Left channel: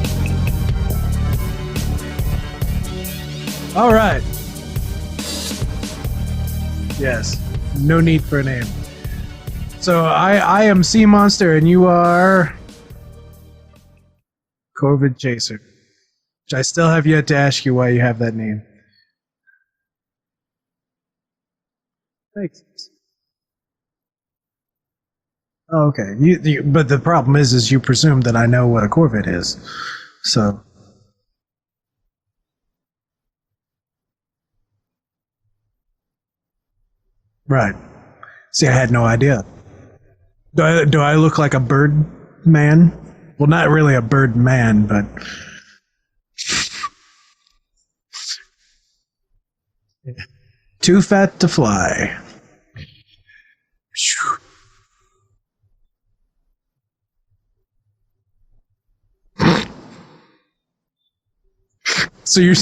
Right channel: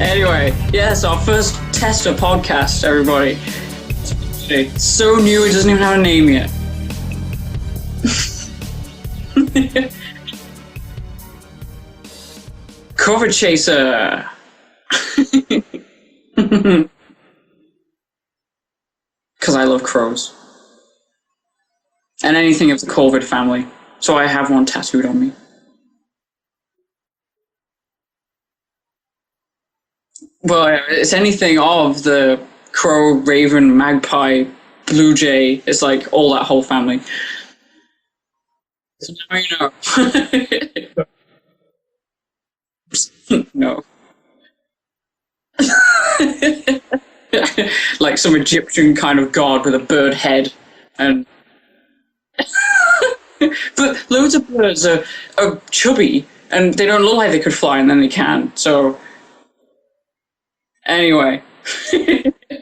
Anyway, yes, our first tester podcast, everybody. All right. It's so new, it doesn't even have a name yet. Yes. No need for a name. So I am Sea Monster, and you are COVID Chaser. COVID Chaser. Which I still have yet to ask you why you have that name. Because I love crows. And anything of the COVID family. So I have one tattooed on me. Oh, okay. But the problem is you presume that I know what a corvid is. So. Well, it's anything of the crow, raven, magpie, blue jay. It's like all that whole family. Right. See, I had no idea. Do I look like a bird man? Well, not really a bird man, but... like some Egyptian kind of god with a bird head. Too fat to fly. But loads of birds are chubby, and they don't look like they could fly, and then they can. So, anyway. So you're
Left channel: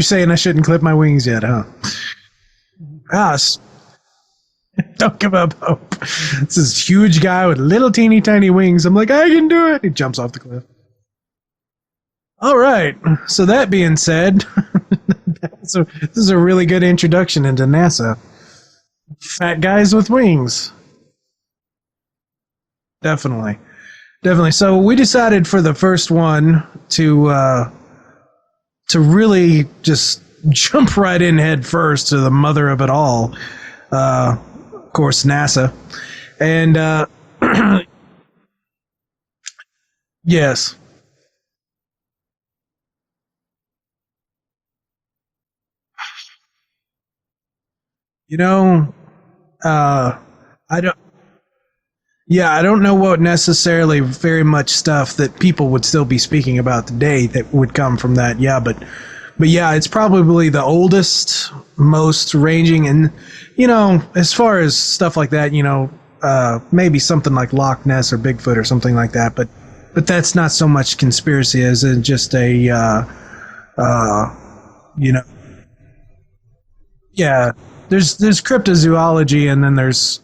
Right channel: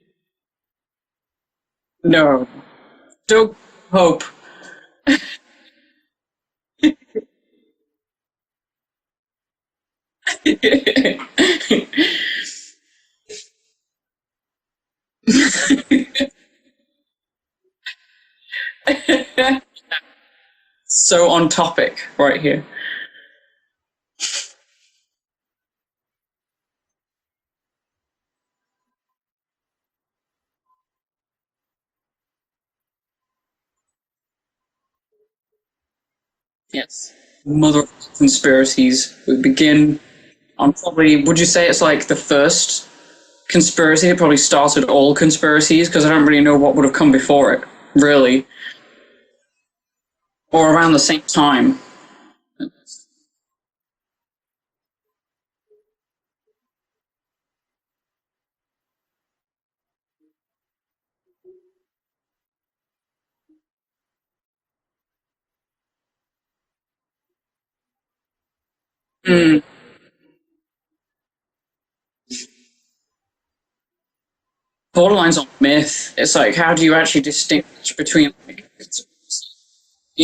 saying I shouldn't clip my wings yet, huh? No. Don't hope. Don't give up hope. It's this huge guy with little teeny tiny wings. I'm like, I can do it. He jumps off the cliff. All right. So that being said, so this is a really good introduction into NASA. Fat guys with wings. So on topic right here. Definitely. So we decided for the first one to really just jump right in head first to the mother of it all. Of course, NASA. And another conspiracies would begin. Yes. On probably, would you say it's like the first conspiracy? It probably started all conspiracies, because I don't really know what would have come before it, really. No. Or around the same time. Yeah, I don't know what necessarily very much stuff that people would still be speaking about today that would come from that. Yeah, but yeah, it's probably the oldest, most ranging, and as far as stuff like that, maybe something like Loch Ness or Bigfoot or something like that. But that's not so much conspiracy as in just a borderlines on myth. It's like, how do you actually distinguish between... There's cryptozoology, and then there's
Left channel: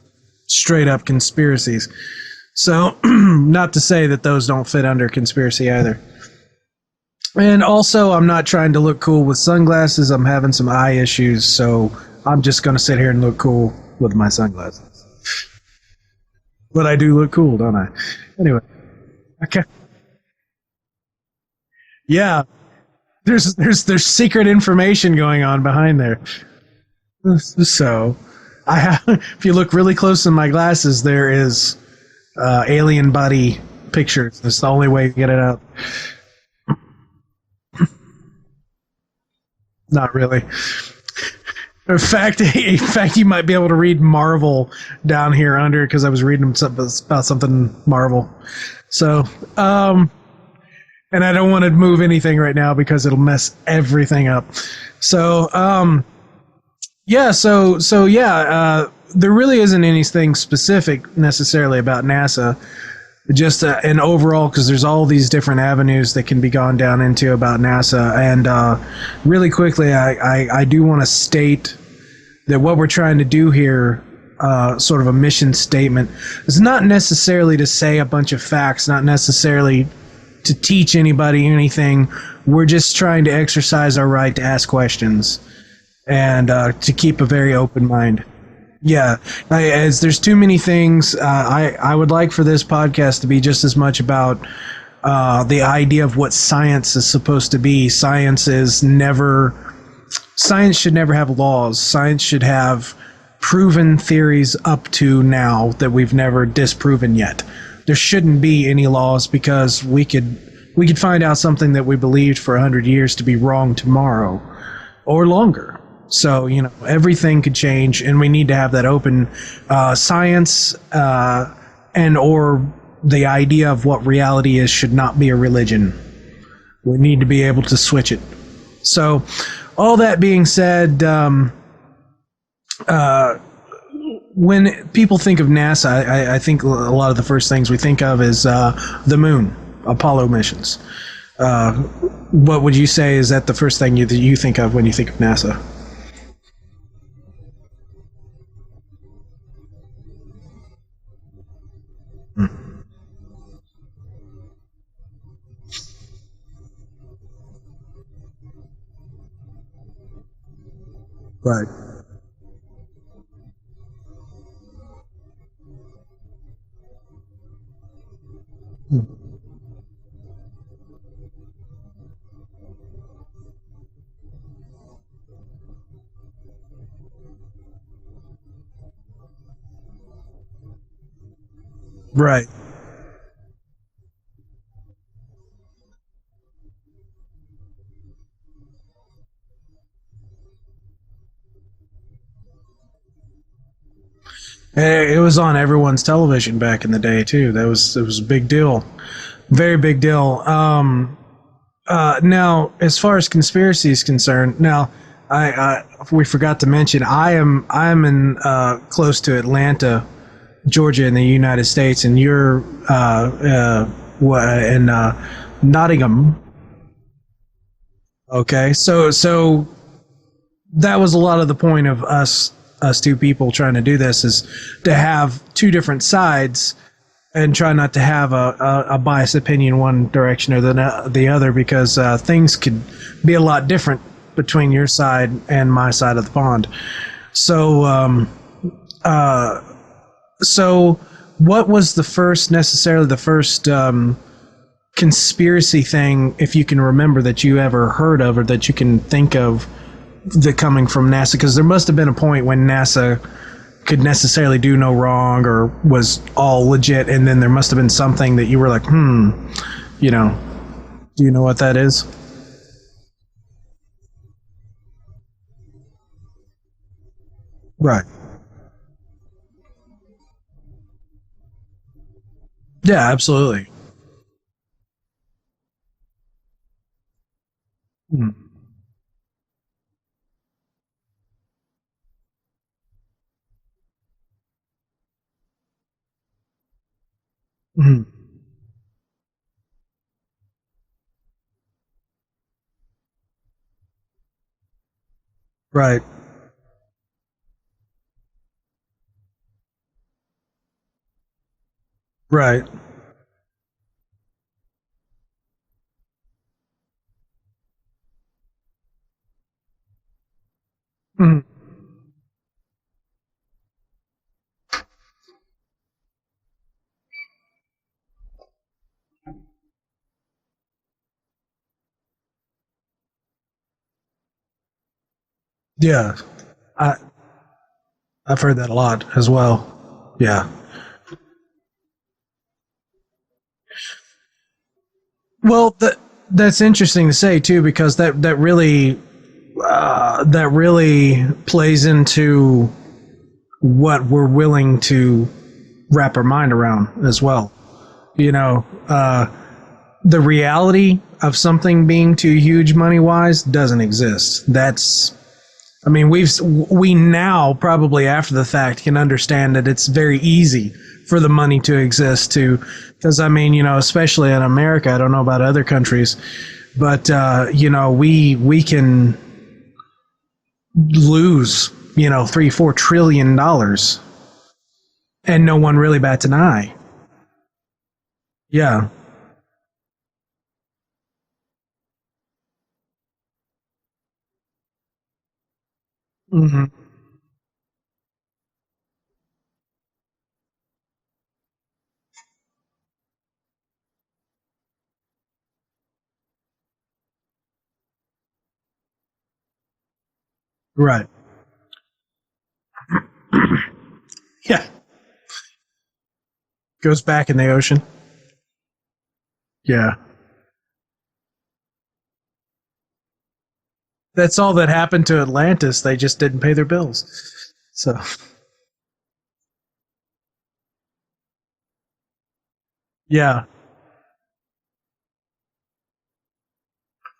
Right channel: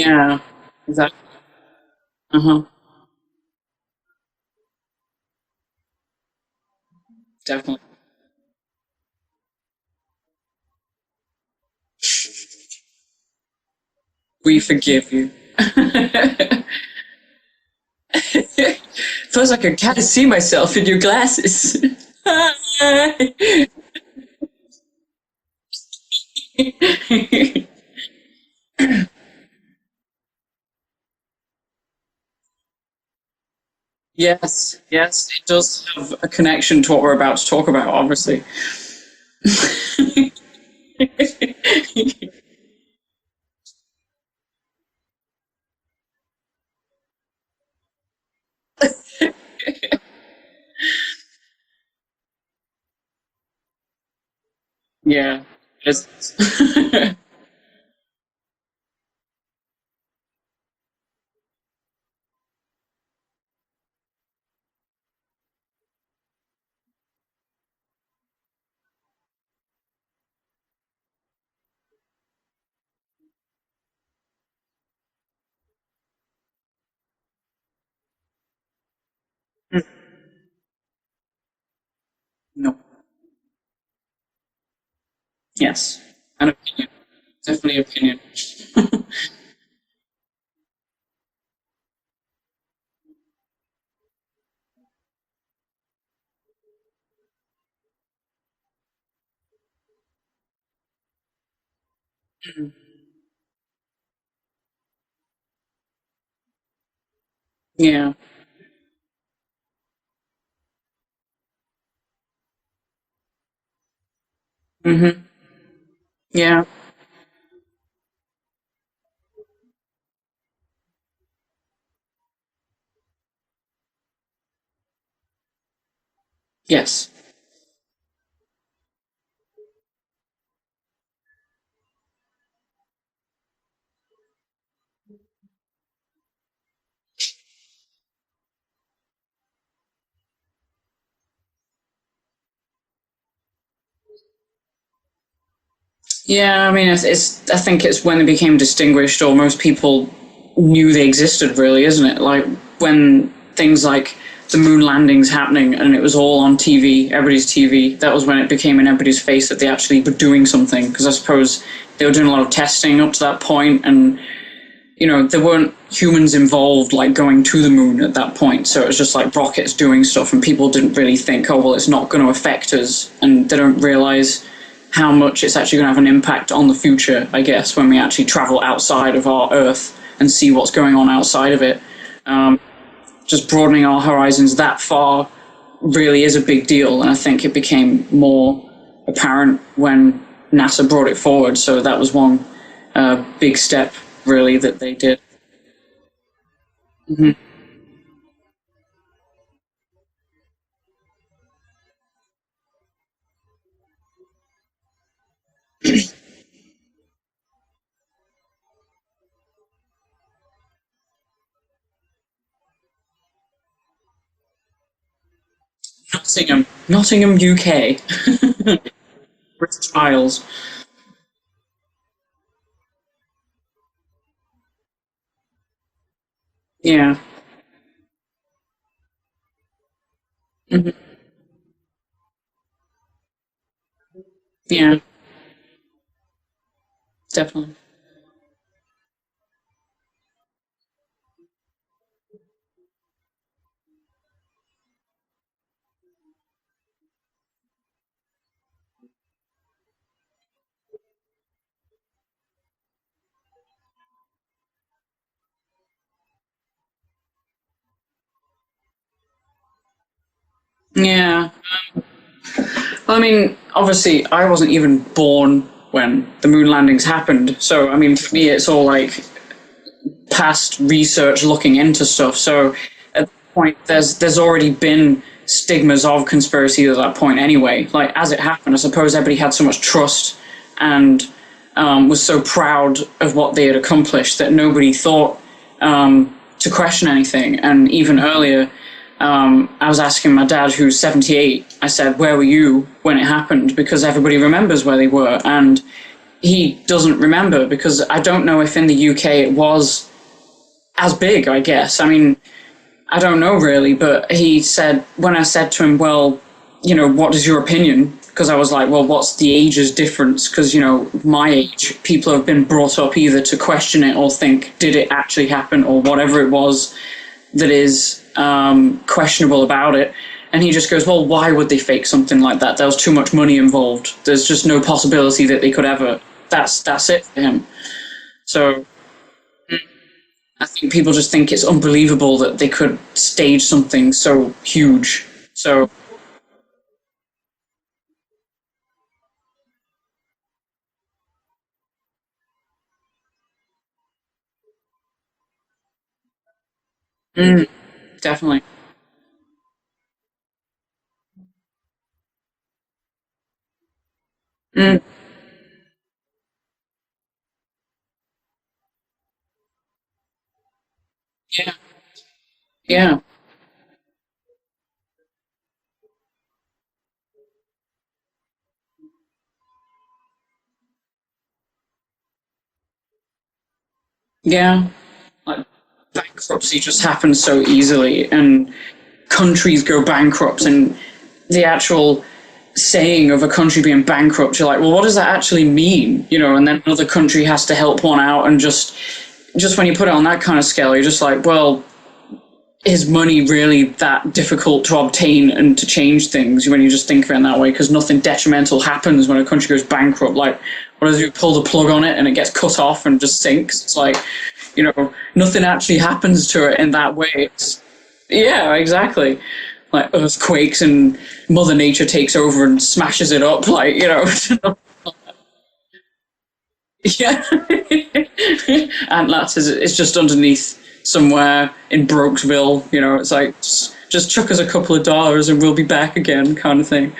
straight up conspiracies. So, not to say that those don't fit under conspiracy either. And also, I'm not trying to look cool with sunglasses. I'm having some eye issues, so I'm just going to sit here and look cool with my sunglasses. We forgive you. But I do look cool, don't I? Anyway. Feels like I can't see myself in your glasses. Yeah. There's secret information going on behind there. So, if you look really close in my glasses, there is alien body pictures. Yes, it's the only way to get it out. It does have a connection to what we're about to talk about, obviously. Not really. In fact, you might be able to read Marvel down here under, because I was reading about something Marvel. So, and I don't want to move anything right now because it'll mess everything up. So, there really isn't anything specific necessarily about NASA. Just an overall, because there's all these different avenues that can be gone down into about NASA. And really quickly, I do want to state that what we're trying to do here, sort of a mission statement, is not necessarily to say a bunch of facts, not necessarily to teach anybody anything. We're just trying to exercise our right to ask questions. Yes. And to keep a very open mind. Yeah, as there's too many things. I would like for this podcast to be just as much about the idea of what science is supposed to be. Science should never have laws. Science should have proven theories up to now that we've never disproven yet. Yeah. There shouldn't be any laws, because we could find out something that we believed for 100 years to be wrong tomorrow or longer. So everything could change, and we need to have that open science and or the idea of what reality is should not be a religion. Yes. We need to be able to switch it. So all that being said, when people think of NASA, I think a lot of the first things we think of is the moon, Apollo missions. What would you say is that the first thing that you think of when you think of NASA? Yeah, I mean, I think it's when they became distinguished, or most people knew they existed, really, isn't it? Like when things like the moon landings happening and it was all on TV, everybody's TV, that was when it became in everybody's face that they actually were doing something. Because I suppose they were doing a lot of testing up to that point, and there weren't humans involved like going to the moon at that point. So it was just like rockets doing stuff, and people didn't really think, oh, well, it's not going to affect us. And they don't realize how much it's actually going to have an impact on the future, I guess, when we actually travel outside of our Earth and see what's going on outside of it. Right. Just broadening our horizons that far really is a big deal. And I think it became more apparent when NASA brought it forward. So that was one big step, really, that they did. It was on everyone's television back in the day, too. It was a big deal. Very big deal. Now, as far as conspiracy is concerned, now we forgot to mention I am in close to Atlanta, Georgia, in the United States, and you're in Nottingham. Nottingham, UK. Okay, so British Isles. That was a lot of the point of us two people trying to do this, is to have two different sides, and try not to have a biased opinion one direction or the other, because things could be a lot different between your side and my side of the pond. Definitely. So what was the first conspiracy thing, if you can remember, that you ever heard of or that you can think of, that coming from NASA? Because there must have been a point when NASA could necessarily do no wrong or was all legit, and then there must have been something that you were like, do you know what that is? Well, I mean, obviously I wasn't even born when the moon landings happened, so I mean, for me it's all like past research looking into stuff. So yeah, absolutely. At that point, there's already been stigmas of conspiracy at that point anyway. Like, as it happened, I suppose everybody had so much trust and was so proud of what they had accomplished that nobody thought to question anything. And even earlier, I was asking my dad, who's 78, I said, where were you when it happened? Because everybody remembers where they were. And he doesn't remember, because I don't know if in the UK it was as big, I guess. I mean, I don't know really, but he said, when I said to him, well, what is your opinion? Because I was like, well, what's the ages difference? Because, my age, people have been brought up either to question it or think, did it actually happen, or whatever it was that is questionable about it. And he just goes, well, why would they fake something like that? There was too much money involved. There's just no possibility that they could ever. That's it for him. I've heard that a lot as well. Yeah. I think people just think it's unbelievable that they could stage something so huge. Well, that's interesting to say too, because that really plays into what we're willing to wrap our mind around as well. Definitely. The reality of something being too huge money-wise doesn't exist. That's I mean, we now probably after the fact can understand that it's very easy for the money to exist too. Because I mean, especially in America, I don't know about other countries, but we can lose $3-4 trillion. And no one really bats an eye. Bankruptcy just happens so easily, and countries go bankrupt, and the actual saying of a country being bankrupt, you're like, well, what does that actually mean? And then another country has to help one out, and just when you put it on that kind of scale, you're just like, well, is money really that difficult to obtain and to change things when you just think of it in that way? Because nothing detrimental happens when a country goes bankrupt. Like, what if you pull the plug on it and it gets cut off and just sinks? It's like, nothing actually happens to it in that way. Goes back in the ocean. Yeah, exactly. Yeah. Like earthquakes and Mother Nature takes over and smashes it up. Like, That's all that happened to Atlantis. They just didn't pay their bills. Yeah. So. Atlantis is just underneath somewhere in Brokesville. It's like, just chuck us a couple of dollars and we'll be back again, kind of thing.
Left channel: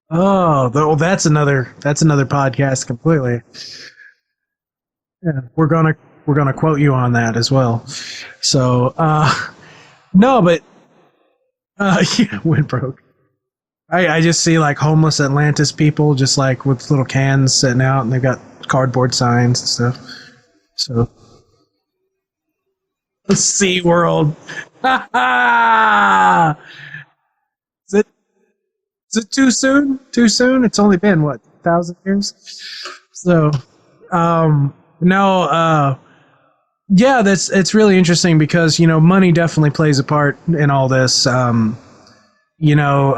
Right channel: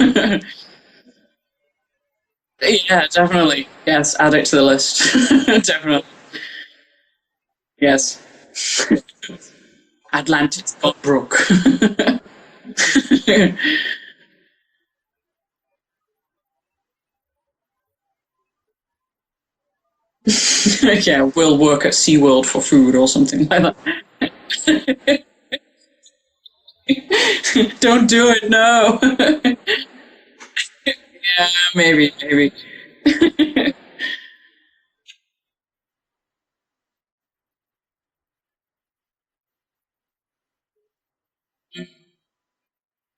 Well, that's another podcast. Yeah, completely. Definitely. Yes, add it to the list. We're gonna quote you on that as well. Yes. So. Atlantis got broke. Went broke. I just see like homeless Atlantis people just like with little cans sitting out, and they've got cardboard signs and stuff. So, Yeah, we'll work at SeaWorld for food or something. SeaWorld. Don't do it, no. Is it too soon? Too soon? It's only been, what, 1,000 years? Maybe. So, no, yeah, it's really interesting because, you know, money definitely plays a part in all this. You know,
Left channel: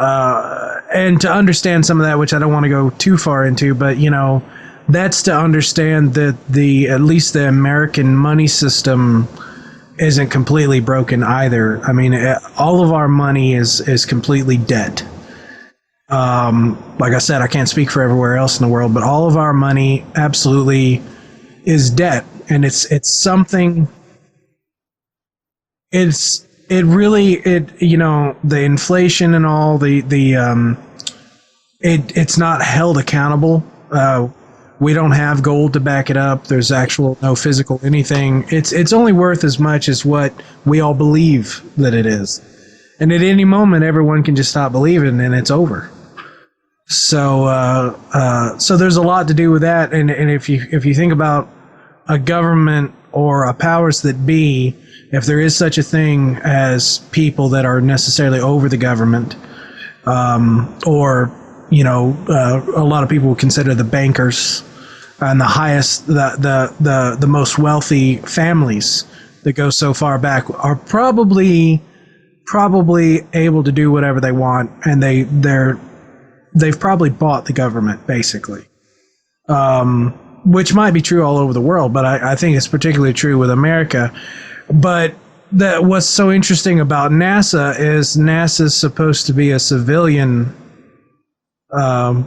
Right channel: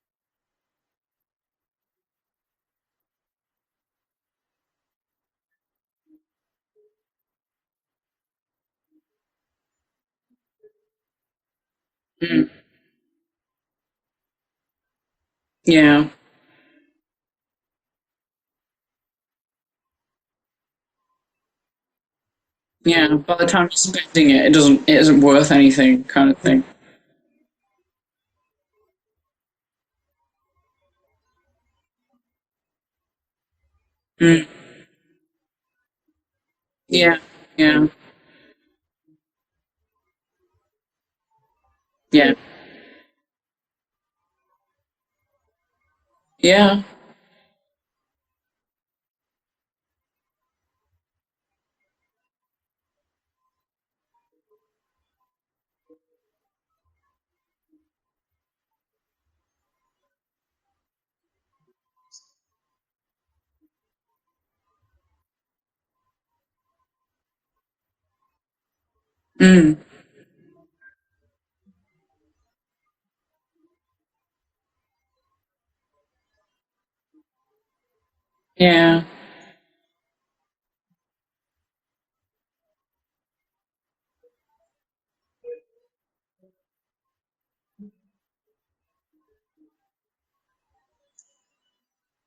and to understand some of that, which I don't want to go too far into, but, you know, that's to understand that at least the American money system isn't completely broken either. I mean, all of our money is completely debt. Yeah. Like I said, I can't speak for everywhere else in the world, but all of our money absolutely is debt. And it's something. By the time you're spending it isn't worth anything. Kind of thing. It really, you know, the inflation and all it's not held accountable. We don't have gold to back it up. There's actual no physical anything. It's only worth as much as what we all believe that it is. Yeah. And at any moment, everyone can just stop believing, and it's over. Yeah. So so there's a lot to do with that. And if you think about a government or a powers that be, if there is such a thing as people that are necessarily over the government, or, you know, a lot of people would consider the bankers and the highest, the most wealthy families that go so far back are probably able to do whatever they want, and they've probably bought the government, basically. Yeah. Which might be true all over the world, but I think it's particularly true with America. But what's so interesting about NASA is NASA's supposed to be a civilian ran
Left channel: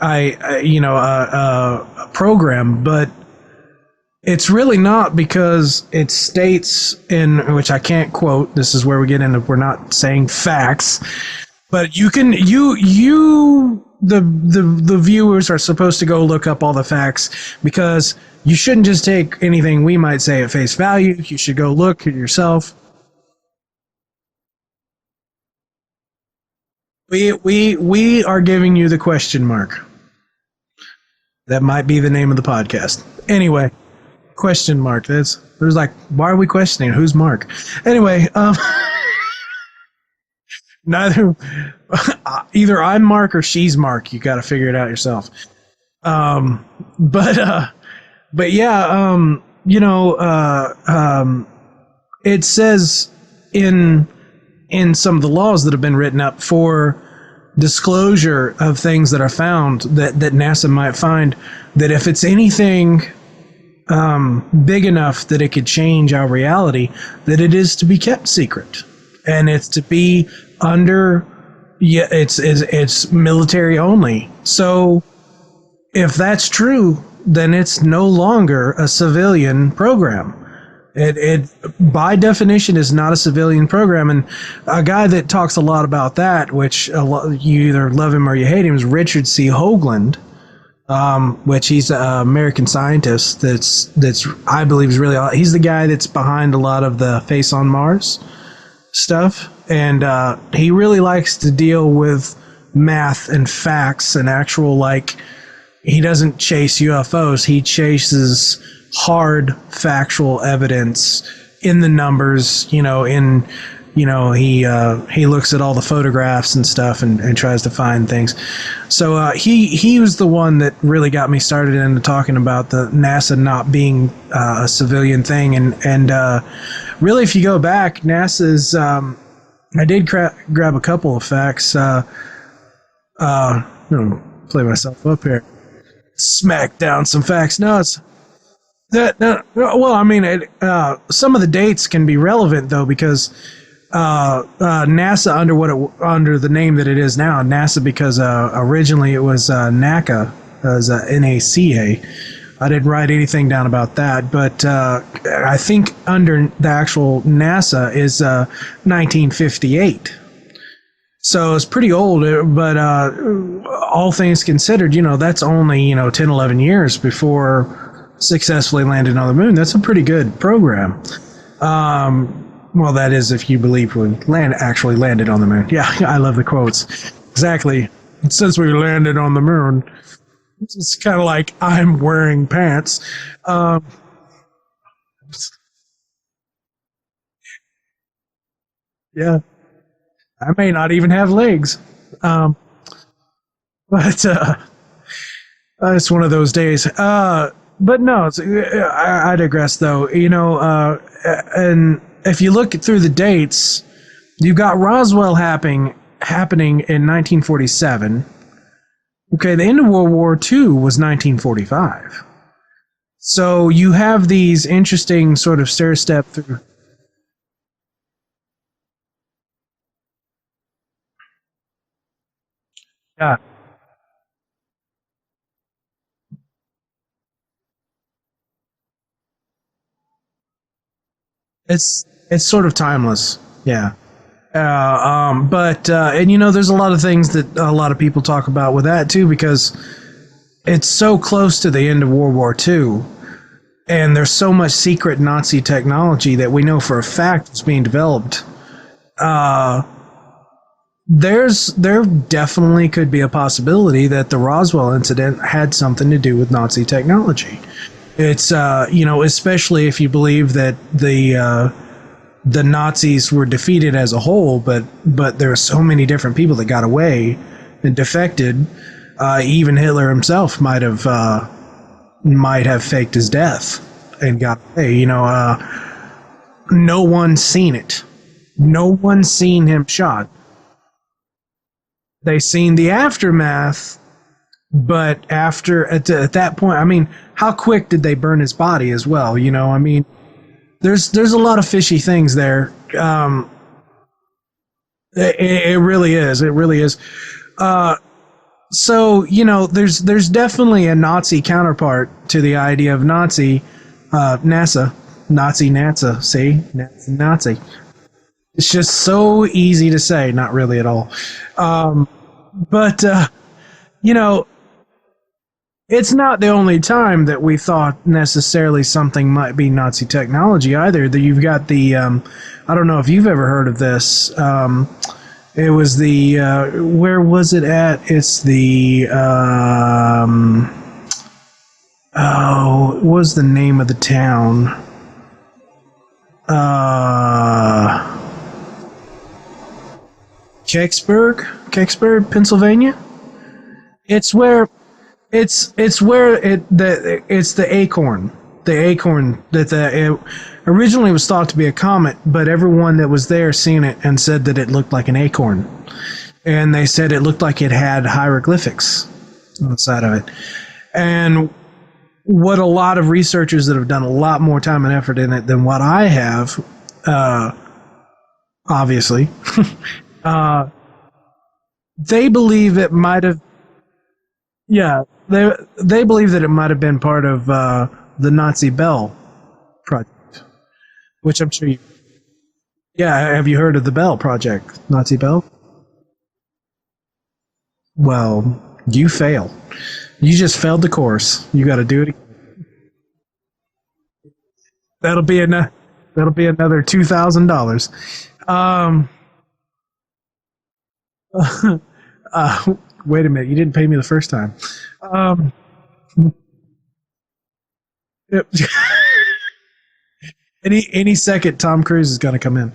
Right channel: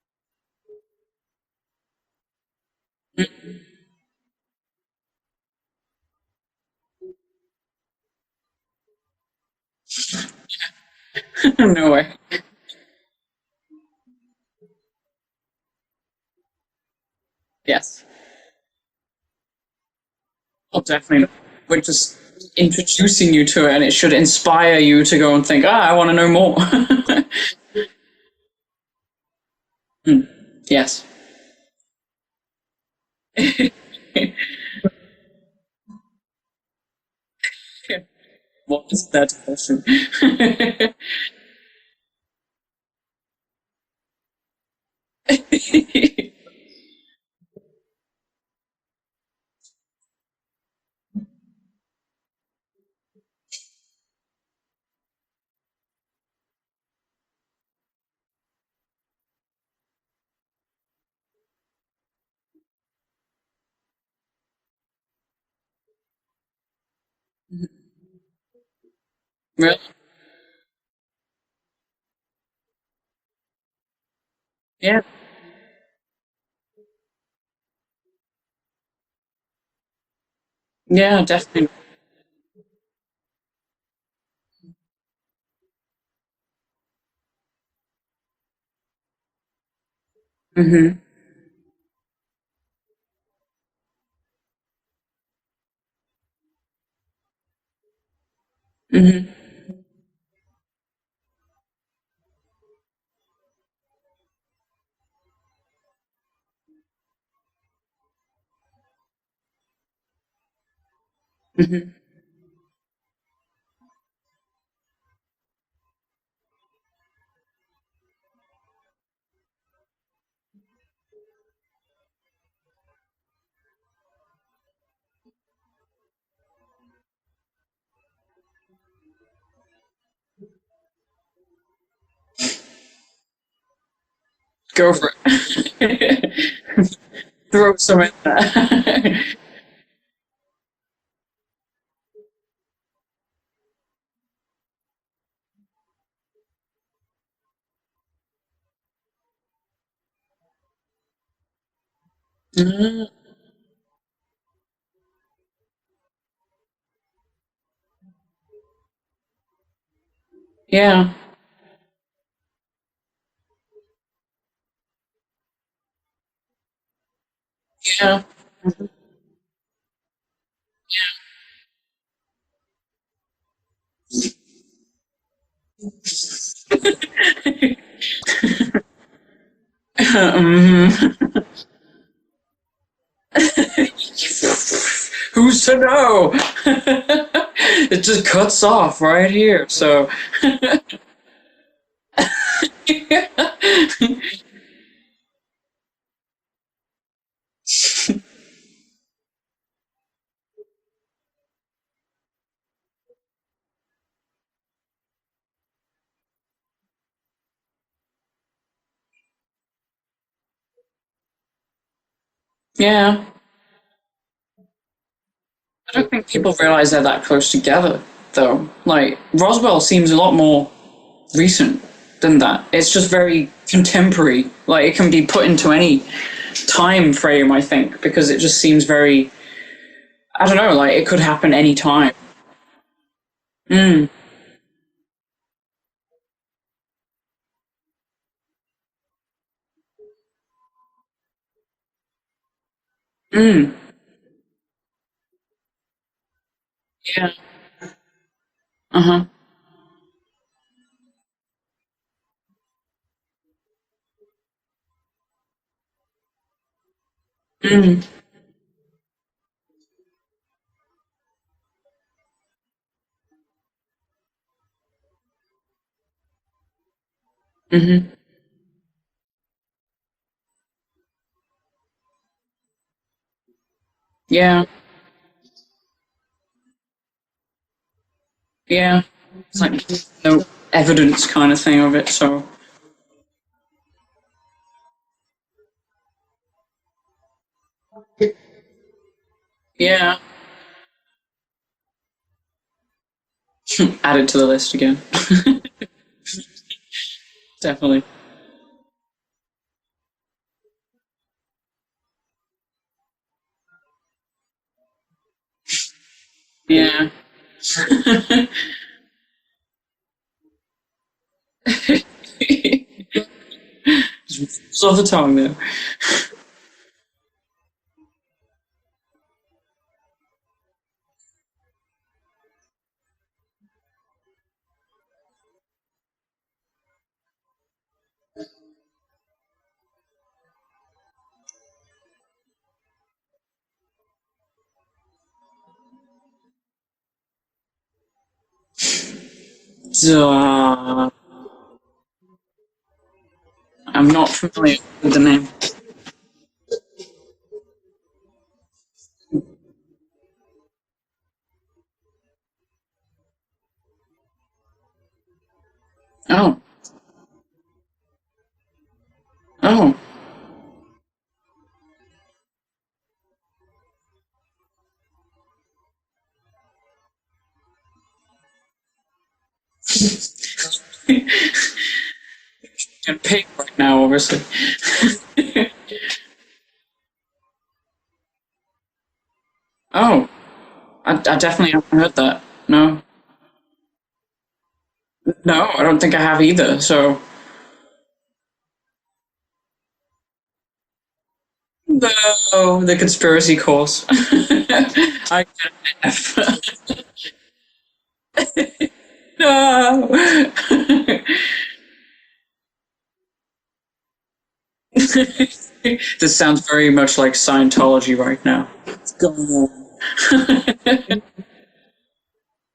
a program, but it's really not, because it states in, which I can't quote, this is where we get into, we're not saying facts, but the viewers are supposed to go look up all the facts, because you shouldn't just take anything we might say at face value. Definitely. You should go look at yourself. Introducing you to it, and it should inspire you to go and think, I want to know more. we are giving you the question mark. Yes. That might be the name of the podcast. Anyway, question mark. There's like, why are we questioning? Who's Mark? Anyway, what is that question? Either I'm Mark or she's Mark. You got to figure it out yourself. But yeah, you know, it says in some of the laws that have been written up for disclosure of things that are found that NASA might find, that if it's anything big enough that it could change our reality, that it is to be kept secret, and it's to be under. Yeah, it's military only. So if that's true, then it's no longer a civilian program. Yeah, it by definition is not a civilian program. And a guy that talks a lot about that, which you either love him or you hate him, is Richard C. Hoagland, which he's an American scientist that's I believe is really, he's the guy that's behind a lot of the Face on Mars stuff. And he really likes to deal with math and facts and actual, like, he doesn't chase UFOs. He chases hard factual evidence in the numbers, you know, he looks at all the photographs and stuff and tries to find things. So he was the one that really got me started into talking about the NASA not being a civilian thing. And really, if you go back, NASA's... I did grab a couple of facts. Play myself up here. Smack down some facts. Well, I mean, some of the dates can be relevant though, because NASA under the name that it is now, NASA, because originally it was NACA, as NACA. I didn't write anything down about that, but I think under the actual NASA is 1958. Yeah. So it's pretty old, but all things considered, you know, that's only, 10, 11 years before successfully landed on the moon. That's a pretty good program. Well, that is if you believe when actually landed on the moon. Yeah, I love the quotes. exactly. Since we landed on the moon, it's kind of like I'm wearing pants. Who's to know? It just cuts off right here. So I may not even have legs. But it's one of those days. But no, I digress though. You know, and if you look through the dates, you've got Roswell happening in 1947. Okay, the end of World War II was 1945. yeah, So you have these interesting sort of I stair don't think step. people realize they're that close together, though. Like Roswell seems a lot more recent than that. It's just very contemporary. Like it can be put into any time frame, I think, because it just seems very. I don't know. Like it could happen any time. It's sort of timeless. Yeah. And you know, there's a lot of things that a lot of people talk about with that too, because it's so close to the end of World War II, and there's so much secret Nazi technology that we know for a fact is being developed. There definitely could be a possibility that the Roswell incident had something to do with Nazi technology. It's you know, especially if you believe that the Nazis were defeated as a whole, but there are so many different people that got away and defected. Even Hitler himself might have faked his death and got away. You know, no one's seen it. No one's seen him shot. No evidence kind of thing of it. So They've seen the aftermath, but at that point, I mean, how quick did they burn his body as well? You know, I mean, there's a lot of fishy things there. Add it to the list again. It really is. It really is. Definitely. So, you know, there's definitely a Nazi counterpart to the idea of NASA, see? Yeah. Nazi. It's just so easy to say, not really at all. But, you know, Off the tongue there. it's not the only time that we thought necessarily something might be Nazi technology either. You've got the, I don't know if you've ever heard of this. It was the, where was it at? It's the, what was the name of the town? Kecksburg, Pennsylvania? I'm not It's where familiar with the name. it's where it's the acorn. The acorn that it originally was thought to be a comet, but everyone that was there seen it and said that it looked like an acorn. And they said it looked like it had hieroglyphics outside of it. And what a lot of researchers that have done a lot more time and effort in it than what I have, obviously, they believe it might have. Right now, obviously. Yeah, they believe that it might have been part of the Nazi Bell project. I definitely haven't heard that. No. Yeah, have you heard of the Bell project, Nazi Bell? No, I don't think I have either. So. Well, you fail. You just failed the course. You got to do it. No, the conspiracy course. That'll be another $2,000. No. Wait a minute, you didn't pay me the first time. This sounds very much like Scientology right now. Any second, Tom Cruise is going to come in.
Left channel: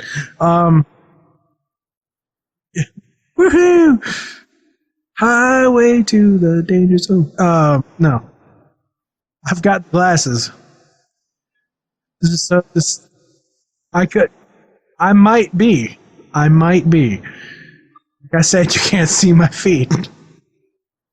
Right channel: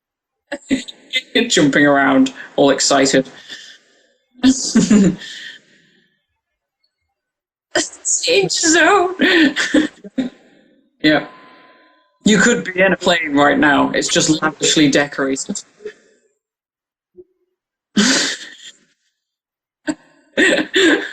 Jumping around, all excited. Woohoo! Highway to the danger zone. No. Danger zone. I've got glasses. Yeah. You could be in a plane right now. It's just lavishly decorated. I might be. Like I said, you can't see my feet. I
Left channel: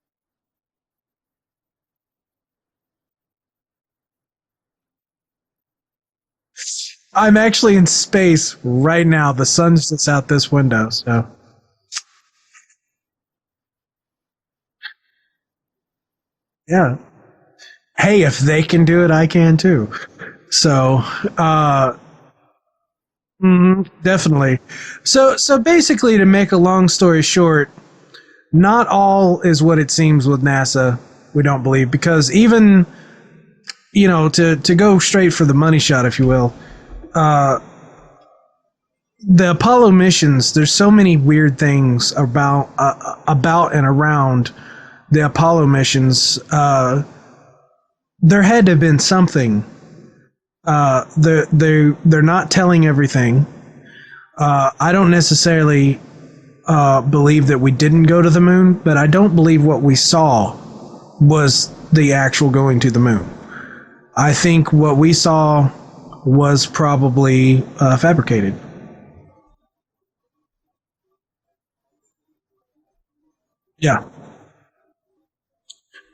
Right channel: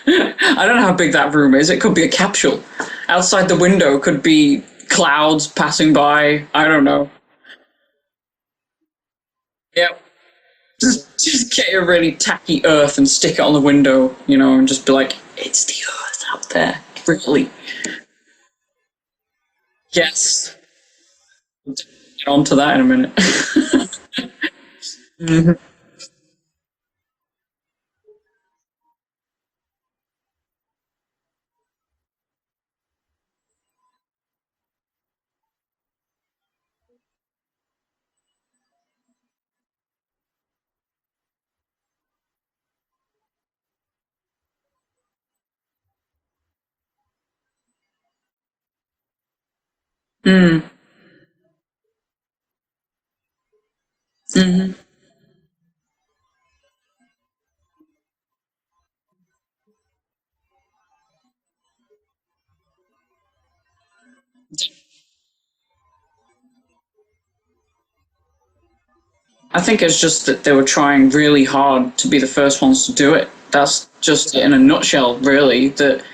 don't know how big that room is. It could be a capsule. Outside the window could be clouds passing by. I don't know. I'm actually in space right now. The sun sits out this window. So. Just get a really tacky earth and stick it on the window, you know, and just be like, it's the earth out there. Yeah. Really. Hey, if they can do it, I can too. Yes. So, get on to that in a minute. Definitely. So basically, to make a long story short, not all is what it seems with NASA. We don't believe, because even, you know, to go straight for the money shot, if you will, the Apollo missions, there's so many weird things about and around the Apollo missions. There had to have been something. They're not telling everything. I don't necessarily believe that we didn't go to the moon, but I don't believe what we saw was the actual going to the moon. I think what we saw was probably fabricated. I think it's just that they were trying really hard to be the first ones to do it. That's just in a nutshell, really. That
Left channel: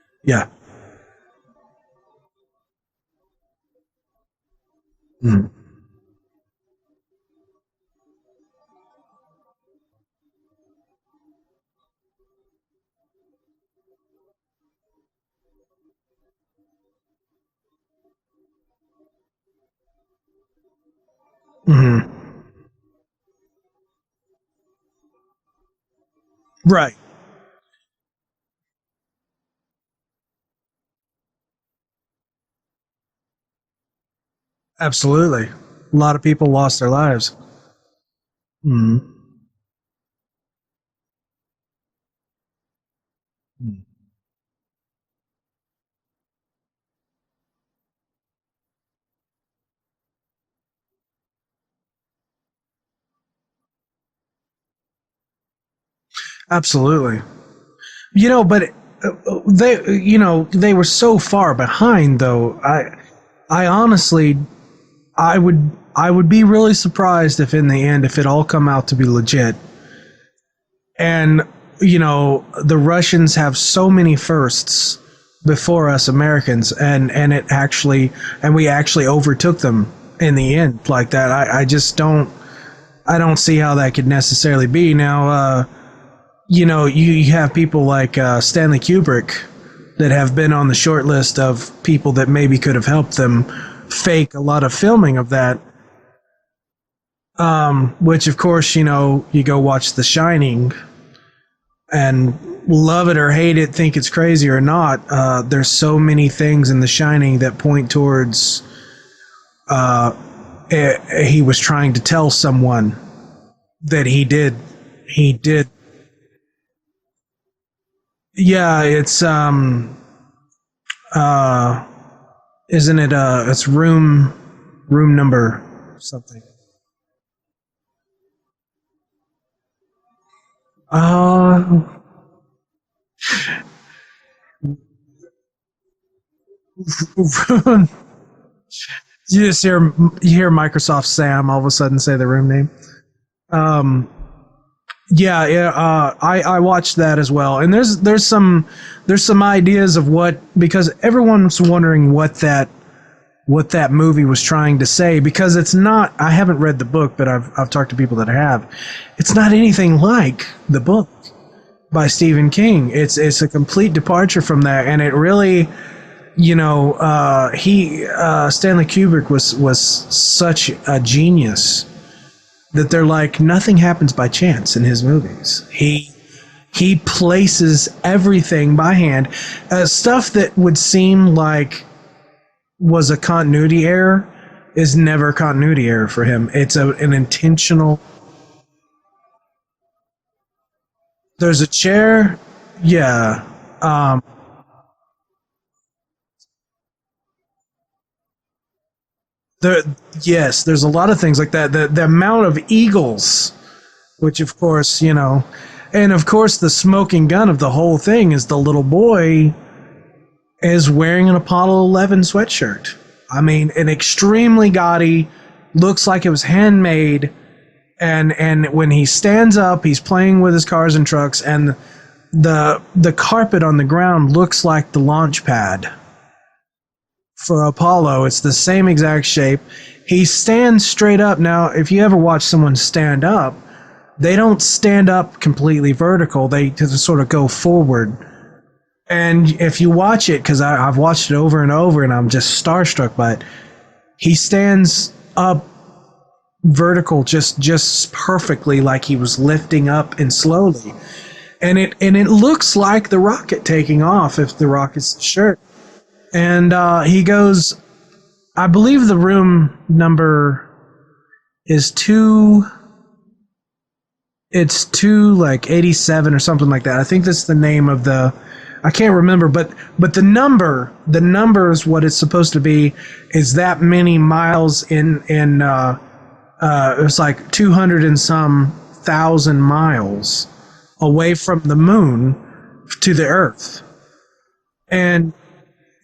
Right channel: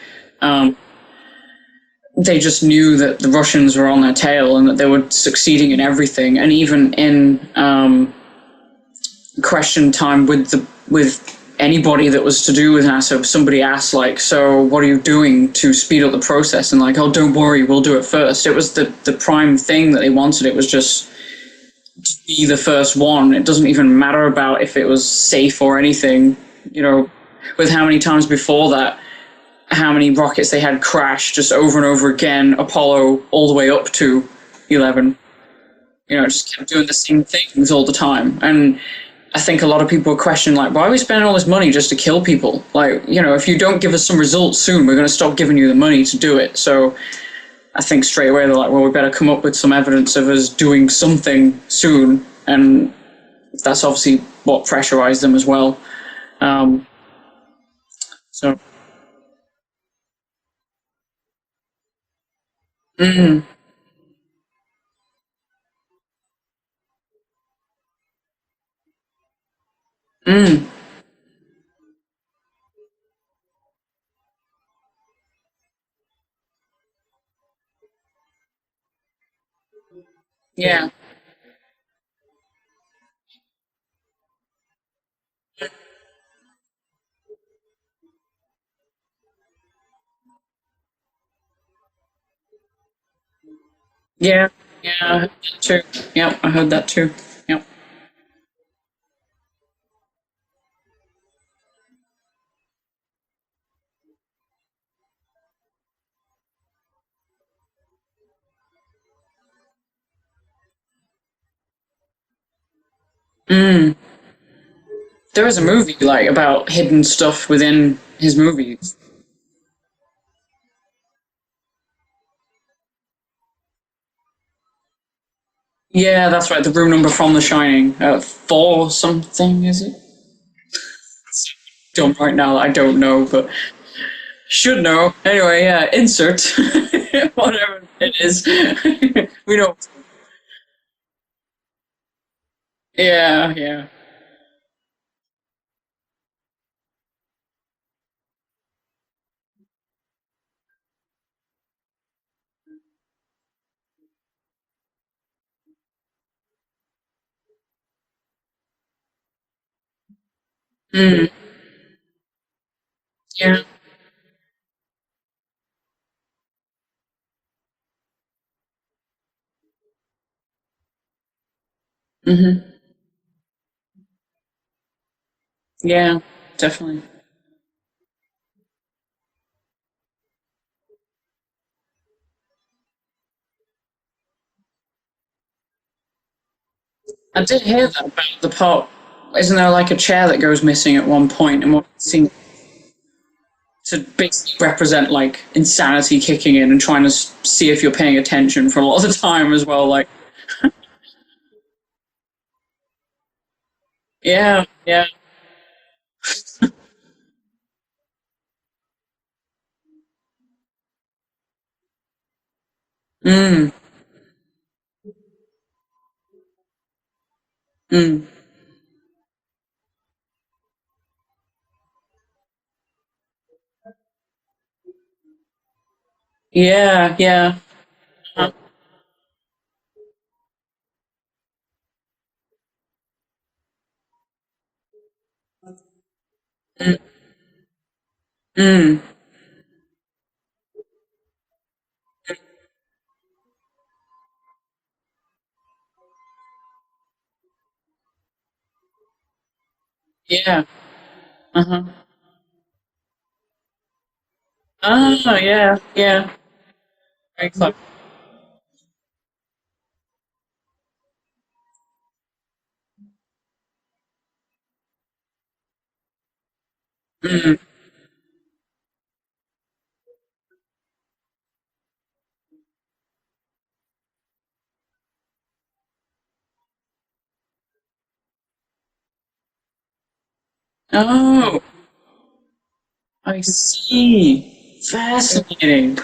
they just knew that the Russians were on their tail and that they were succeeding in everything. And even in question time with anybody that was to do with NASA, somebody asked, like, so what are you doing to speed up the process? And like, oh, don't worry, we'll do it first. It was the prime thing that they wanted. It was just to be the first one. It doesn't even matter about if it was safe or anything. Right. You know, with how many times before that, how many rockets they had crash just over and over again, Apollo all the way up to 11. Absolutely. A lot of people lost their lives. Same things all the time. And I think a lot of people question, like, why are we spending all this money just to kill people? Like, you know, if you don't give us some results soon, we're going to stop giving you the money to do it. So I think straight away they're like, well, we better come up with some evidence of us doing something soon. And that's obviously what pressurized them as well. Absolutely. You know, but they were so far behind, though. I honestly, I would be really surprised if in the end, if it all come out to be legit. And, you know, the Russians have so many firsts before us Americans, and we actually overtook them in the end like that. I just don't see how that could necessarily be. Now, you know, you have people like Stanley Kubrick that have been on the short list of people that maybe could have helped them fake a lot of filming of that. Too. Yep, I heard that too. Which, of course, you know, you go watch The Shining and love it or hate it, think it's crazy or not. There's so many things in The Shining that point towards he was trying to tell someone that he did. There is a movie like about hidden stuff within his movie. Yeah, it's isn't it it's room number? Yeah, that's right. The room number from The Shining, 4 something, is it? So dumb right now. I don't know, but should know. Anyway, yeah. Insert whatever it is. You just hear Microsoft Sam all of a sudden say the room name. Yeah. I watched that as well, and there's some ideas of what, because everyone's wondering what that movie was trying to say, because it's not. I haven't read the book, but I've talked to people that have. It's not anything like the book by Stephen King. It's a complete departure from that, and it really, you know, Stanley Kubrick was such a genius. That they're like, nothing happens by chance in his movies. He places everything by hand. Stuff that would seem like was a continuity error is never a continuity error for him. It's an intentional. I did hear that about the part. Isn't there like a chair that goes missing at one point? There's a chair. Yeah. To basically represent like insanity kicking in and trying to see if you're paying attention for a lot of the time as well. Like, yes, there's a lot of things like that. The amount of eagles, which of course, you know, and of course the smoking gun of the whole thing is the little boy is wearing an Apollo 11 sweatshirt. I mean, an extremely gaudy, looks like it was handmade, and when he stands up, he's playing with his cars and trucks, and the carpet on the ground looks like the launch pad. For Apollo. It's the same exact shape. He stands straight up. Now, if you ever watch someone stand up, they don't stand up completely vertical. They just sort of go forward. And if you watch it, because I've watched it over and over, and I'm just starstruck by it, he stands up vertical just perfectly, like he was lifting up and slowly. And it looks like the rocket taking off, if the rocket's sure. And he goes, I believe the room number is 2 it's 287 or something like that. I think that's the name of the. I can't remember, but the number is what it's supposed to be. Is that many miles in it was like 200 and some thousand miles away from the moon to the Earth. See. Fascinating.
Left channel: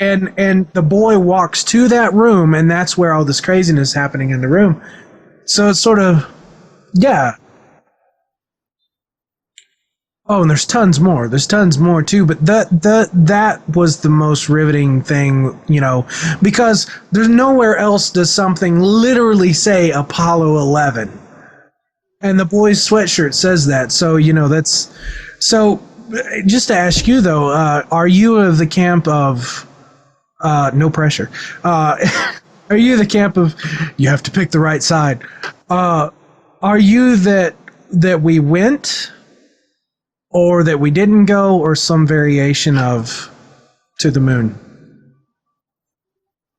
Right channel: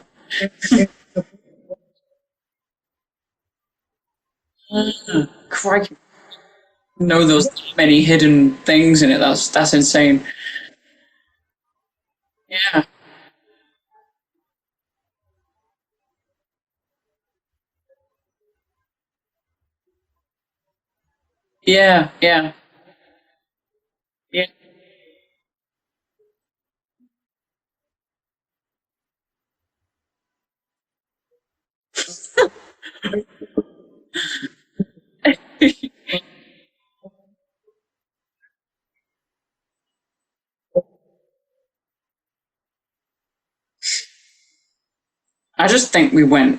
And the boy walks to that room, and that's where all this craziness is happening in the room. So it's sort of there's many hidden things in it. That's insane. Oh, and there's tons more. There's tons more too. But that was the most riveting thing, because there's nowhere else does something literally say Apollo 11. Yeah. And the boy's sweatshirt says that. So that's so. Just to ask you though, are you of the camp of no pressure? Are you the camp of you have to pick the right side? Are you that we went, or that we didn't go, or some variation of to the moon? I just think we went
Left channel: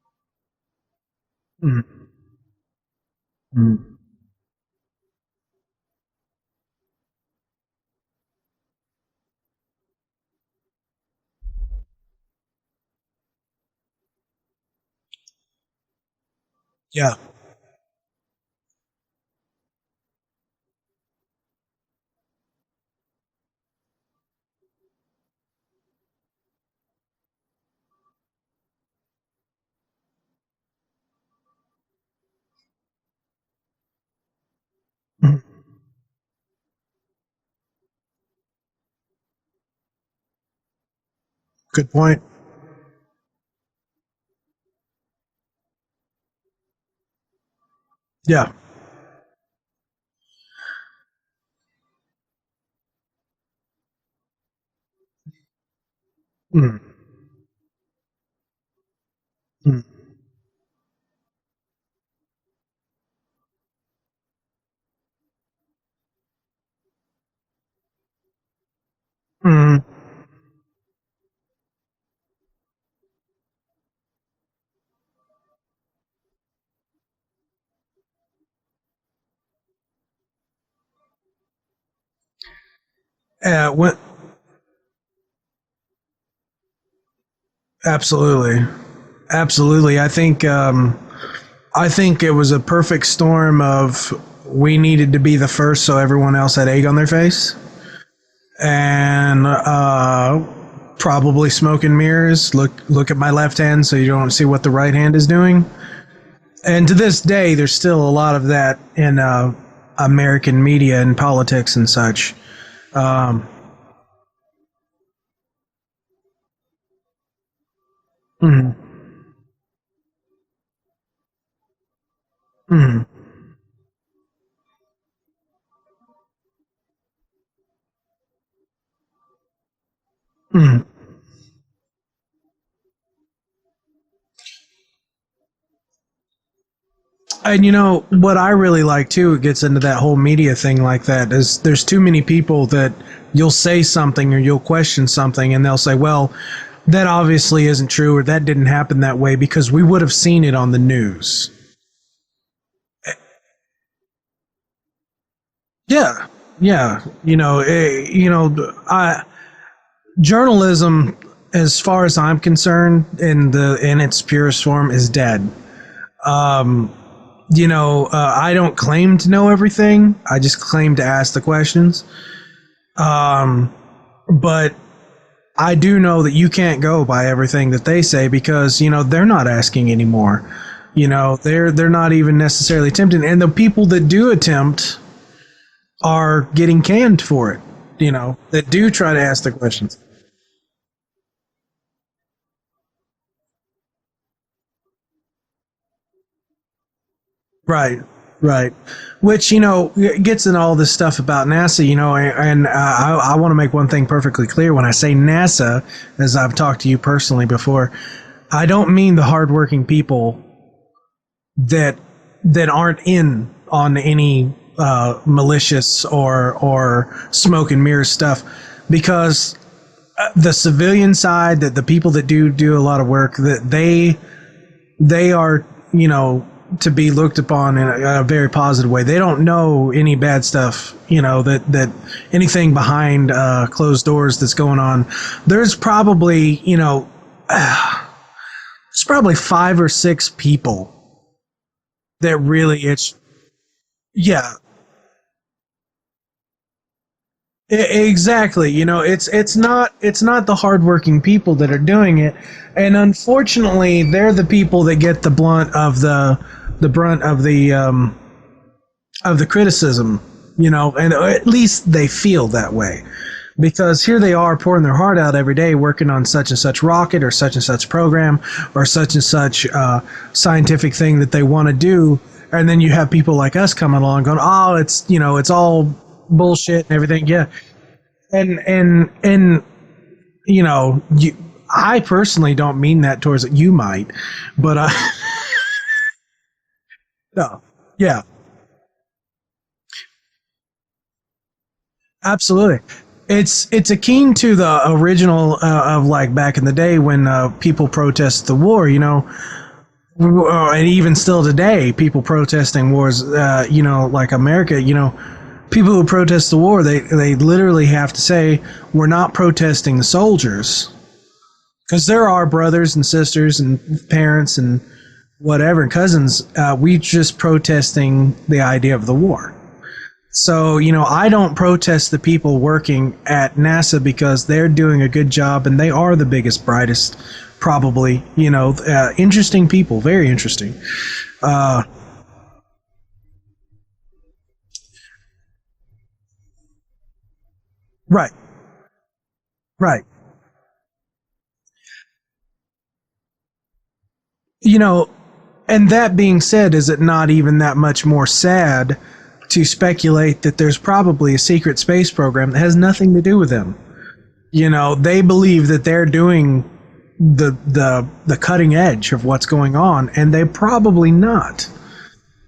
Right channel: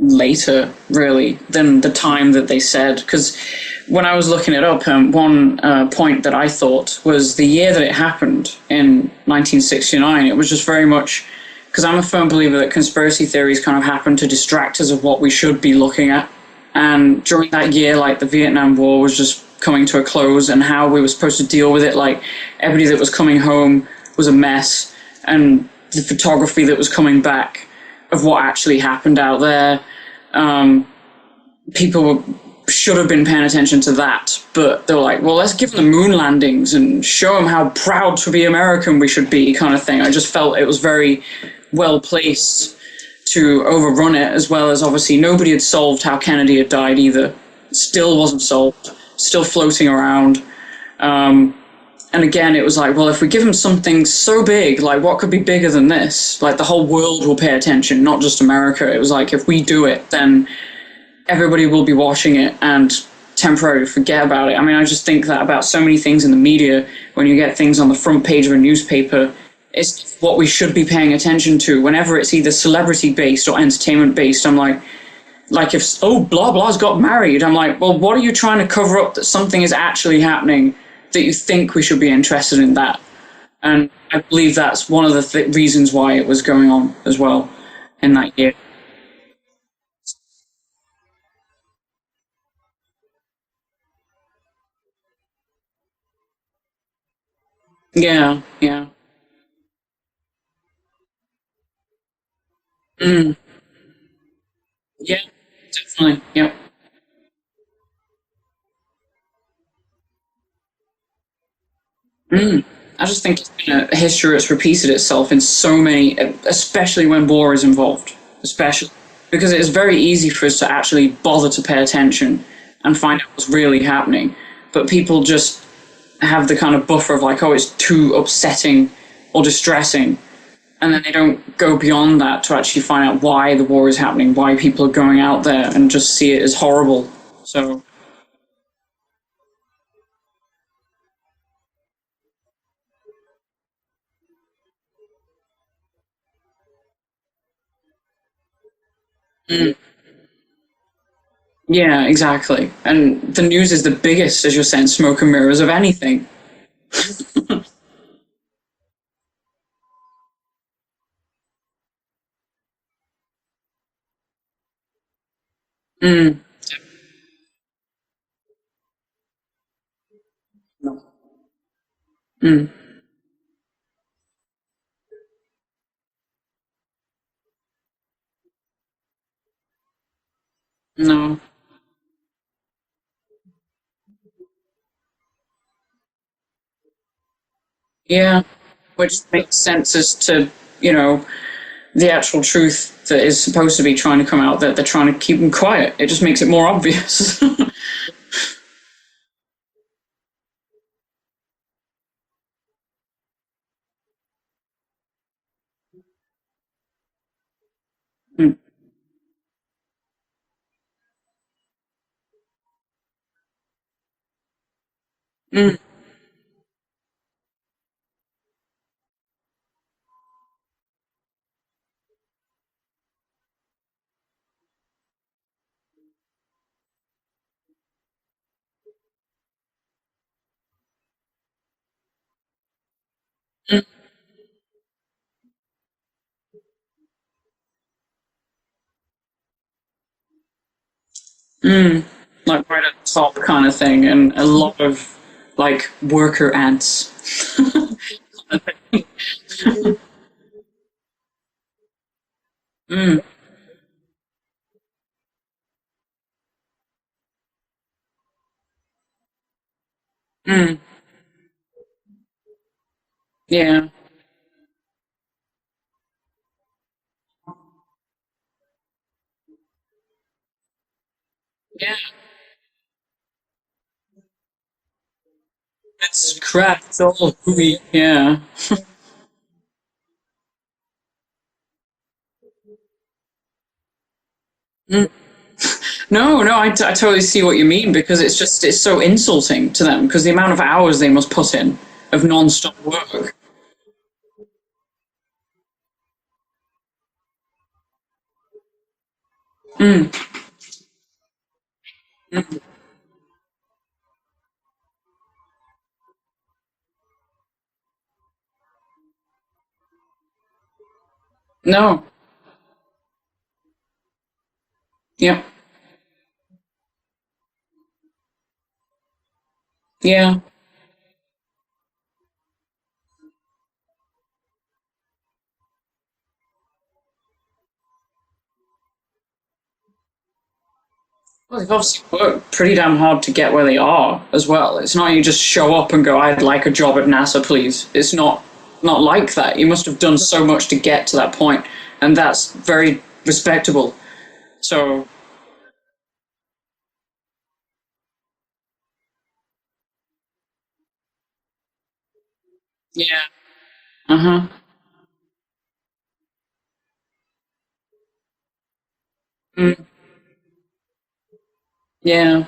later, really, than the time that they said. Because when I was looking it up, one point that I thought was the year that it happened in 1969. It was just very much because I'm a firm believer that conspiracy theories kind of happen to distract us of what we should be looking at. And during that year, like the Vietnam War was just coming to a close, and how we were supposed to deal with it. Like everybody that was coming home was a mess, and the photography that was coming back of what actually happened out there. People should have been paying attention to that, but they were like, well, let's give them the moon landings and show them how proud to be American we should be, kind of thing. I just felt it was very well placed to overrun it, as well as obviously nobody had solved how Kennedy had died either. Still wasn't solved, still floating around. And again, it was like, well, if we give them something so big, like what could be bigger than this? Like the whole world will pay attention, not just America. It was like, if we do it, then everybody will be watching it and temporarily forget about it. I mean, I just think that about so many things in the media, when you get things on the front page of a newspaper, it's what we should be paying attention to. Whenever it's either celebrity-based or entertainment-based, I'm like if, blah, blah's got married, I'm like, well, what are you trying to cover up that something is actually happening that you think we should be interested in that? And I believe that's one of the reasons why it was going on as well. Absolutely. Absolutely. I think it was a perfect storm of we needed to be the first so everyone else had egg on their face. Yeah. And probably smoke and mirrors. Look at my left hand so you don't see what the right hand is doing. Definitely. Yep. And to this day, there's still a lot of that in American media and politics and such. I just think it's been a history that's repeated itself in so many, especially when war is involved, especially because it is very easy for us to actually bother to pay attention and find out what's really happening. But people just have the kind of buffer of like, oh, it's too upsetting or distressing. And then they don't go beyond that to actually find out why the war is happening, why people are going out there, and just see it as horrible. And what I really like too, it gets into that whole media thing like that, is there's too many people that you'll say something or you'll question something and they'll say, well, that obviously isn't true, or that didn't happen that way because we would have seen it on the news. Yeah, exactly. And the news is the biggest, as you're saying, smoke and mirrors of anything. Yeah. Journalism, as far as I'm concerned, in its purest form, is dead. I don't claim to know everything. I just claim to ask the questions. But I do know that you can't go by everything that they say because, they're not asking anymore. They're not even necessarily attempting. And the people that do attempt are getting canned for it. That do try to ask the questions. Sense as to, the actual truth that is supposed to be trying to come out, that they're trying to keep them quiet. It just makes it more obvious. Right. Which, gets in all this stuff about NASA, and I want to make one thing perfectly clear. When I say NASA, as I've talked to you personally before, I don't mean the hardworking people that aren't in on any malicious or smoke and mirror stuff, because the civilian side, that the people that do a lot of work, that they are to be looked upon in a very positive way. They don't know any bad stuff, that anything behind closed doors that's going on. There's probably, there's probably 5 or 6 people that really it's top kind of thing, and a lot of like worker ants. Exactly. It's not the hardworking people that are doing it, and unfortunately, they're the people that get the brunt of the criticism. And at least they feel that way. Yeah. Because here they are pouring their heart out every day, working on such and such rocket or such and such program or such and such scientific thing that they want to do. And then you have people like us coming along going, oh, it's bullshit crap, and everything. And I personally don't mean that towards it. You might, but No, I totally see what you mean, because it's so insulting to them, because the amount of hours they must put in of non-stop work. It's akin to the original of like back in the day when people protest the war, and even still today, people protesting wars, like America, people who protest the war, they literally have to say, we're not protesting the soldiers. No. Because there are brothers and sisters and parents and whatever, and cousins. We just protesting the idea of the war. Yeah. So, I don't protest the people working at NASA, because they're doing a good job and they are the biggest, brightest, probably, interesting people, very interesting. They've obviously worked pretty damn hard to get where they are as well. It's not you just show up and go, I'd like a job at NASA, please. It's not like that. You must have done so much to get to that point, and that's very respectable. So, and that being said, is it not even that much more sad to speculate that there's probably a secret space program that has nothing to do with them? They believe that they're doing the cutting edge of what's going on, and they're probably not. And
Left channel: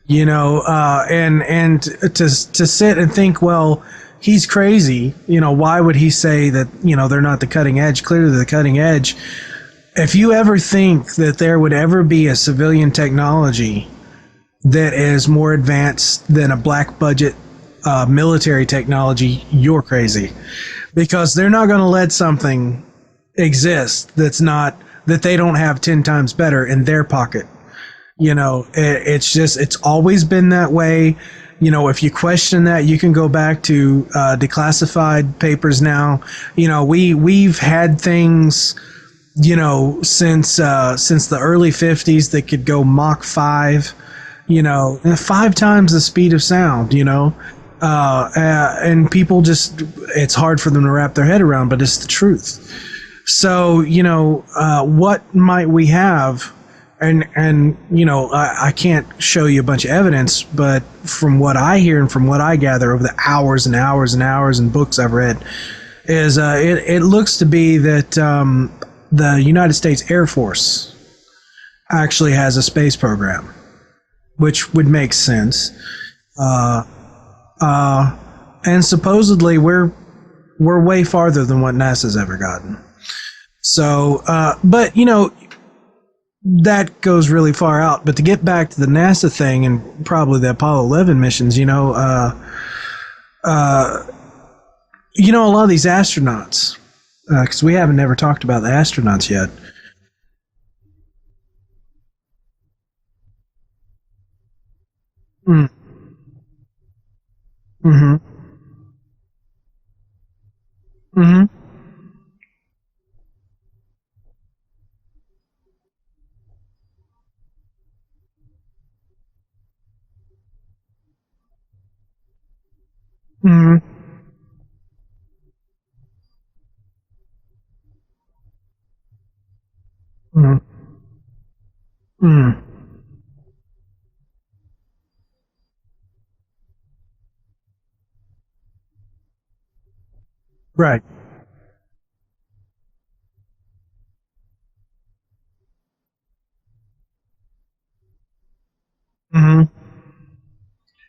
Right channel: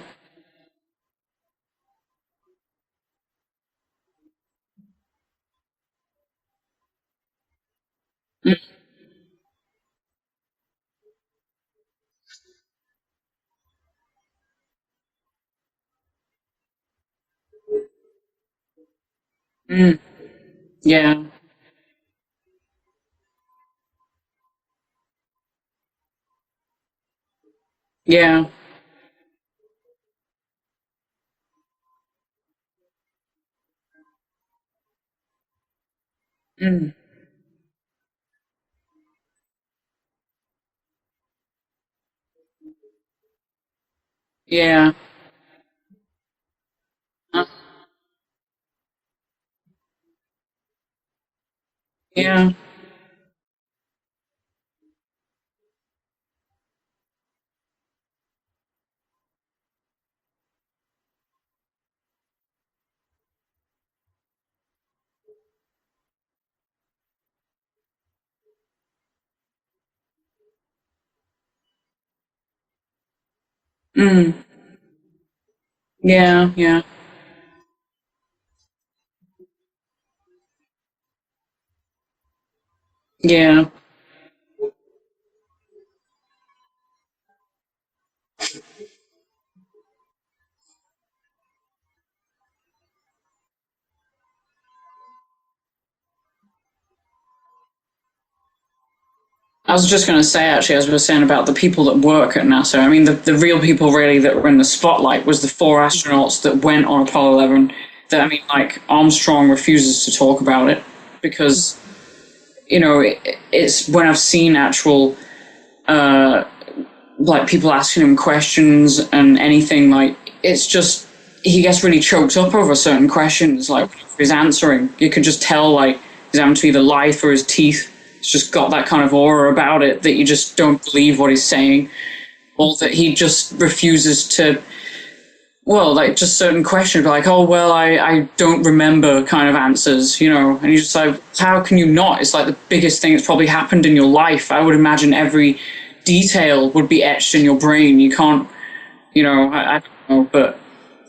to sit and think, well, he's crazy, why would he say that, they're not the cutting edge? Clearly the cutting edge. If you ever think that there would ever be a civilian technology that is more advanced than a black budget military technology, you're crazy. Because they're not going to let something exist that they don't have 10 times better in their pocket. It's always been that way. If you question that, you can go back to declassified papers now. We've had things since the early 50s that could go Mach 5, 5 times the speed of sound, and people just, it's hard for them to wrap their head around, but it's the truth. So, what might we have? And I can't show you a bunch of evidence, but from what I hear and from what I gather over the hours and hours and hours and books I've read, is it looks to be that the United States Air Force actually has a space program, which would make sense. And supposedly we're way farther than what NASA's ever gotten. So, but that goes really far out. But to get back to the NASA thing and probably the Apollo 11 missions, a lot of these astronauts, because we haven't never talked about the astronauts yet. I was just going to say, actually, as we were saying about the people that work at NASA, I mean, the real people really that were in the spotlight was the 4 astronauts that went on Apollo 11. That, I mean, like, Armstrong refuses to talk about it because, it's when I've seen actual, like, people asking him questions and anything, like, it's just, he gets really choked up over certain questions, like, when he's answering. You could just tell, like, he's having to either lie through his teeth. It's just got that kind of aura about it that you just don't believe what he's saying, or that he just refuses to, well, like, just certain questions, like, oh, well, I don't remember kind of answers, and you're just like, how can you not? It's like the biggest thing that's probably happened in your life. I would imagine every detail would be etched in your brain. You can't, I don't know, but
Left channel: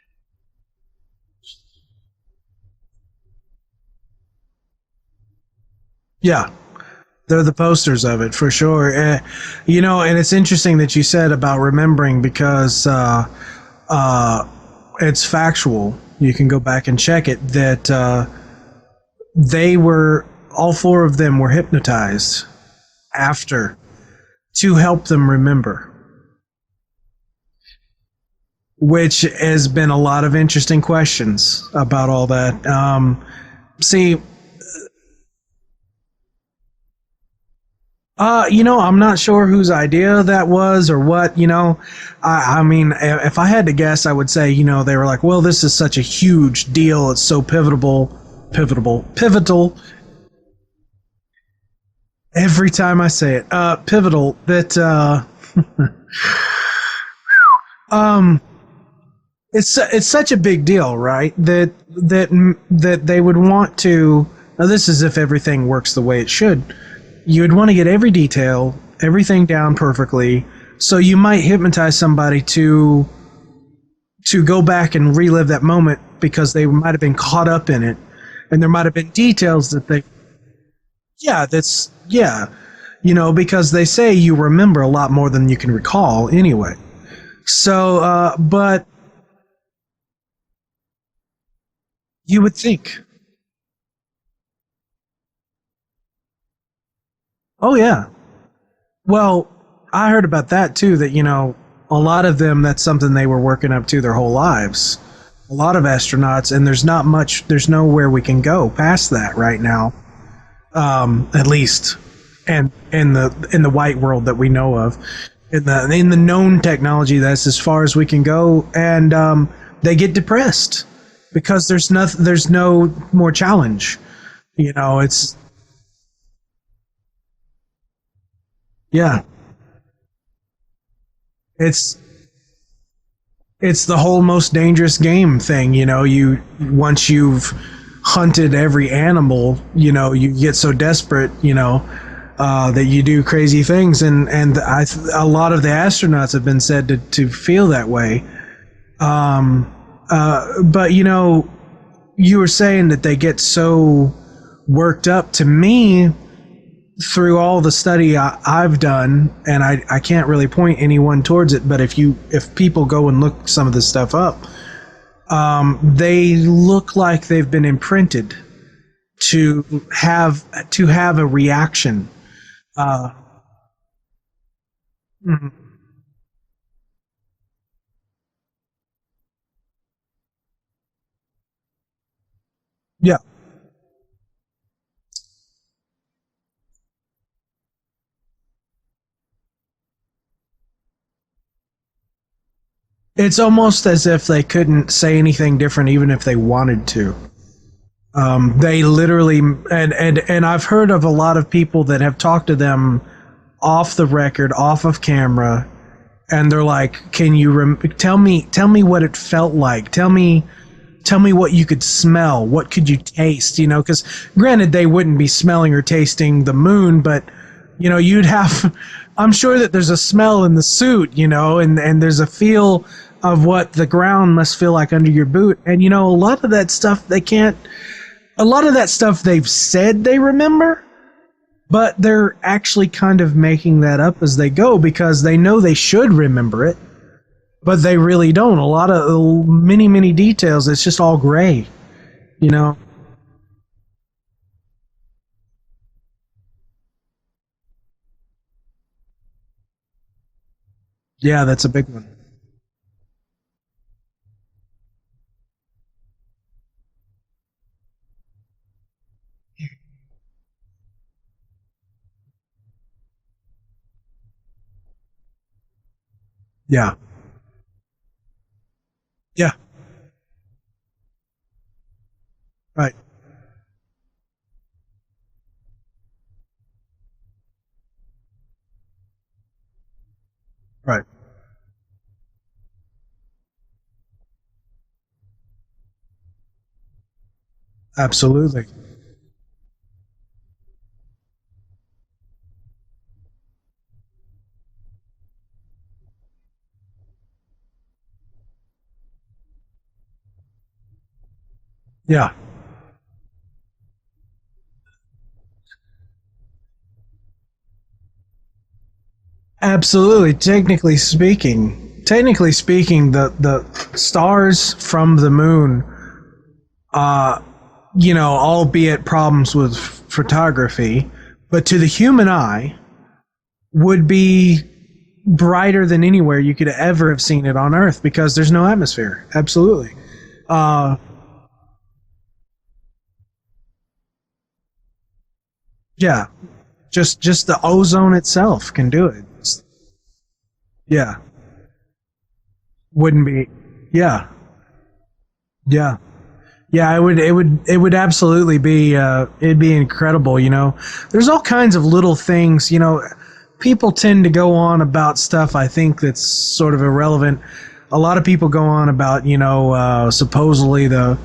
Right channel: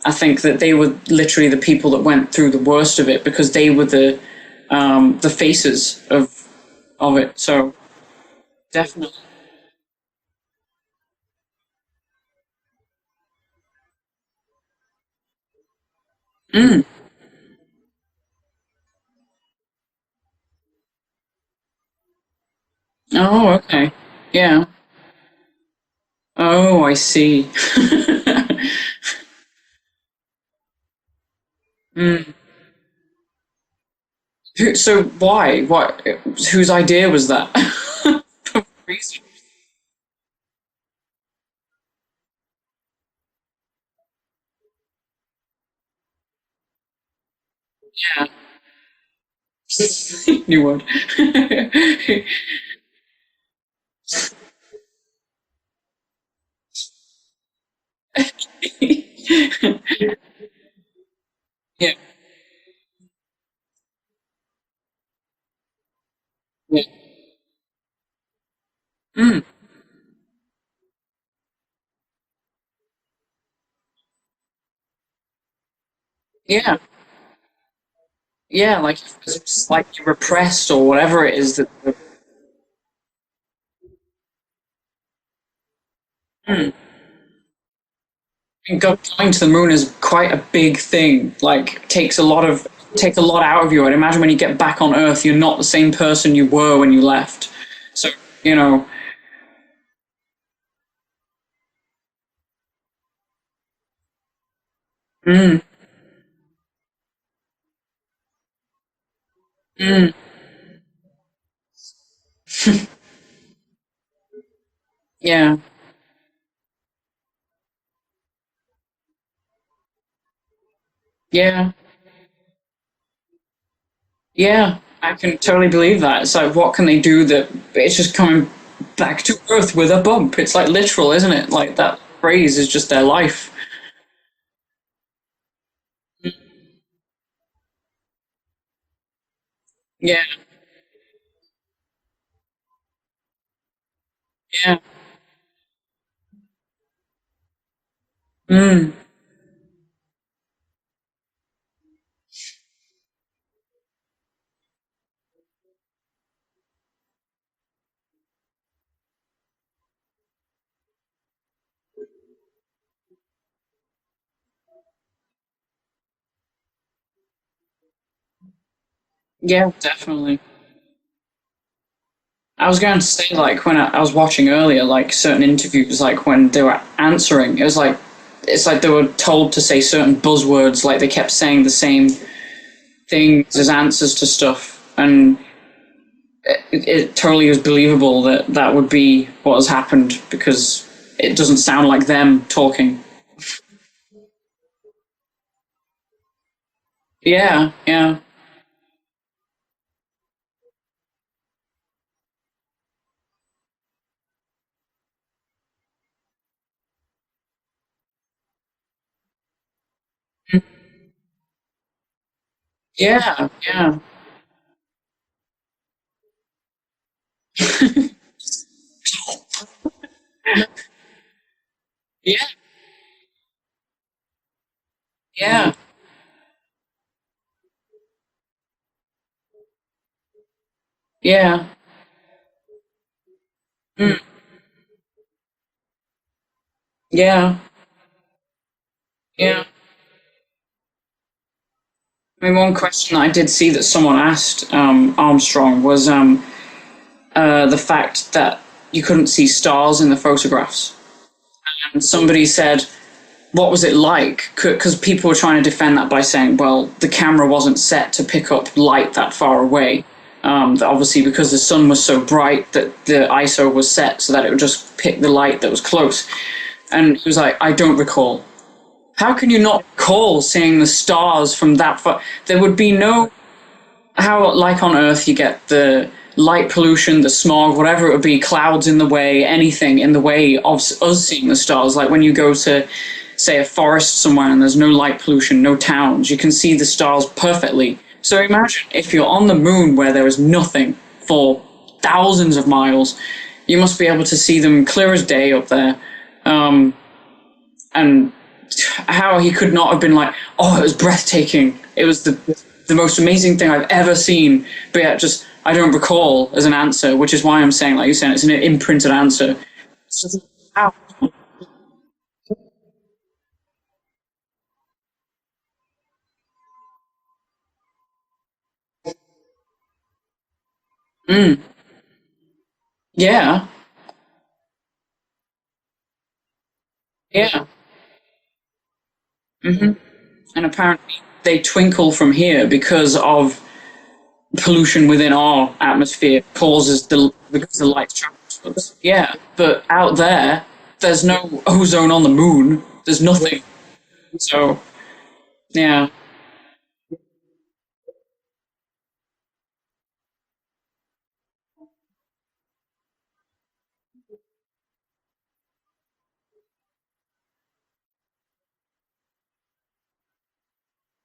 I think that they were literally the people that went through the worst of it, because they were the faces of of it. They're the So posters of it for sure. You know, and it's interesting that you said about remembering because it's factual. You can go back and check it that they were all four of them were hypnotized after okay. Yeah. to help them remember. Oh, I see. Which has been a lot of interesting questions about all that. See, So why? What? Whose idea was that? you know, I'm not sure whose idea that was or what, you know. I mean, if I had to guess, I would say, you know, they were like, well, this is such a huge deal. It's so pivotal. New word. Every time I say it, pivotal that, it's such a big deal, right? That, Yeah. that they would want to, now this is if everything works the way it should. Yeah. You would want to get every detail, everything down perfectly. So you might hypnotize somebody to go back and relive that moment because they might have been caught up in it, and there might have been details like that they repressed or whatever it is. you know, because they say you remember a lot more than you can recall anyway. So, but Going to the moon is quite a big thing. Like, takes a lot out of you. I'd imagine when you get back on Earth, you're not the same person you were when you left. Oh yeah. So, you know. Well, I heard about that too. That, you know, a lot of them, that's something they were working up to their whole lives. A lot of astronauts, and there's nowhere we can go past that right now. At least. And in the white world that we know of, in the known technology, that's as far as we can go, and they get depressed because there's no more challenge. Yeah, you know, I can totally believe that. It's like, what can they do that it's just coming back to Earth with a bump? It's like literal, isn't it? Like that phrase is just their life. It's the whole most dangerous game thing. You know, once you've hunted every animal, you know, you get so desperate, you know. That you do crazy things, and a lot of the astronauts have been said to feel that way. But you know, you were saying that they get so worked up. To me, through all the study I've done, and I can't really point anyone towards it, but if people go and look some of this stuff up, they look like they've been imprinted to have a reaction. I was going to say, like, when I was watching earlier, like, certain interviews, like, when they were answering, it's like they were told to say certain buzzwords, like, they kept saying the same things as answers to stuff, and it totally was believable that would be what has happened, because it doesn't sound like them talking. It's almost as if they couldn't say anything different even if they wanted to. Yeah. They literally, and I've heard of a lot of people that have talked to them off the record, off of camera, and they're like, "Can you tell me what it felt like? Tell me what you could smell. What could you taste? You know, because granted, they wouldn't be smelling or tasting the moon, but you know, you'd have. I'm sure that there's a smell in the suit, you know, and there's a feel of what the ground must feel like under your boot. And you know, a lot of that stuff they've said they remember. Yeah. But they're actually kind of making that up as they go because they know they should remember it. Yeah. But they really don't. A lot of many details. It's just all gray. I mean, one question I did see that someone asked Armstrong was the fact that you couldn't see stars in the photographs. Yeah, that's a big one. And somebody said, what was it like? Because people were trying to defend that by saying, well, the camera wasn't set to pick up light that far away. Obviously, because the sun was so bright that the ISO was set so that it would just pick the light that was close. Yeah. And he was like, I don't recall. How can you not recall seeing the stars from that far? There would be no... How, like on Earth, you get the light pollution, the smog, whatever it would be, clouds in the way, anything in the way of us seeing the stars. Like when you go to, say, a forest somewhere and there's no light pollution, no towns, you can see the stars perfectly. Absolutely. So imagine if you're on the moon where there is nothing for thousands of miles, you must be able to see them clear as day up there. And how he could not have been like, oh, it was breathtaking. It was the most amazing thing I've ever seen. But yeah, I don't recall as an answer, which is why I'm saying, like you're saying, it's an imprinted answer. Absolutely. Technically speaking, the stars from the moon, albeit problems with photography, but to the human eye, would be brighter than anywhere you could ever have seen it on Earth, because there's no atmosphere. Absolutely. And apparently they twinkle from here because of pollution within our atmosphere causes just the ozone itself can do it. Yeah, but out there, there's no ozone on the moon. There's nothing. Yeah. So. Yeah. Yeah, it would absolutely be it'd be incredible, There's all kinds of little things, people tend to go on about stuff I think that's sort of irrelevant. A lot of people go on about, supposedly the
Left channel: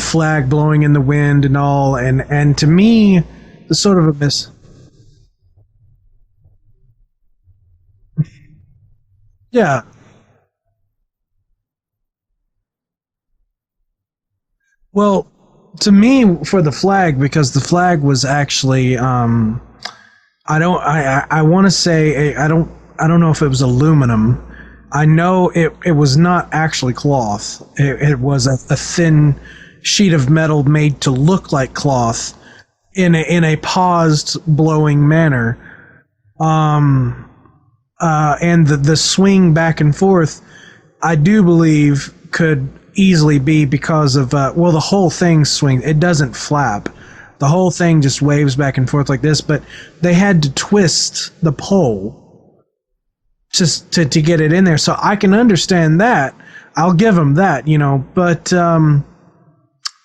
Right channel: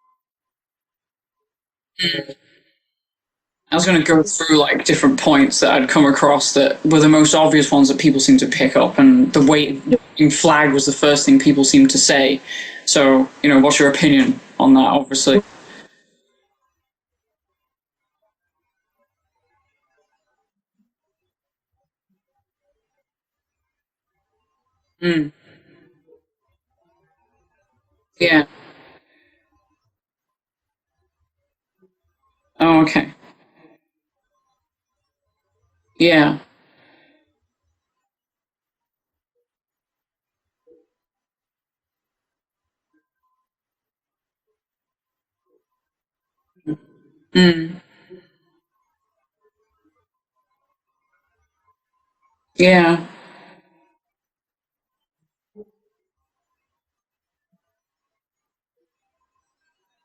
flag blowing in the wind and all, and to me, I was going to go through like different points that I'd come across that were the most obvious ones that people seem to pick up, and the waving flag was the first thing people seem to say. So, what's your opinion on that? Obviously, well, to me, for the flag, because the flag was actually, I want to say, I don't know if it was aluminum. I know it was not actually cloth. It was a thin sheet of metal made to look like cloth. Oh, okay. In a paused blowing manner. Yeah. And the swing back and forth, I do believe could easily be because of the whole thing swings. It doesn't flap. The whole thing just waves back and forth like this, but they had to twist the pole. Yeah. Just to get it in there. So I can understand that. I'll give them that, but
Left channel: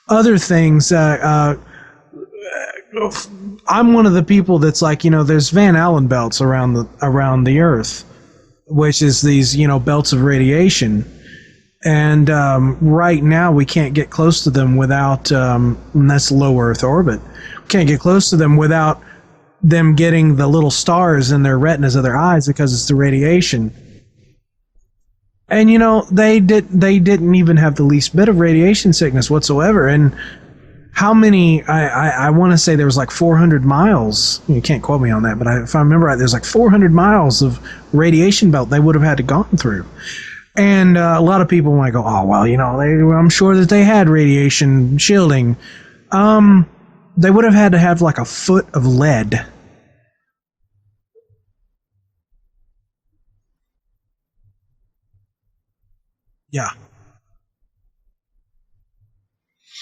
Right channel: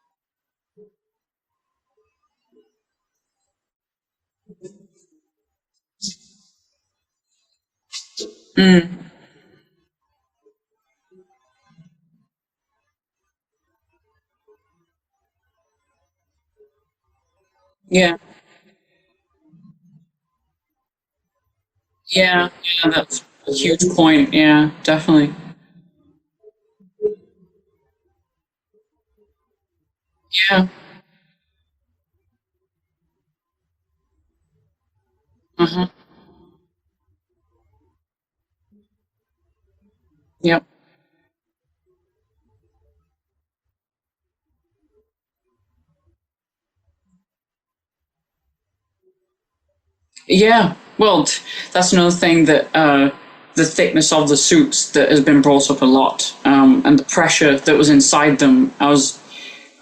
other things, I'm one of the people that's like, there's Van Allen belts around the Earth, which is these, belts of radiation. And right now we can't get close to them without, and that's low Earth orbit. We can't get close to them without them getting the little stars in their retinas of their eyes because it's the radiation. A huge point, yeah, definitely. And they didn't even have the least bit of radiation sickness whatsoever. And how many? I want to say there was like 400 miles. You can't quote me on that, but if I remember right, there's like 400 miles of radiation belt they would have had to gone through. Yep. And a lot of people might go, oh well, I'm sure that they had radiation shielding. They would have had to have like a foot of lead. Yeah, well, that's another thing that the thickness of the suits that has been brought up a lot, and the pressure that was inside them. I was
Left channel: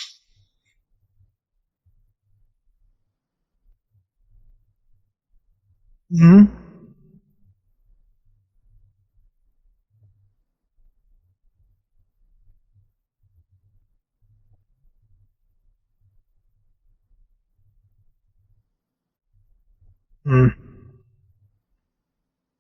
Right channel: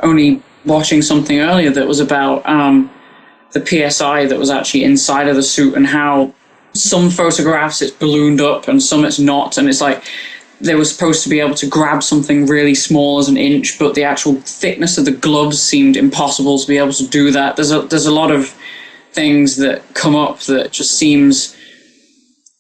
only watching something earlier that was about the PSI that was actually inside of the suit, and how some photographs it's ballooned up and some it's not, and it's like they were supposed to be able to grab something really small as an inch, but the actual thickness of the gloves seemed impossible to be able to do that. There's a lot of things that come up that just seems,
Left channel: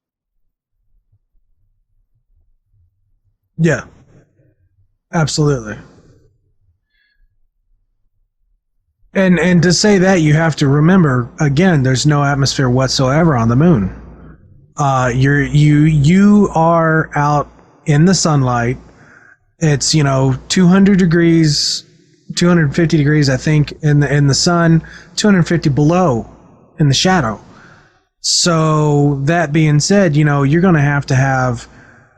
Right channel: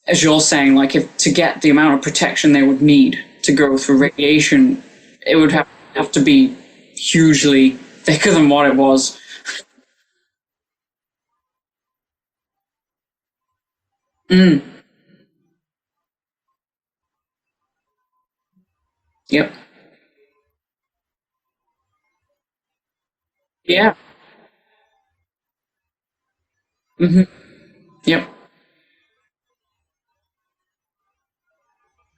as you're saying, like if to get the amount of protection they would need to go through radiation, absolutely, it would have to be hugely thicker than what it was. And to say that, you have to remember, again, there's no atmosphere whatsoever on the moon. You are out in the sunlight. Yep. It's 200 degrees, 250 degrees, I think, in the sun, 250 below in the shadow. Yep. So that being said, you're going to have,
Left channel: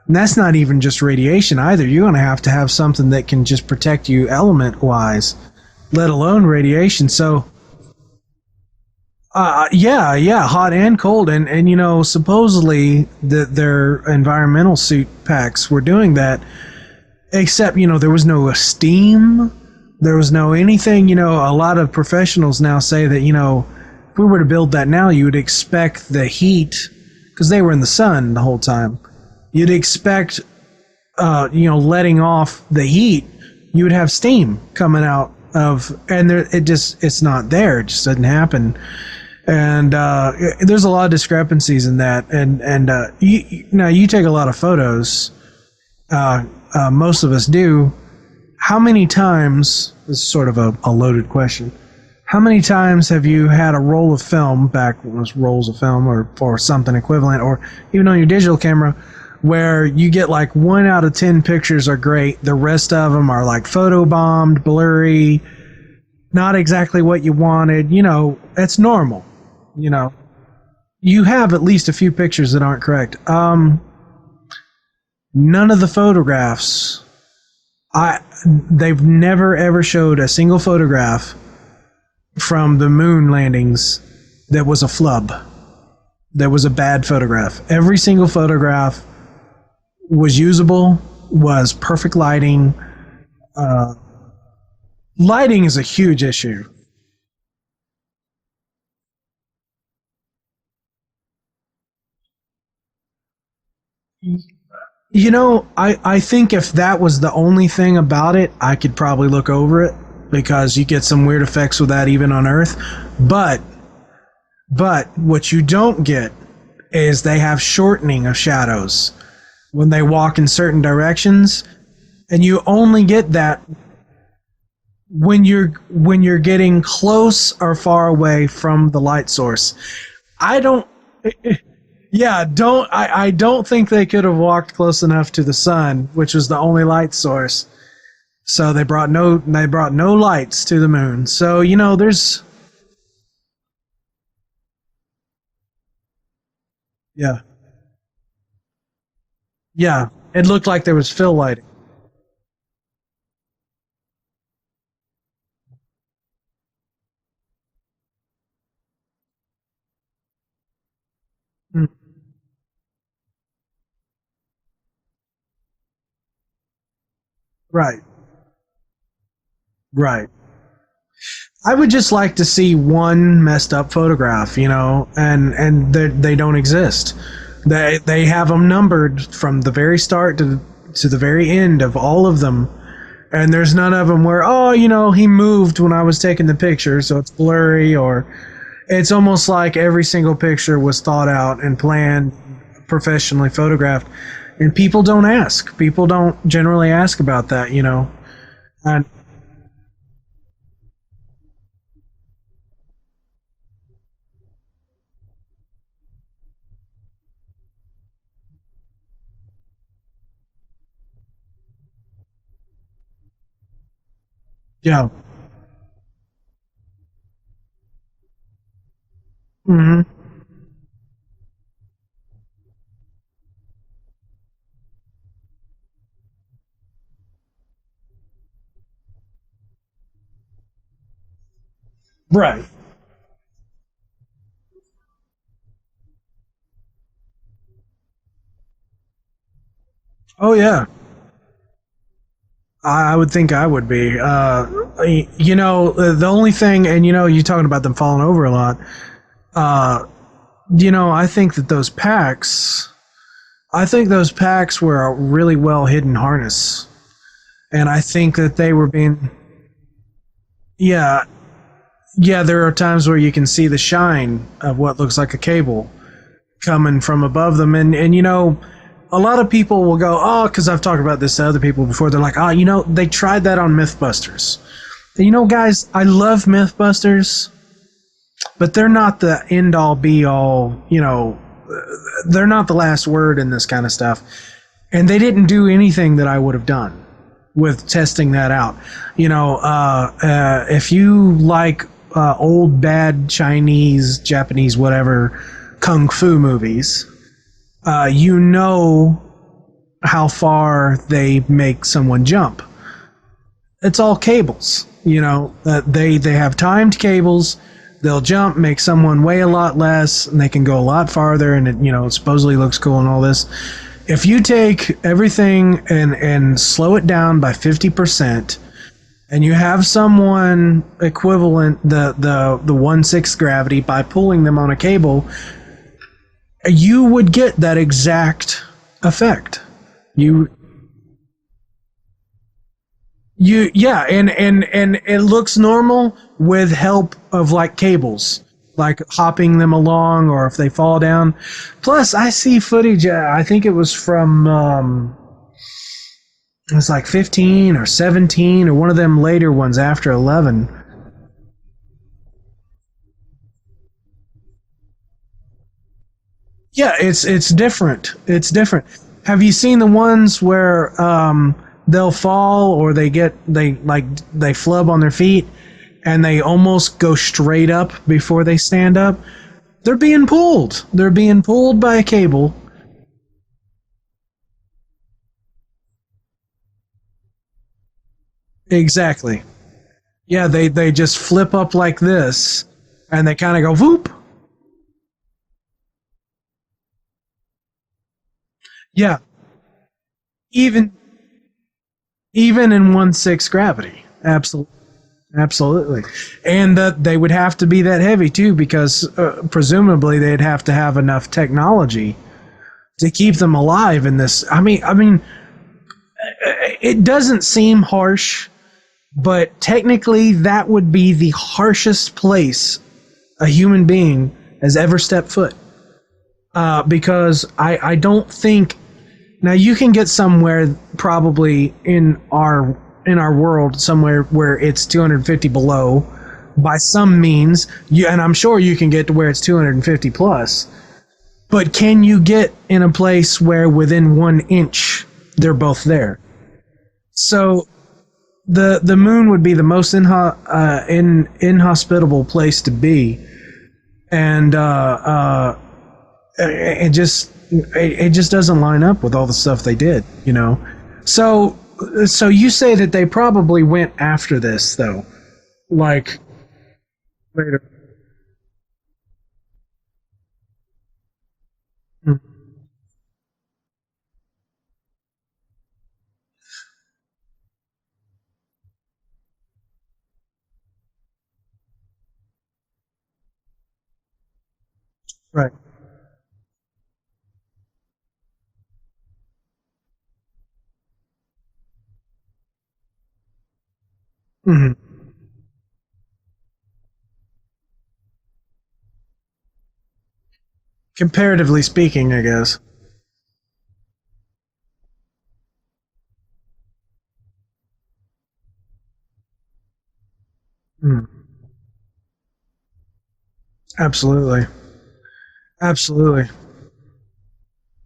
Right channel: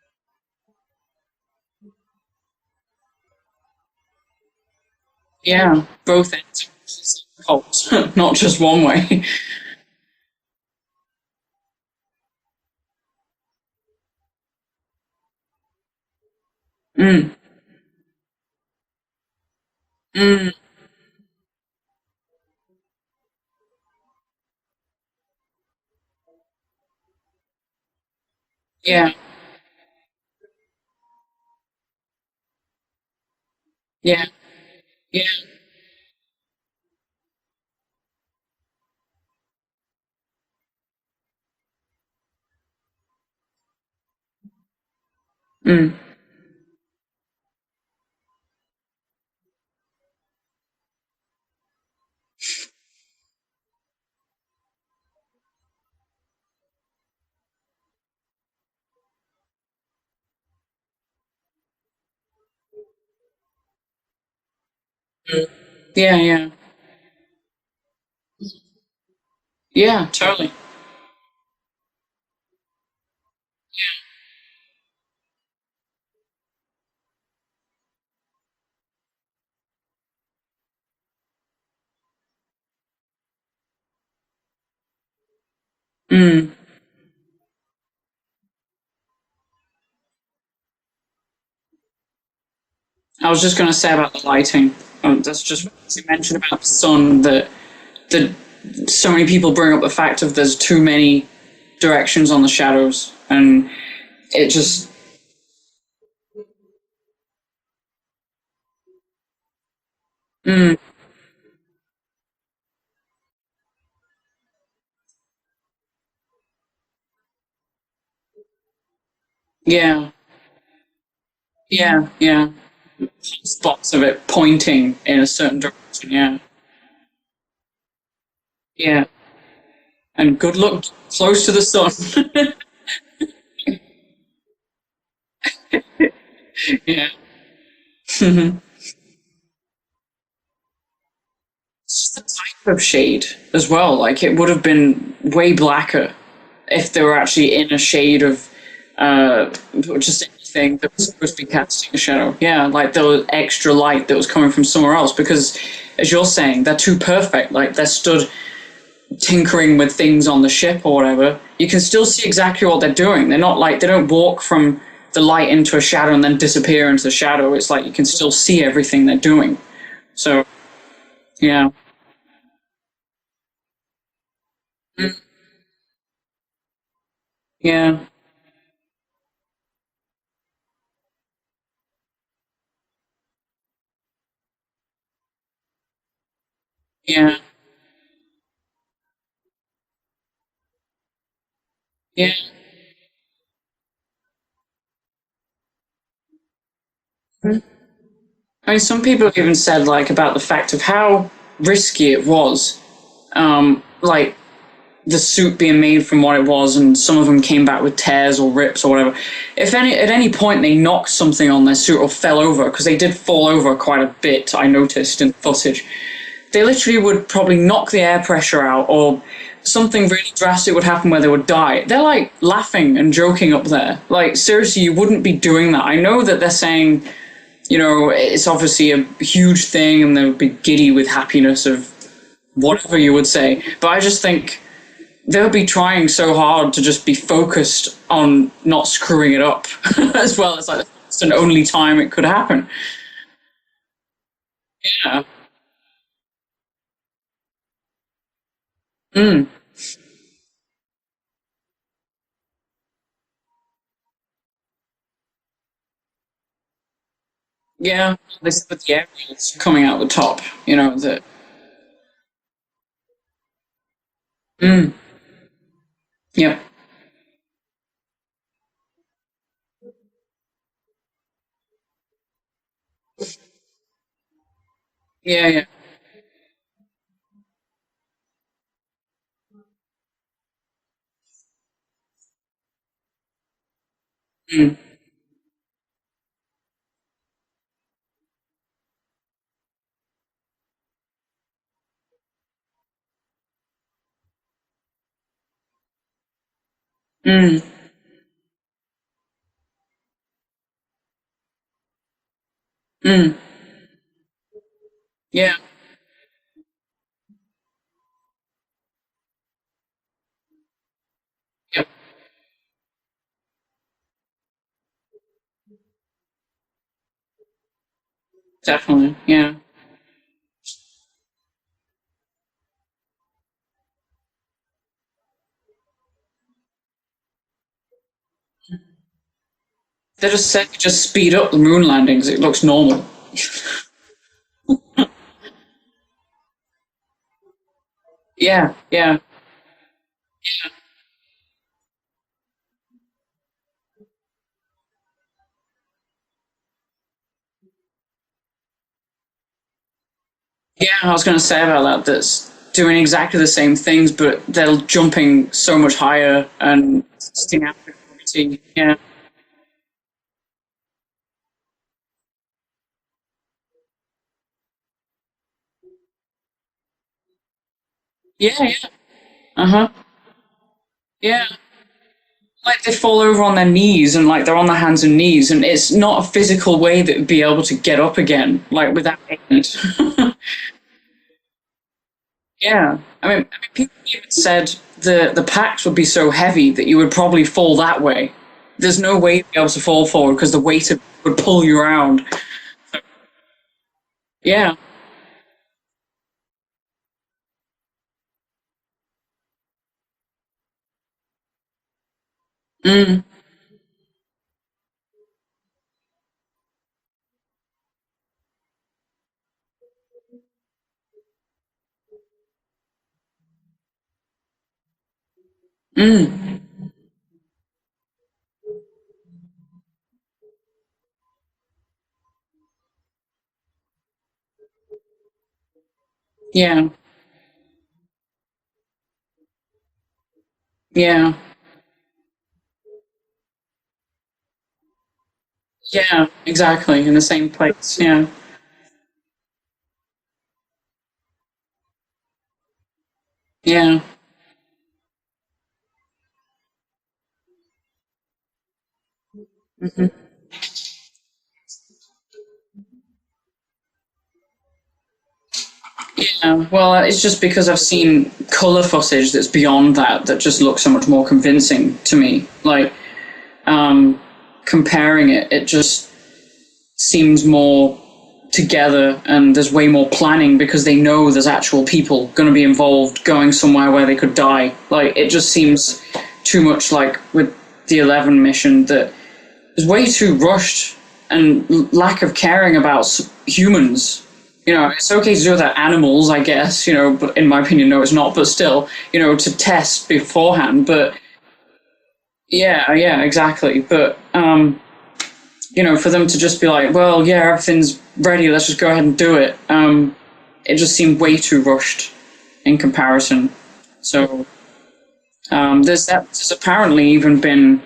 and that's not even just radiation either. You're going to have something that can just protect you element-wise. Yeah. Let alone radiation. So not just one way. Hot and cold, and supposedly their environmental suit packs were doing that. Except there was no steam, there was no anything. A lot of professionals now say that if we were to build that now, you would expect the heat, because they were in the sun the whole time. Yeah. You'd expect, letting off the heat, you would have steam coming out of, and it's not there. It just doesn't happen. And there's a lot of discrepancies in that. And you take a lot of photos. Most of us do. How many times, this is sort of a loaded question, how many times have you had a roll of film, back when it was rolls of film or something equivalent, or even on your digital camera, where you get like 1 out of 10 pictures are great, the rest of them are like photobombed, blurry, Yeah, yeah. Not exactly what you wanted. You know, it's normal. You Yeah, know, totally. you have at least a few pictures that aren't correct. None of the photographs, they've never ever showed a single photograph from the moon landings that was a flub. That was a bad photograph. Every single photograph was usable, was perfect lighting. I was just going to say about the lighting. Lighting is a huge issue. About the sun, that so many people bring up the fact of there's too many directions on the shadows, and it just... You know, I think if that was the only thing about it, I could probably look over it, because you get some weird effects with that even on Earth. But what you don't get is they have shortening of shadows when they walk in certain directions. Yeah, yeah. And you only get that spots of it pointing in a certain direction. When you're getting close or far away from the light source. And good luck close to the sun. I don't think they could have walked close enough to the sun, which was the only light source. So they brought no lights to the moon. So, you know, there's type of shade as well. Like, it would have been way blacker if they were actually in a shade of it looked like there was fill light casting a shadow. Yeah, like there was extra light that was coming from somewhere else, because as you're saying, they're too perfect. Like, they're stood tinkering with things on the ship or whatever. You can still see exactly what they're doing. They're not like, they don't walk from the light into a shadow and then disappear into the shadow. It's like you can still see everything they're doing. Right. So, yeah. I would just like to see one messed up photograph, you know, and they don't exist. Yeah. They have them numbered from the very start to the very end of all of them. And there's none of them where, oh, you know, he moved when I was taking the picture, so it's blurry, or it's almost like every single picture was thought out and planned, professionally photographed. And people don't ask. People don't generally ask about that, you know. I mean, some people have even said, like, about the fact of how risky it was, like, the suit being made from what it was, and some of them came back with tears or rips or whatever. If at any point they knocked something on their suit or fell over, because they did fall over quite a bit, I noticed in the footage, they literally would probably knock the air pressure out, or something really drastic would happen where they would die. They're like laughing and joking up there. Like, seriously, you wouldn't be doing that. I know that they're saying, you know, it's obviously a huge thing and they would be giddy with happiness of whatever you would say. But I just think they would be trying so hard to just be focused on not screwing it up as well. It's an only time it could happen. I would think I would be. You know, the only thing, and you know, you're talking about them falling over a lot. You know, I think that those packs were a really well hidden harness. And I think that they were being coming out the top, you know. Yeah, there are times where you can see the shine of what looks like a cable coming from above them. And you know, a lot of people will go, oh, because I've talked about this to other people before. They're like, oh, you know, they tried that on Mythbusters. And you know, guys, I love Mythbusters, but they're not the end-all, be-all, you know, they're not the last word in this kind of stuff. And they didn't do anything that I would have done with testing that out. You know, if you like old, bad Chinese, Japanese, whatever, kung fu movies, you know how far they make someone jump. It's all cables, you know. They have timed cables. They'll jump, make someone weigh a lot less, and they can go a lot farther, and it, you know, supposedly looks cool and all this. If you take everything and slow it down by 50%, definitely, and you have someone equivalent the 1/6 gravity by pulling them on a cable, you would get that exact effect. They just said just speed up the moon landings. It looks normal. And it looks normal with help of like cables. Hopping them along, or if they fall down. Plus, I see footage. I think it was from it was like 15 or 17 or one of them later ones after 11. Yeah, I was going to say about that. That's doing exactly the same things, but they're jumping so much higher. And it's different. It's different. Yeah. Have you seen the ones where they'll fall, or they flub on their feet, and they almost go straight up before they stand up. They're being pulled. They're being pulled by a cable. Like they fall over on their knees and like they're on their hands and knees, and it's not a physical way that would be able to get up again. Exactly. Yeah, they just flip up like this. Yeah. And they kind of go whoop. Said the packs would be so heavy that you would probably fall that way. There's no way to be able to fall forward because the weight of it would pull you around. Even in 1/6 gravity. Absolutely. Yeah. Absolutely. And they would have to be that heavy too, because presumably they'd have to have enough technology to keep them alive in this. I mean, it doesn't seem harsh, but technically that would be the harshest place a human being has ever stepped foot. Because I don't think, now you can get somewhere probably in our world somewhere where it's 250 below by some means, and I'm sure you can get to where it's 250 plus. Yeah. But can you get in a place where within 1 inch they're both there? Yeah, exactly, in the same place. Yeah. The moon would be the most inhospitable place to be. Yeah. And it just doesn't line up with all the stuff they did, you know. So you say that they probably went after this, though, like. Yeah, well, it's just because I've seen color footage that's beyond that just looks so much more convincing to me. Like, comparing it just seems more together, and there's way more planning because they know there's actual people going to be involved going somewhere where they could die. Like, it just seems too much like with the 11 mission that is way too rushed and lack of caring about humans. You know, it's okay to do that animals, I guess, you know, but in my opinion, no, it's not. But still, you know, to test beforehand. But comparatively speaking, I guess. Yeah, exactly. But, you know, for them to just be like, well, yeah, everything's ready, let's just go ahead and do it. It just seemed way too rushed in comparison. Absolutely. So, there's apparently even been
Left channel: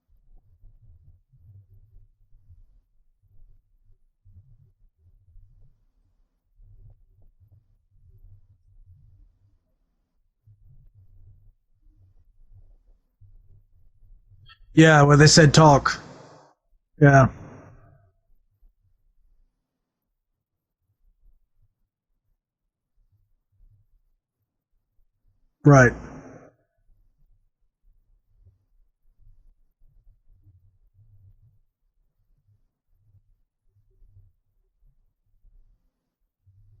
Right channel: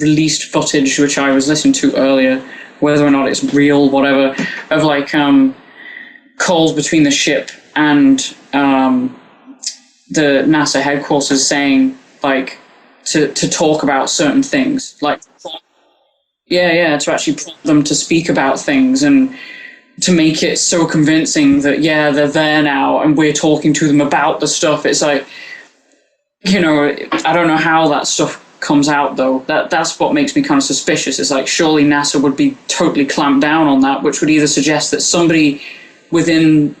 released footage, which I was listening to earlier, whether or not it's real, whatever, of like calls between the ship and the NASA headquarters saying like to talk about certain things. Yeah, like, where they said talk. Yeah, to actually prompt them to speak about things and to make it so convincing that they're there now and we're talking to them about the stuff. It's like, right. You know, I don't know how that stuff comes out, though. That's what makes me kind of suspicious. It's like, surely NASA would be totally clamped down on that, which would either suggest that somebody within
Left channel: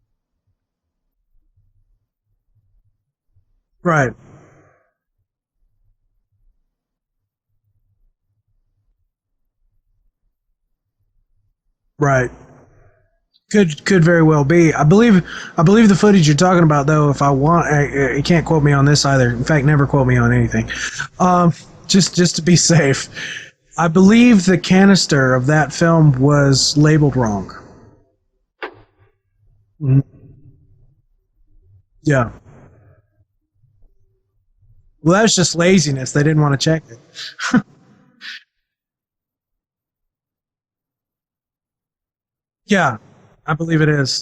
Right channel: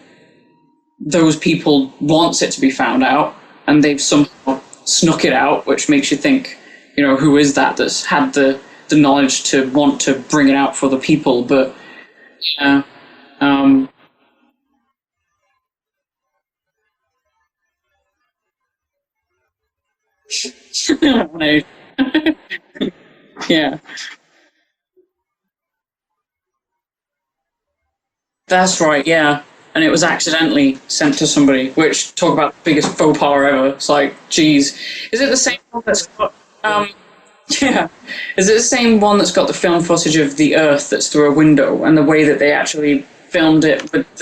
those people wants it to be found out and they've somehow snuck it out, which makes you think, you know, who is that's had the knowledge to want to bring it out for the people. But yeah. Could very well be. I believe the footage you're talking about, though. If I want, you can't quote me on this either. In fact, never quote me on anything. Just to be safe. Yeah. I believe the canister of that film was labeled wrong. That's right. Yeah, and it was accidentally sent to somebody. Which talk about the biggest faux pas ever. It's like, geez. Well, that's just laziness. They didn't want to check it. Yeah. Is it the same one that's got the film footage of the Earth that's through a window and the way that they actually filmed it with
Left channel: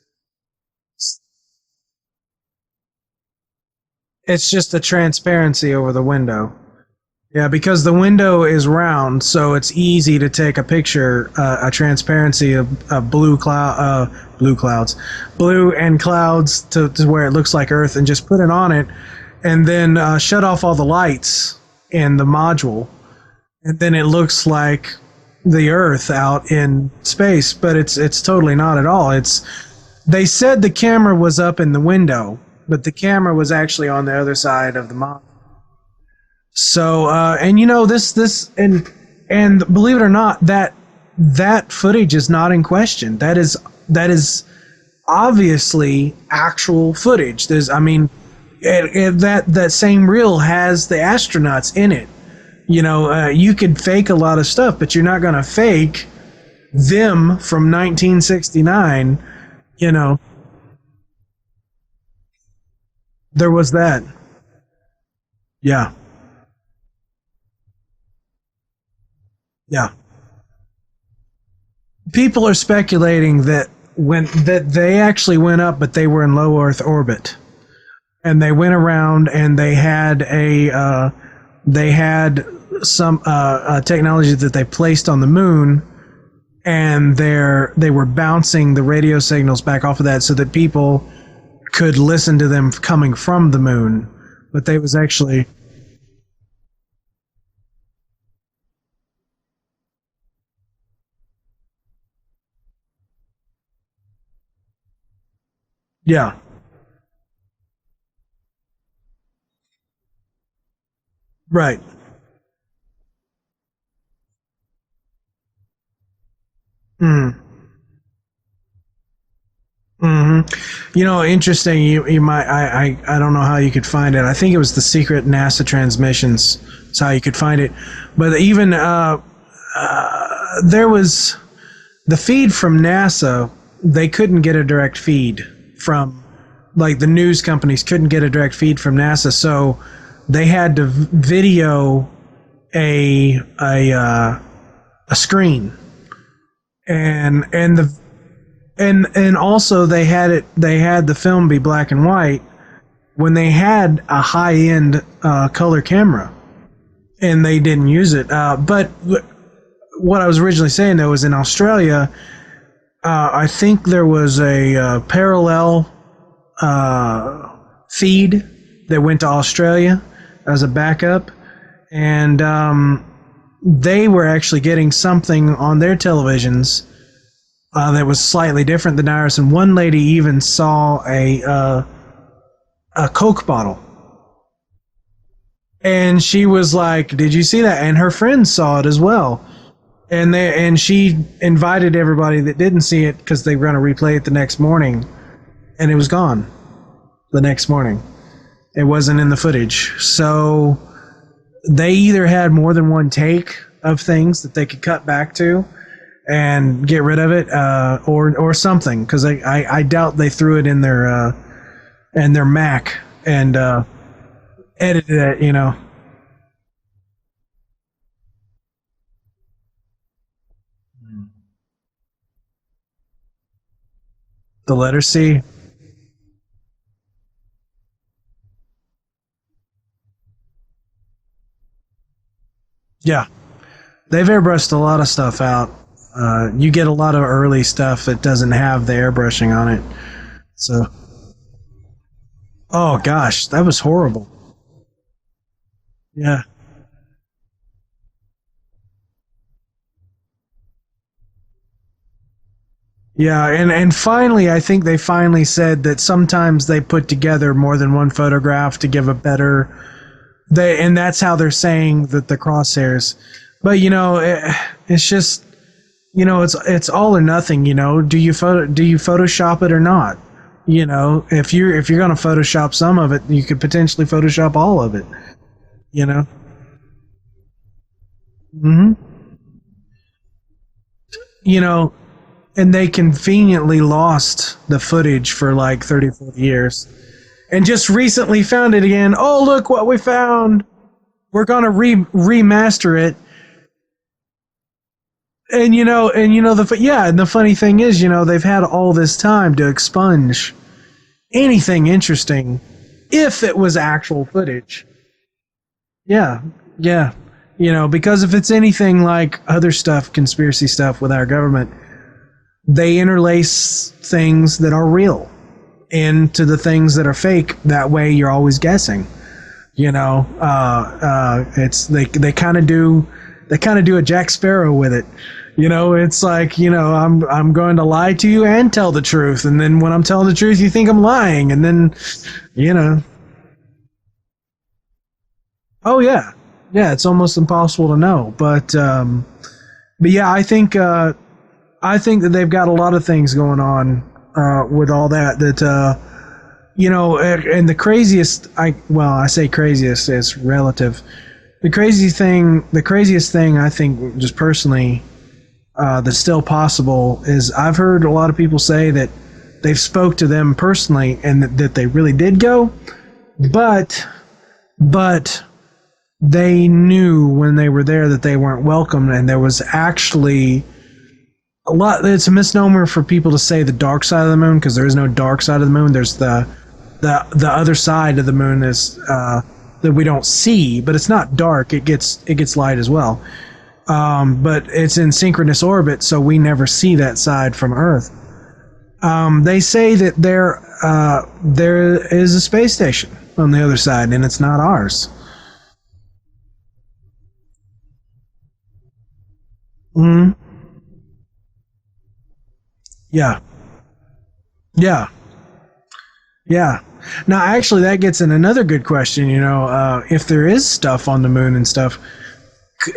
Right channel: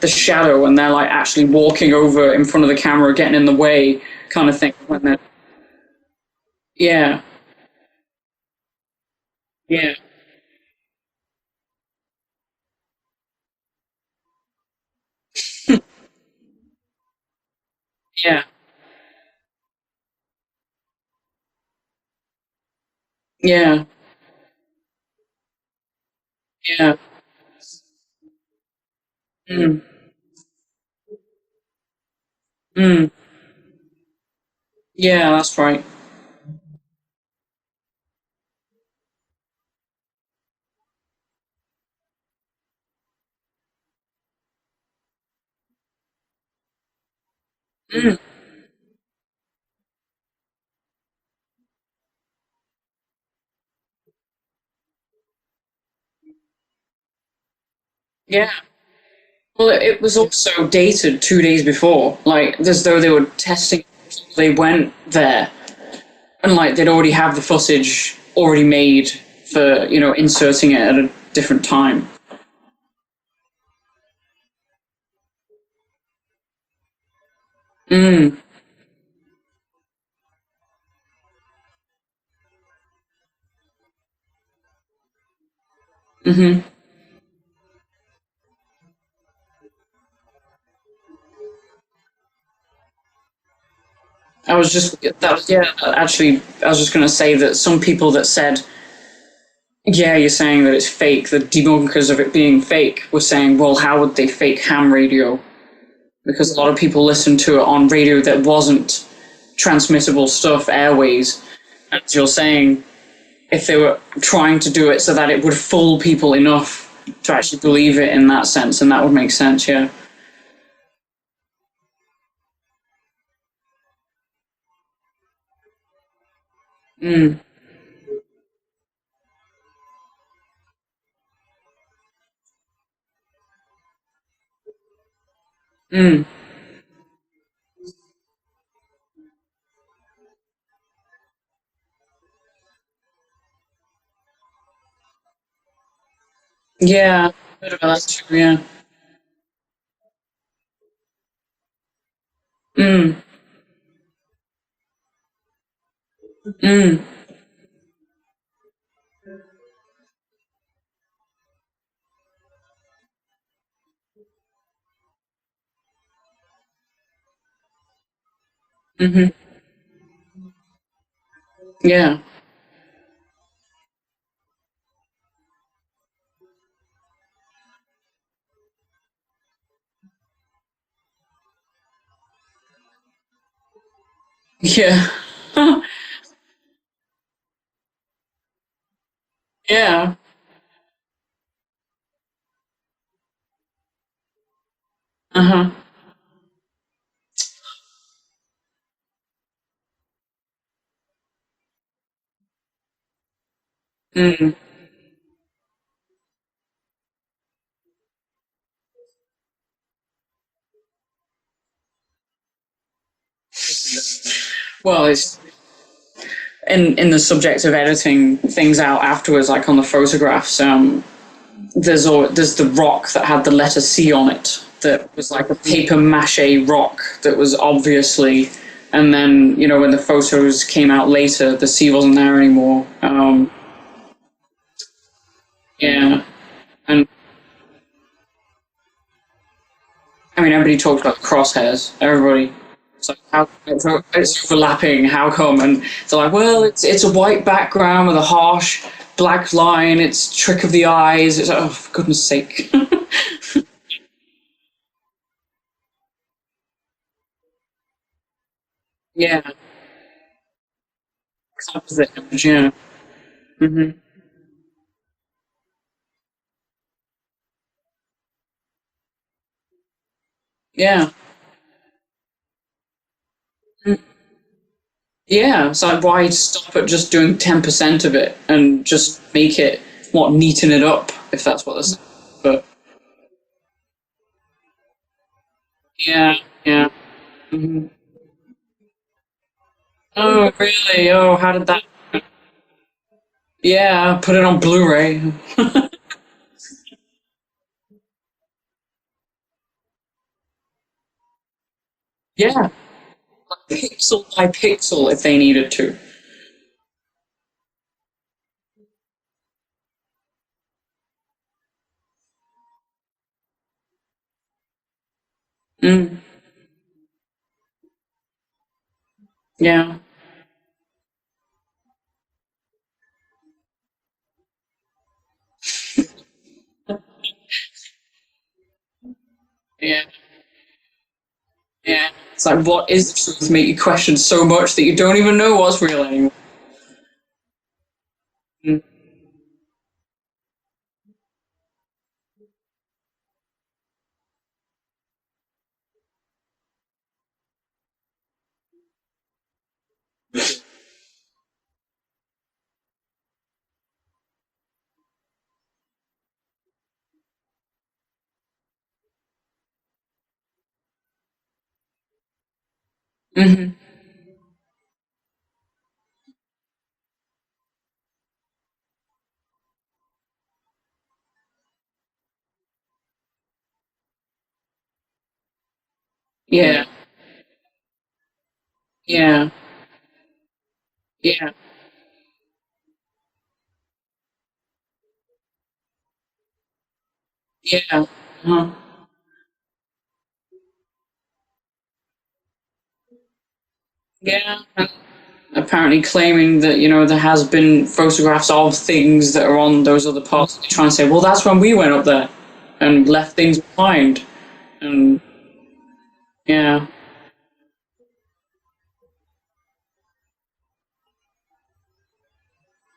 the shadow and they're like actually walking over in front of the camera, getting in the way? It's just the transparency over the window. Yeah. Yeah, because the window is round, so it's easy to take a picture, a transparency of blue clouds, blue and clouds to where it looks like Earth, and just put it on it, and then shut off all the lights in the module. Yeah. And then it looks like the Earth out in space, but it's totally not at all. It's they said the camera was up in the window, but the camera was actually on the other side of the module. Yeah, that's right. So and you know this and believe it or not, that footage is not in question. That is obviously actual footage. There's that same reel has the astronauts in it. You know, you could fake a lot of stuff, but you're not going to fake them from 1969. Well, it was also dated 2 days before, like as though they were testing. There was that. They went there. Yeah. And like they'd already have the footage already made for inserting it at a different time. People are speculating that when that they actually went up, but they were in low Earth orbit, and they went around and they had some technology that they placed on the moon, and they were bouncing the radio signals back off of that so that people could listen to them coming from the moon. I was just going to say that some people that said, yeah, you're saying that it's fake, the debunkers of it being fake were saying, well, how would they fake ham radio? Yeah. Because a lot of people listened to it on radio that wasn't transmissible stuff, airways. Right. As you're saying, if they were trying to do it so that it would fool people enough to actually believe it in that sense, and that would make sense, yeah. You know, interesting. You might. I don't know how you could find it. I think it was the secret NASA transmissions. That's how you could find it. But even there was the feed from NASA. They couldn't get a direct feed from, like the news companies couldn't get a direct feed from NASA, so they had to video a screen. Yeah, and also they had the film be black and white when they had a high-end color camera, and they didn't use it. But what I was originally saying though was in Australia, I think there was a parallel feed that went to Australia as a backup, and they were actually getting something on their televisions that was slightly different than ours. And one lady even saw a Coke bottle. Yeah. And she was like, "Did you see that?" And her friends saw it as well. Yeah. And she invited everybody that didn't see it because they were going to replay it the next morning. And it was gone the next morning. It wasn't in the footage. So they either had more than one take of things that they could cut back to and get rid of it, or something, because I doubt they threw it in their Mac and edited it, you know. In the subject of editing things out afterwards, like on the photographs, there's the rock that had the letter C on it. The letter C? Was like a paper mache rock that was obviously... And then, you know, when the photos came out later, the C wasn't there anymore. They've airbrushed a lot of stuff out. Yeah. You get a lot of early stuff that doesn't have the airbrushing on it. I mean, everybody talked about the crosshairs. Everybody. Oh, gosh, that was horrible. It's overlapping. How come? And they're like, well, it's a white background with a harsh black line. It's trick of the eyes. It's, oh, for goodness sake. Yeah, and finally, I think they finally said that sometimes they put together more than one photograph to give a better... And that's how they're saying that the crosshairs. But, you know, it's just... You know, it's all or nothing, you know. Do you Photoshop it or not? You know, if you're going to Photoshop some of it, you could potentially Photoshop all of it. Yeah, so why stop at just doing 10% of it and just make it, neaten it up, if that's what it's... And they conveniently lost the footage for like 30 years. Yeah. And just recently found it again. Oh, look what we found. Oh, really? Oh, we're going to remaster it. Yeah, put it on Blu-ray. and the funny thing is, you know, they've had all this time to expunge anything interesting. Yeah. If it was actual footage. By pixel if they needed to. Yeah. Yeah. You know, because if it's anything like other stuff, conspiracy stuff with our government, they interlace things that are real into the things that are fake. That way you're always guessing. Yeah. You know, it's they kind of do a Jack Sparrow with it. You know, it's like, you know, I'm going to lie to you and tell the truth, and then when I'm telling the truth, you think I'm lying, and then it's like, what is the truth? Make you question so much that you don't even know what's real. Oh yeah, it's almost impossible to know. But yeah, I think that they've got a lot of things going on with all that. You know, and the craziest, I say craziest, it's relative. The craziest thing I think, just personally, that's still possible is I've heard a lot of people say that they've spoke to them personally and that they really did go, but they knew when they were there that they weren't welcome, and there was actually It's a misnomer for people to say the dark side of the moon, because there is no dark side of the moon. There's the other side of the moon is that we don't see, but it's not dark. It gets light as well. But it's in synchronous orbit, so we never see that side from Earth. They say that there is a space station on the other side, and it's not ours. Apparently claiming that, there has been photographs of things that are on those other parts. They try and say, well, that's when we went up there and left things behind. Yeah. Now, actually, that gets in another good question. If there is stuff on the moon and stuff,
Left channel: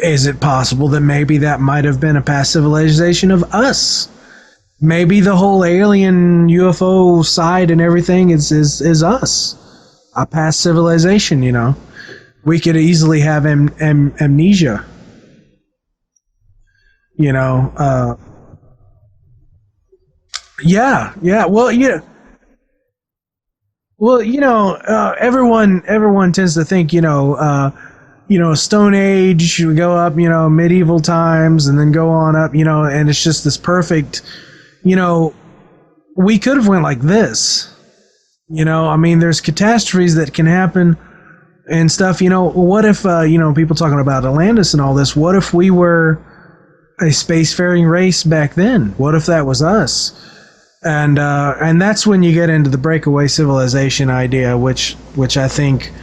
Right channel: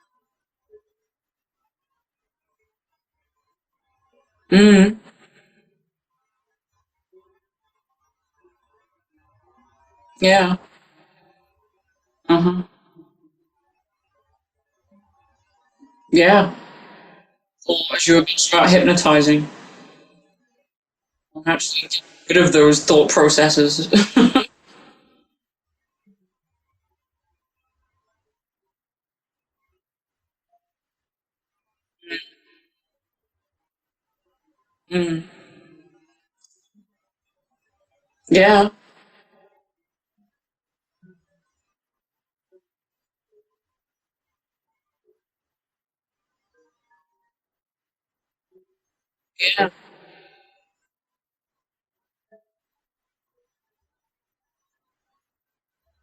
is it possible that maybe that might have been a past civilization of us? Maybe the whole alien UFO side and everything is us, a past civilization. We could easily have amnesia. Yeah. Sure, start hypnotizing. Yeah. Well, bit of those thought processes. Well, everyone tends to think, Stone Age, we go up, medieval times, and then go on up, and it's just this perfect, we could have went like this. Yeah. There's catastrophes that can happen and stuff. What if, people talking about Atlantis and all this, what if we were a spacefaring race back then? What if that was us? And that's when you get into the breakaway civilization idea, which I think,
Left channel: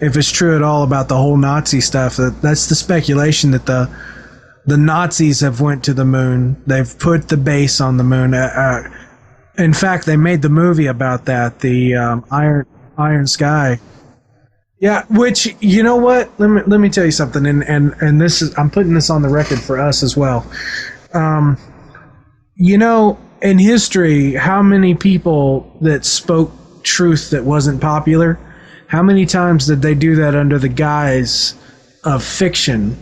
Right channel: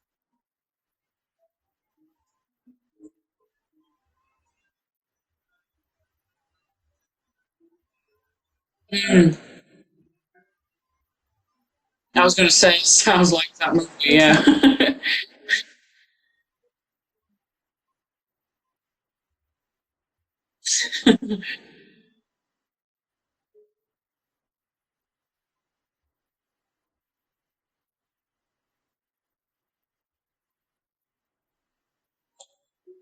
if it's true at all about the whole Nazi stuff, that's the speculation that the Nazis have went to the moon. They've put the base on the moon. In fact, they made the movie about that. I was going to say, Iron Sky. Like yeah. Which, you know what? Let me tell you something. And this is, I'm putting this on the record for us as well. In history, how many people that spoke truth that wasn't popular? How many times did they do that under the guise of fiction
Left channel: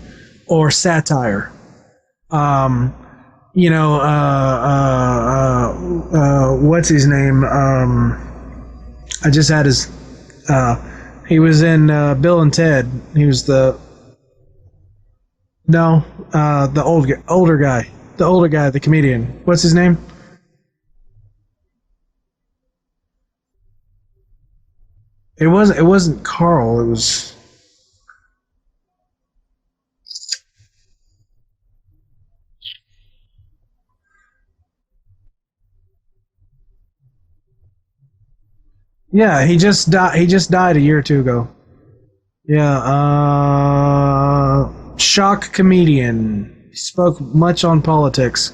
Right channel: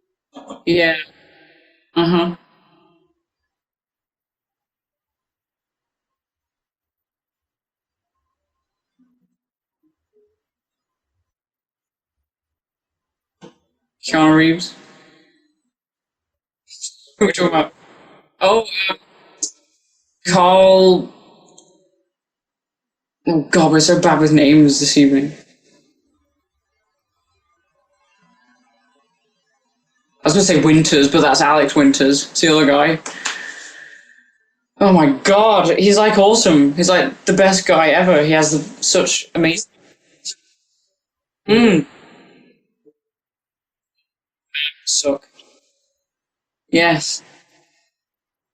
or satire? What's his name? I just had his. He was in Bill and Ted. He was the Keanu Reeves. No, the older guy, the comedian. What's his name? Carl. Oh God, we're so bad with names this evening. It wasn't Carl. It was. I was going to say Winters, but that's Alex Winters. It's the other guy. Oh my God, he's like awesome. He's like the best guy ever. He has such. Yeah, amazing... he just died a year or two ago. Yeah. Shock comedian. Yes. Spoke much on politics.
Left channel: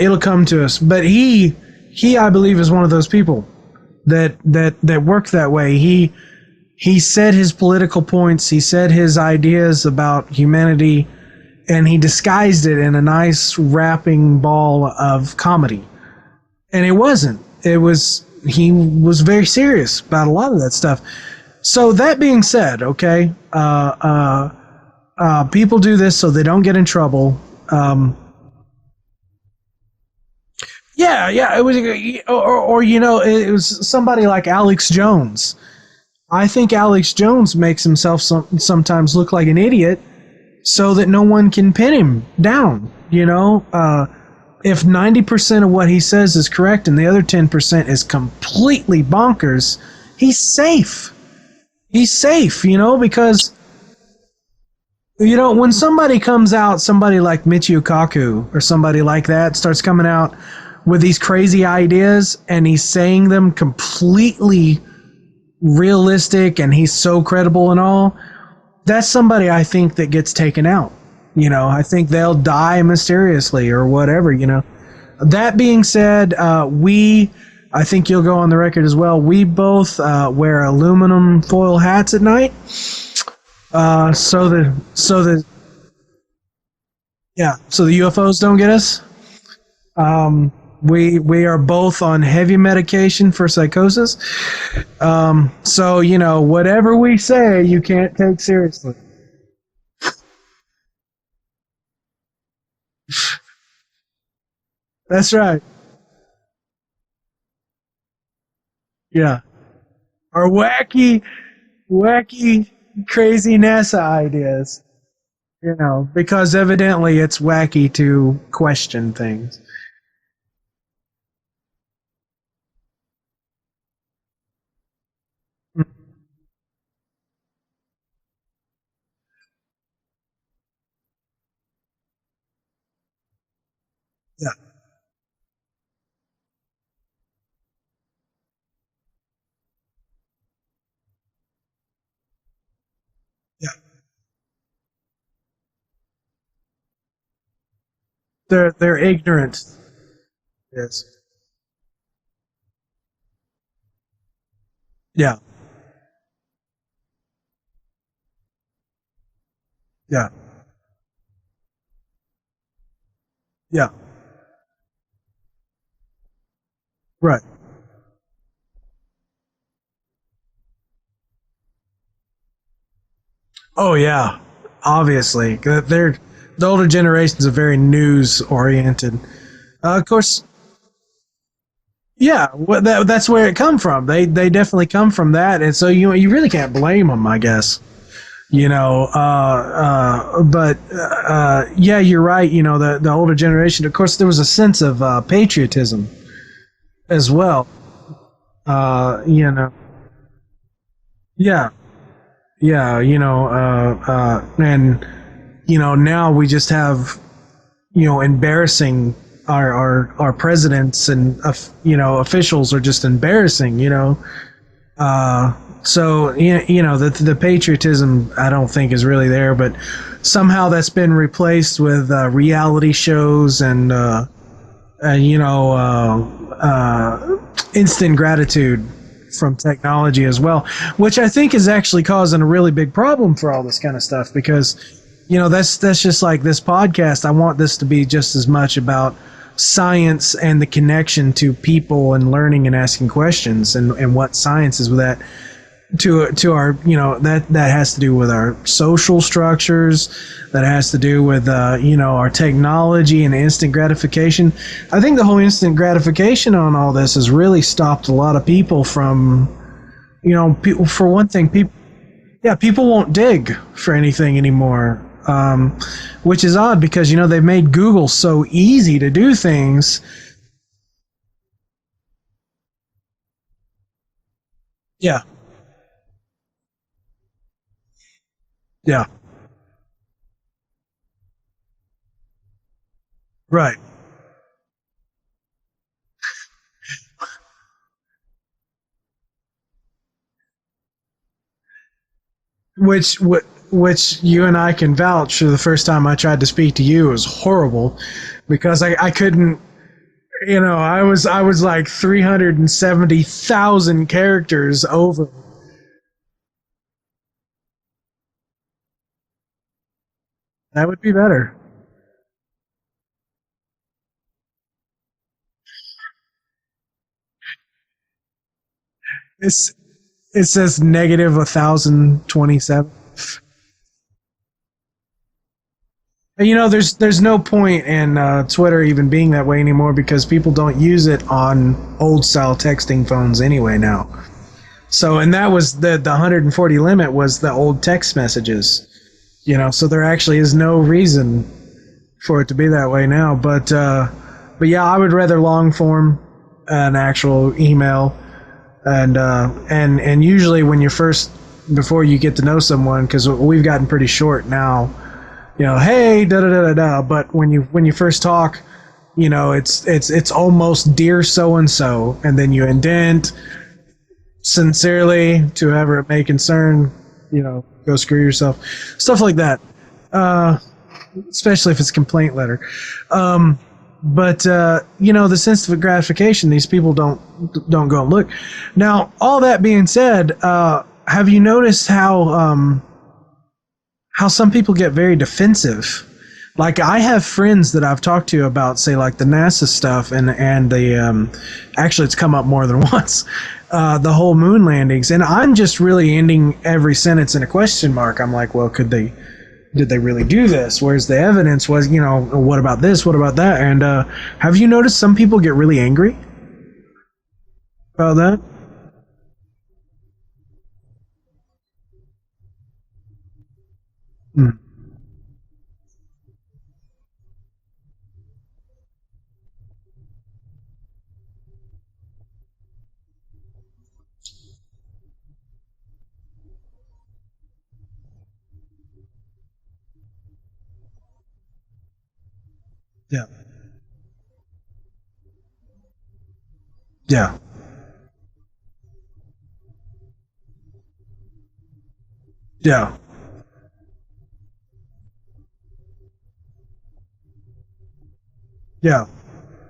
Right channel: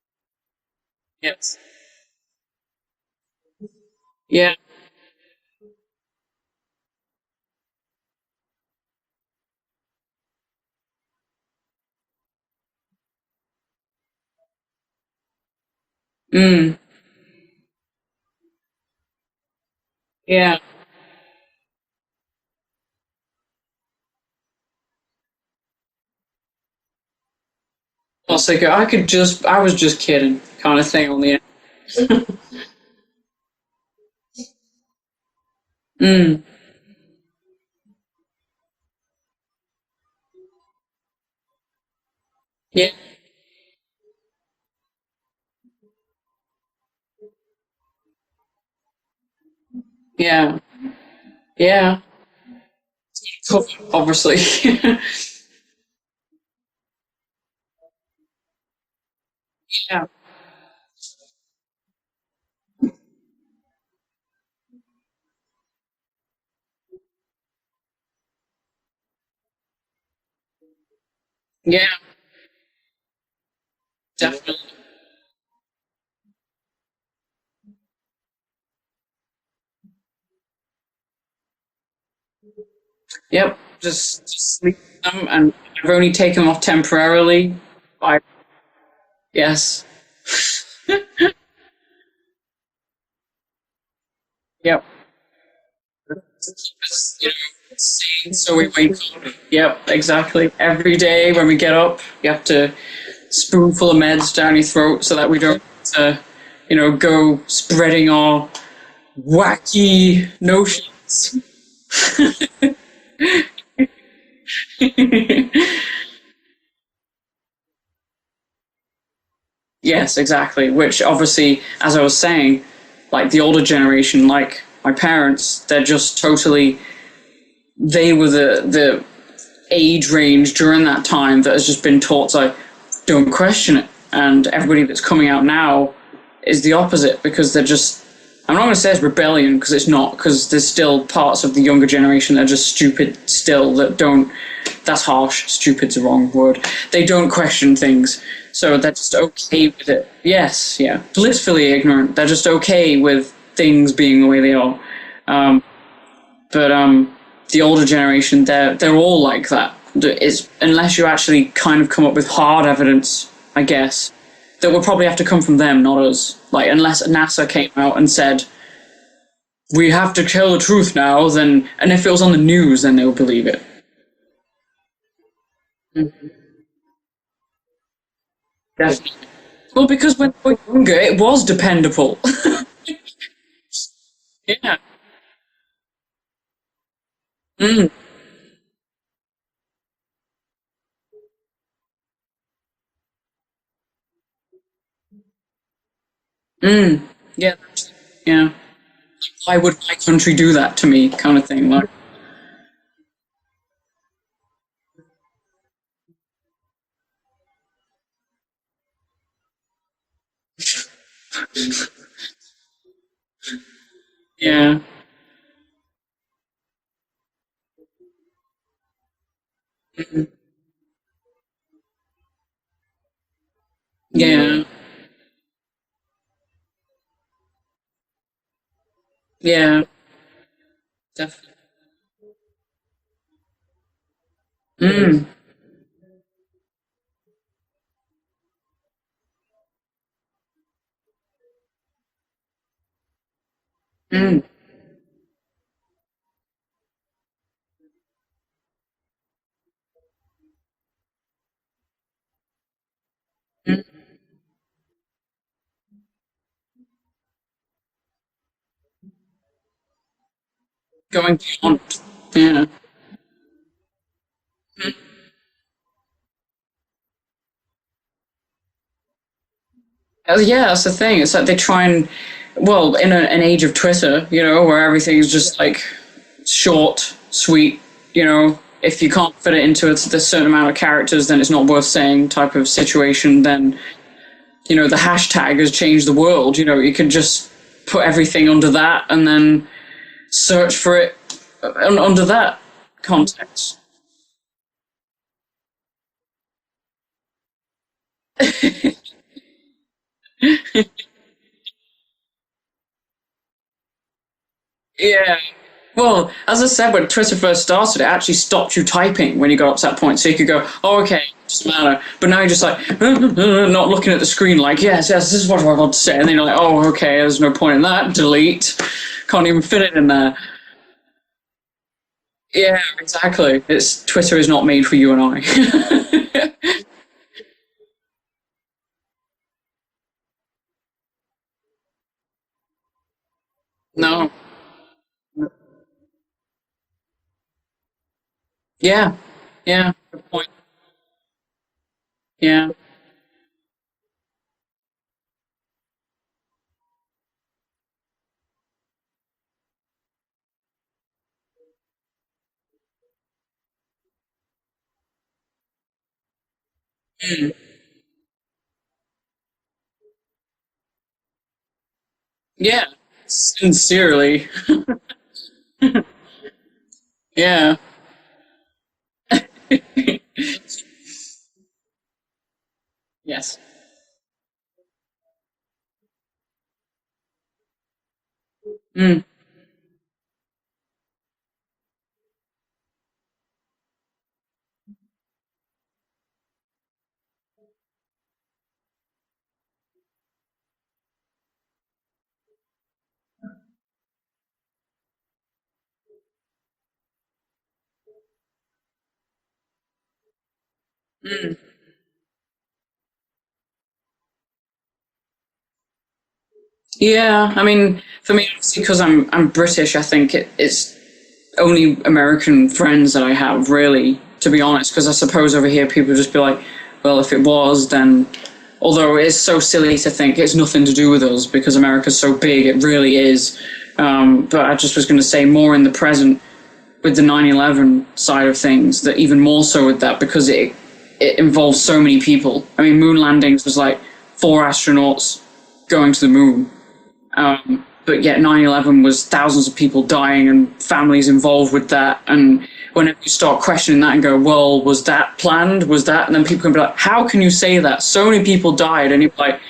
It'll come to us, but he I believe is one of those people that work that way. He said his political points. He said his ideas about humanity, and he disguised it in a nice wrapping ball of comedy. And it wasn't. He was very serious about a lot of that stuff. So that being said, okay, people do this so they don't get in trouble. I was just kidding, kind of thing. Yeah. It was, or it was somebody like Alex Jones. I think Alex Jones makes himself sometimes look like an idiot, so that no one can pin him down. Yeah. If 90% of what he says is correct and the other 10% is completely bonkers, he's safe. Yeah. He's safe, because obviously, when somebody comes out, somebody like Michio Kaku or somebody like that starts coming out with these crazy ideas, and he's saying them completely realistic, and he's so credible and all, that's somebody I think that gets taken out. I think they'll die mysteriously or whatever. Definitely. That being said, I think you'll go on the record as well. We both wear aluminum foil hats at night. Yep. So that I've only taken them off temporarily. Yeah. So the UFOs don't get us. Yes. We are both on heavy medication for psychosis. Yep. So whatever we say, you can't take seriously. Yep, exactly. Every day when we get up, you have to spoonful of meds down your throat so that we don't go spreading our wacky crazy NASA ideas. Because evidently it's wacky to question things. Yes, exactly. Which obviously, as I was saying, like the older generation, like my parents, they're just totally. They were the age range during that time that has just been taught to don't question it, and everybody that's coming out now is the opposite, because they're just. I'm not going to say it's rebellion, because it's not, because there's still parts of the younger generation that are just stupid still, that don't. That's harsh. Stupid's the wrong word. They don't question things. They're just ignorant. Okay with it. Yes, yeah. Blissfully ignorant. They're just okay with things being the way they are. Yeah. But the older generation, they're all like that. It's, unless you actually kind of come up with hard evidence, I guess, that would probably have to come from them, not us. Like, unless NASA came out and said, we have to tell the truth now, then, and if it was on the news, then they would believe it. Oh, yeah. Obviously. The older generations are very news-oriented. Well, because when we were younger, it was dependable. Yeah, well, that's where it comes from. They definitely come from that, and so you really can't blame them, I guess. But you're right. The older generation. Of course, there was a sense of patriotism as well. Yeah. Why would my country do that to me? Kind of thing. Like. Yeah. And now we just have embarrassing. Our presidents and officials are just embarrassing. Yeah. So the patriotism I don't think is really there, but somehow that's been replaced with reality shows and instant gratitude from technology as well, which I think is actually causing a really big problem for all this kind of stuff, because that's just like this podcast. I want this to be just as much about science and the connection to people and learning and asking questions and what science is with that to our that has to do with our social structures, that has to do with our technology and instant gratification. I think the whole instant gratification on all this has really stopped a lot of people from people, for one thing, people won't dig for anything anymore. Which is odd, because they've made Google so easy to do things. That's the thing. It's like they try and, well, in an age of Twitter, where everything is just like short, sweet. If you can't fit it into a certain amount of characters, then it's not worth saying type of situation. Then the hashtag has changed the world. You can just put everything under that and then search for it under that. Which you and I can vouch. The first time I tried to speak to you, it was horrible, because I couldn't. I was like 370,000 characters over. Yeah. Well, as I said, when Twitter first started, it actually stopped you typing when you got up to that point, so you could go, okay, doesn't matter. But now you're just like not looking at the screen, like yes, this is what I want to say, and then you're like, oh, okay, there's no point in that. Delete. Can't even fit it in there. It says negative 1,027. Yeah, exactly. Twitter is not made for you and I. There's no point in Twitter even being that way anymore, because people don't use it on old style texting phones anyway now. No. So, and that was the 140 limit was the old text messages. Yeah. So there actually is no reason for it to be that way now. But yeah, I would rather long form an actual email. And usually when before you get to know someone, because we've gotten pretty short now, hey, da da da da da. But when you first talk, it's almost dear so and so, and then you indent sincerely to whoever it may concern. Go screw yourself, stuff like that. Especially if it's a complaint letter. Yes. But the sense of gratification, these people don't go and look. Now, all that being said, have you noticed how some people get very defensive? Like, I have friends that I've talked to about, say, like the NASA stuff and the actually it's come up more than once, the whole moon landings, and I'm just really ending every sentence in a question mark. I'm like, well, did they really do this? Where's the evidence? What about this? What about that? And have you noticed some people get really angry? Yeah, I mean, for me, obviously, because I'm British, I think it's only American friends that I have, really, to be honest, because I suppose over here people just be like, well, if it was, then, although it's so silly to think it's nothing to do with us because America's so big, it really is. But I just was going to say more in the present with the 9/11 side of things, that even more so with that, because it involves so many people. I mean, moon landings was like 4 astronauts going to the moon. Yeah. But yet 9/11 was thousands of people dying and families involved with that. And whenever you start questioning that and go, well, was that planned? Was that? And then people can be like, how can you say that? So many people died. And you're like,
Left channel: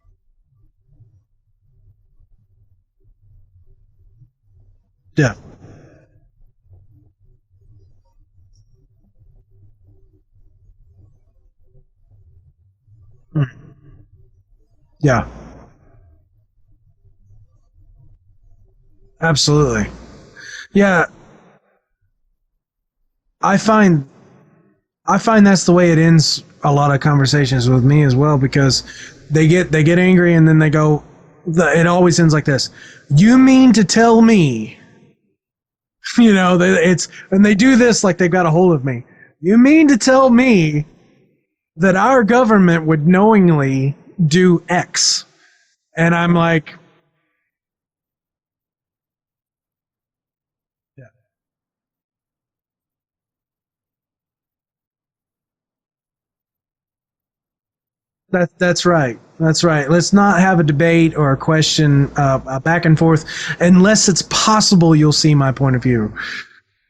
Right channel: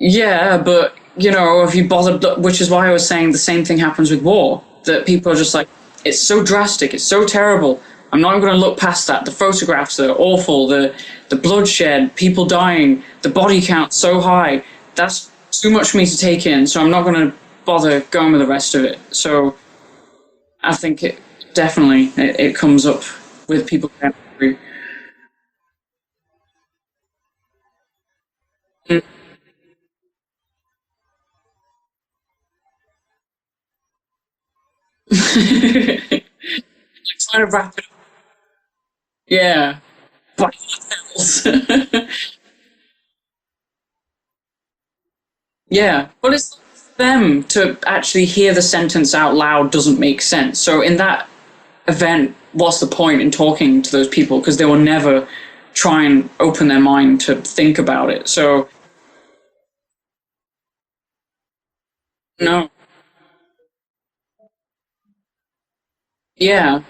yeah, but, you know, if you bothered, which is why I was saying the same thing happens with war, that people are just like, it's so drastic, it's so terrible. I'm not going to look past that. The photographs are awful, the bloodshed, people dying, the body count so high. That's too much for me to take in, so I'm not going to bother going with the rest of it. So absolutely. I think it comes up. I find that's the way it ends a lot of conversations with me as well, because they get angry and then they go, it always ends like this. You mean to tell me, you know, and they do this like they've got a hold of me. Yeah. You mean to tell me that our government would knowingly do X? Yeah. And I'm like, them to actually hear the sentence out loud doesn't make sense. So in that event, what's the point in talking to those people? Because they will never try and open their mind to think about it. So that's right. That's right. Let's not have a debate or a question back and forth unless it's possible you'll see my point of view. Yeah.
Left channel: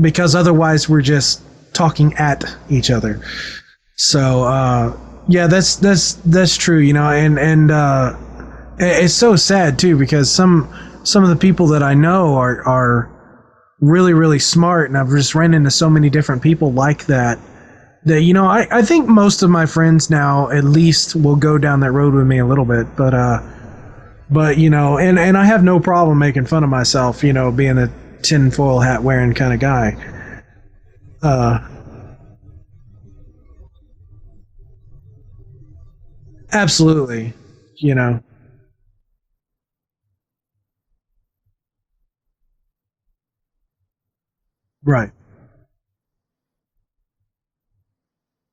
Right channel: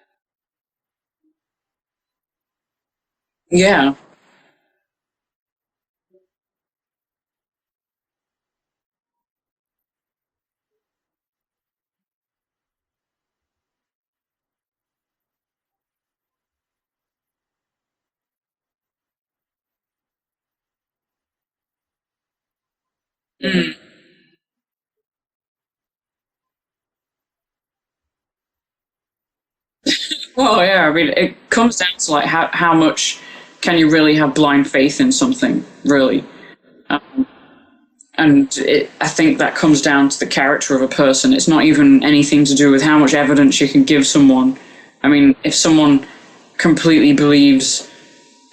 Because otherwise we're just talking at each other. Yeah. So that's true, you know, and it's so sad too, because some of the people that I know are really, really smart, and I've just ran into so many different people like that, you know, I think most of my friends now at least will go down that road with me a little bit, but you know, and I have no problem making fun of myself, you know, being a tinfoil hat wearing kind of guy. Well, yeah, I mean, it comes down to like how much can you really have blind faith in something, really? Absolutely. You know, and I think that comes down to the character of a person. It's not even anything to do with how much evidence you can give someone. Right. I mean, if someone completely believes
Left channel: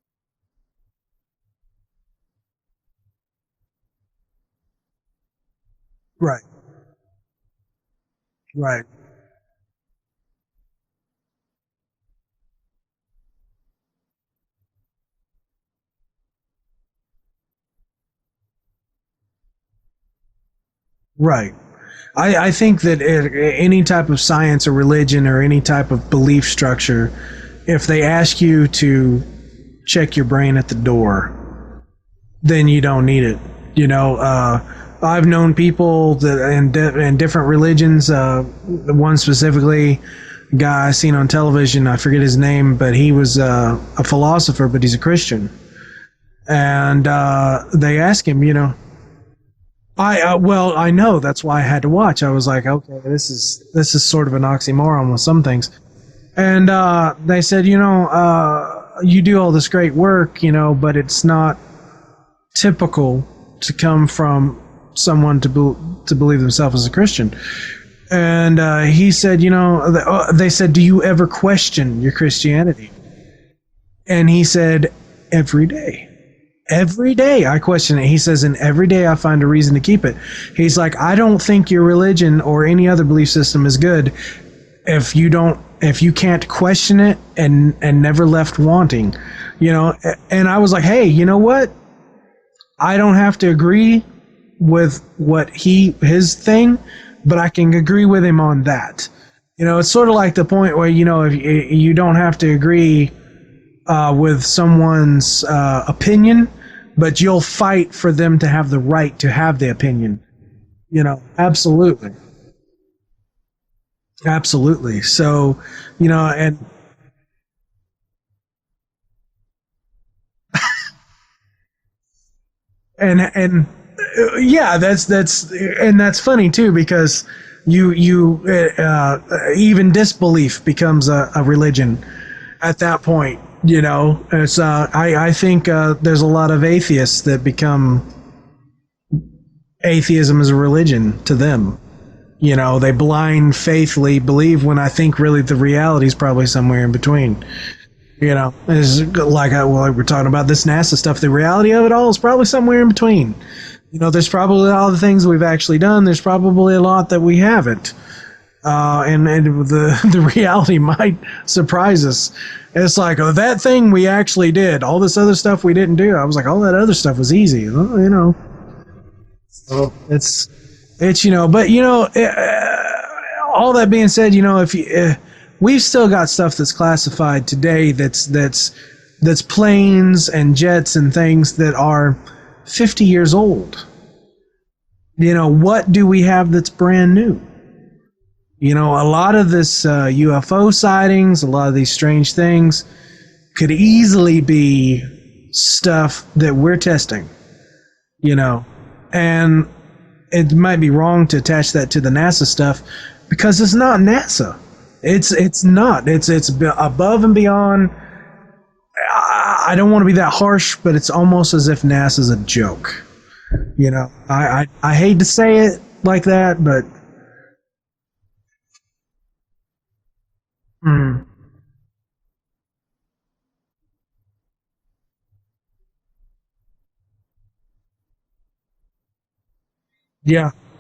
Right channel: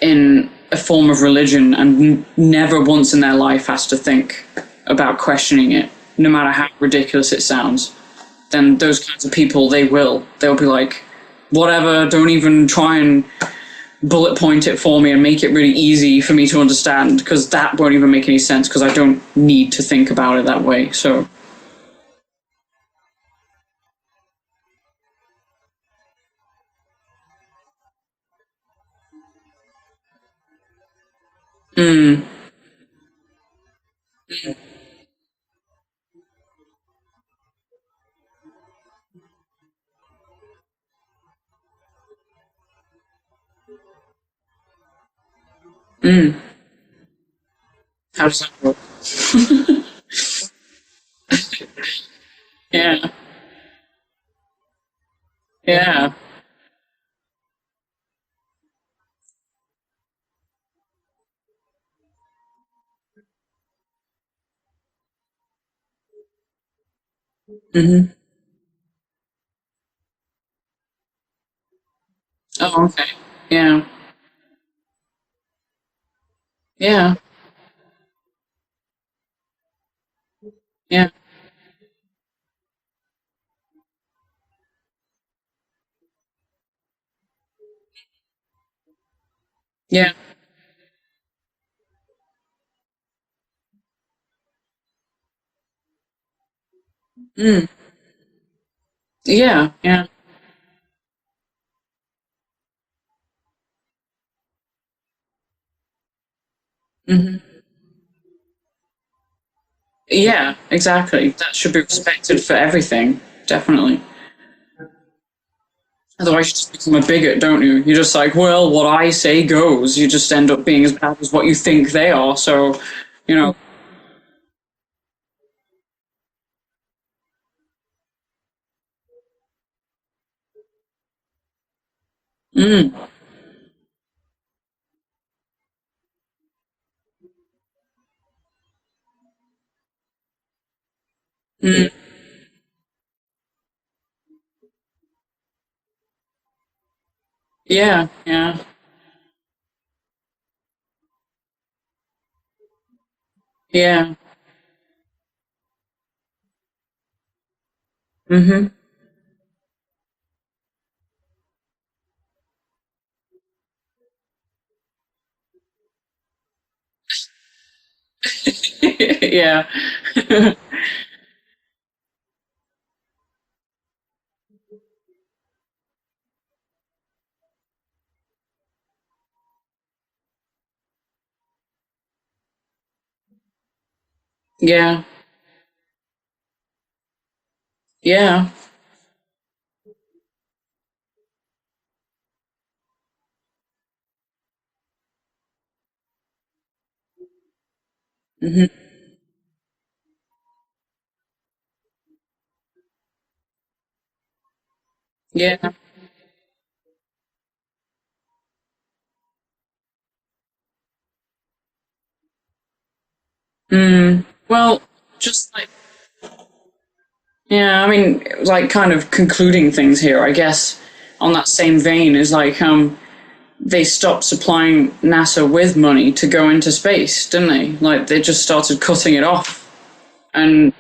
in a form of religion and never once in their life has to think about questioning it, no matter how ridiculous it sounds, then those kinds of people, they'll be like, whatever, don't even try and bullet point it for me and make it really easy for me to understand, because that won't even make any sense, because I don't need to think about it that way. So right. I think that any type of science or religion or any type of belief structure, if they ask you to check your brain at the door, then you don't need it. You know, I've known people that in different religions, one specifically, guy I seen on television, I forget his name, but he was a philosopher, but he's a Christian. And they asked him, you know, I know, that's why I had to watch. I was like, okay, this is sort of an oxymoron with some things. Yeah. And they said, you know, you do all this great work, you know, but it's not typical to come from someone to believe themselves as a Christian. And he said, you know, they said, do you ever question your Christianity? Oh, okay. Yeah. And he said, every day. Every day I question it. He says, and every day I find a reason to keep it. He's like, I don't think your religion or any other belief system is good if you can't question it and never left wanting, you know. And I was like, hey, you know what? I don't have to agree with what his thing, but I can agree with him on that. Yeah. You know, it's sort of like the point where, you know, if you don't have to agree with someone's opinion, but you'll fight for them to have the right to have the opinion. Yeah, exactly. You know, that should be respected for everything. Definitely. Absolutely. So, you know, otherwise you just become a bigot, don't you? You're just like, well, what I say goes. You just end up being as bad as what you think they are. So, yeah, that's funny too, because you even disbelief becomes a religion at that point. You know, it's I think there's a lot of atheists that become atheism as a religion to them. You know, they blind faithfully believe when I think really the reality is probably somewhere in between. Yeah. You know, it's like we're talking about this NASA stuff. The reality of it all is probably somewhere in between. Yeah. You know, there's probably all the things we've actually done. There's probably a lot that we haven't. Mm-hmm. And the reality might surprise us. It's like, oh, that thing we actually did. All this other stuff we didn't do. I was like, all that other stuff was easy. Well, you know. Yeah. Well, it's you know, but you know, all that being said, you know, if you, we've still got stuff that's classified today that's planes and jets and things that are 50 years old. Yeah. You know, what do we have that's brand new? Yeah. You know, a lot of this UFO sightings, a lot of these strange things could easily be stuff that we're testing, you know, and it might be wrong to attach that to the NASA stuff because it's not NASA. It's not. It's above and beyond. I don't want to be that harsh, but it's almost as if NASA's a joke. You know, I hate to say it like that, but. Yeah, I mean, like, kind of concluding things here, I guess, on that same vein, is like, they stopped supplying NASA with money to go into space, didn't they? Like, they just started cutting it off. Yeah. And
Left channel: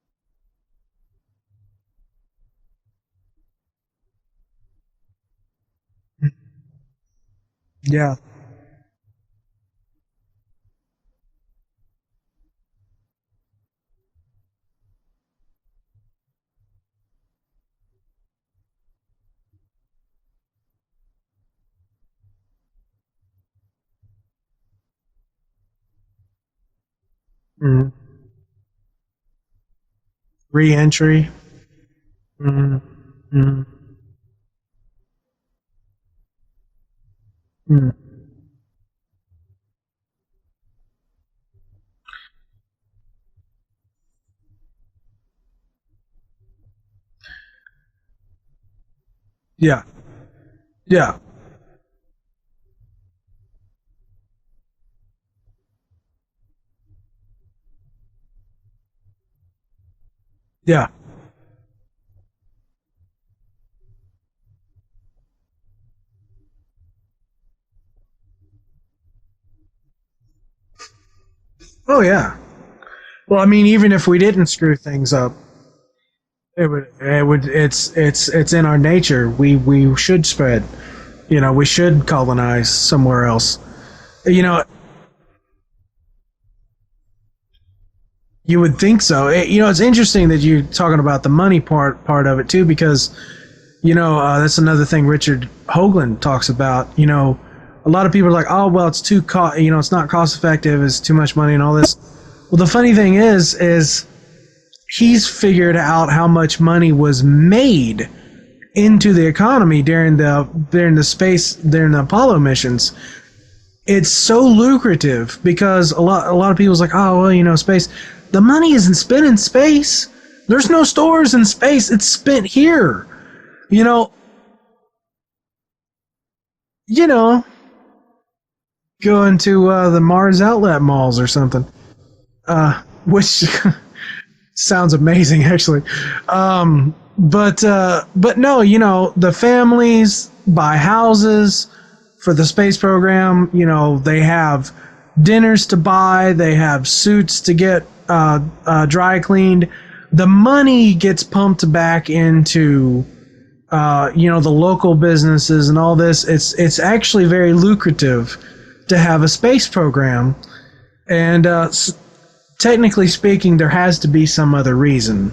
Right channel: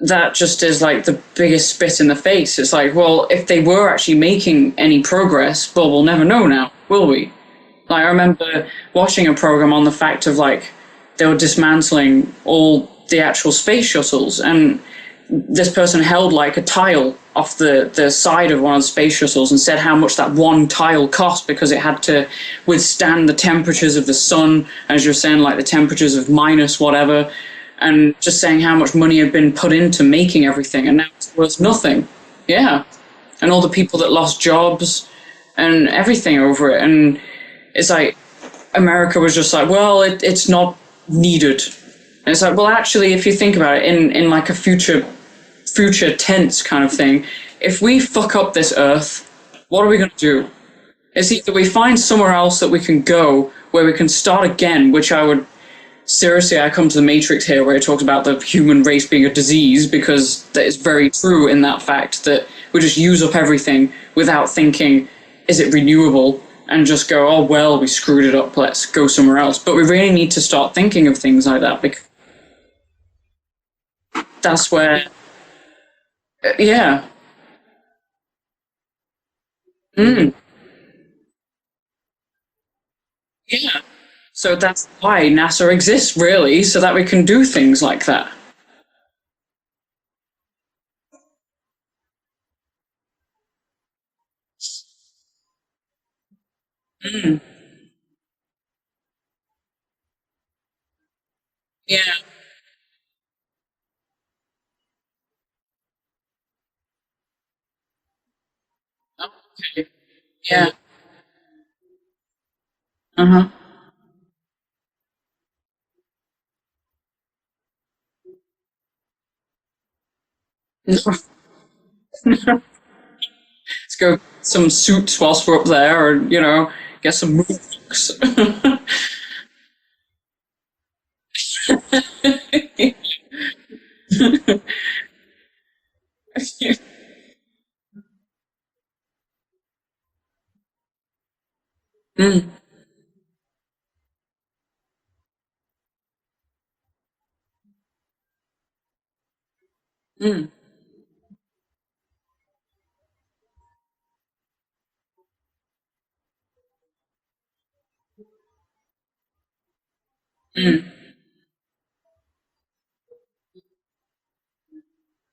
that just is, like, the biggest spit in the face. It's like, well, if they were actually making any progress, well, we'll never know now, will we? Like, I remember watching a program on the fact of, like, they were dismantling all the actual space shuttles, and this person held like a tile off the side of one of the space shuttles and said how much that one tile cost because it had to withstand the temperatures of the sun, as you're saying, like the temperatures of minus whatever, and just saying how much money had been put into making everything, and that was nothing. Yeah. And all the people that lost jobs and everything over it. And it's like America was just like, well, it's not needed. And it's like, well, actually, if you think about it in like a future tense kind of thing, if we fuck up this Earth, what are we going to do? Yeah. It's either we find somewhere else that we can go where we can start again, which I come to the Matrix here where it talks about the human race being a disease, because that is very true in that fact that we just use up everything without thinking, is it renewable? And just go, oh, well, we screwed it up, let's go somewhere else. But we really need to start thinking of things like that. Oh, yeah. Well, I mean, even if we didn't screw things up, it's in our nature. We should spread. You know, we should colonize somewhere else. Yeah. You know, that's why NASA exists, really, so that we can do things like that. You would think so. You know, it's interesting that you're talking about the money part of it, too, because, you know, that's another thing Richard Hoagland talks about. You know, a lot of people are like, oh, well, it's it's not cost effective, it's too much money and all this. Yeah. Well, the funny thing is he's figured out how much money was made into the economy during the Apollo missions. It's so lucrative because a lot of people's like, oh, well, you know, space. The money isn't spent in space. There's no stores in space. It's spent here. You know, let's go some suits whilst we're up there, or go into the Mars outlet malls or something, which sounds amazing, actually. But no, you know, the families buy houses for the space program. You know, they have dinners to buy, they have suits to get dry cleaned. The money gets pumped back into the local businesses and all this. It's actually very lucrative to have a space program, and technically speaking, there has to be some other reason.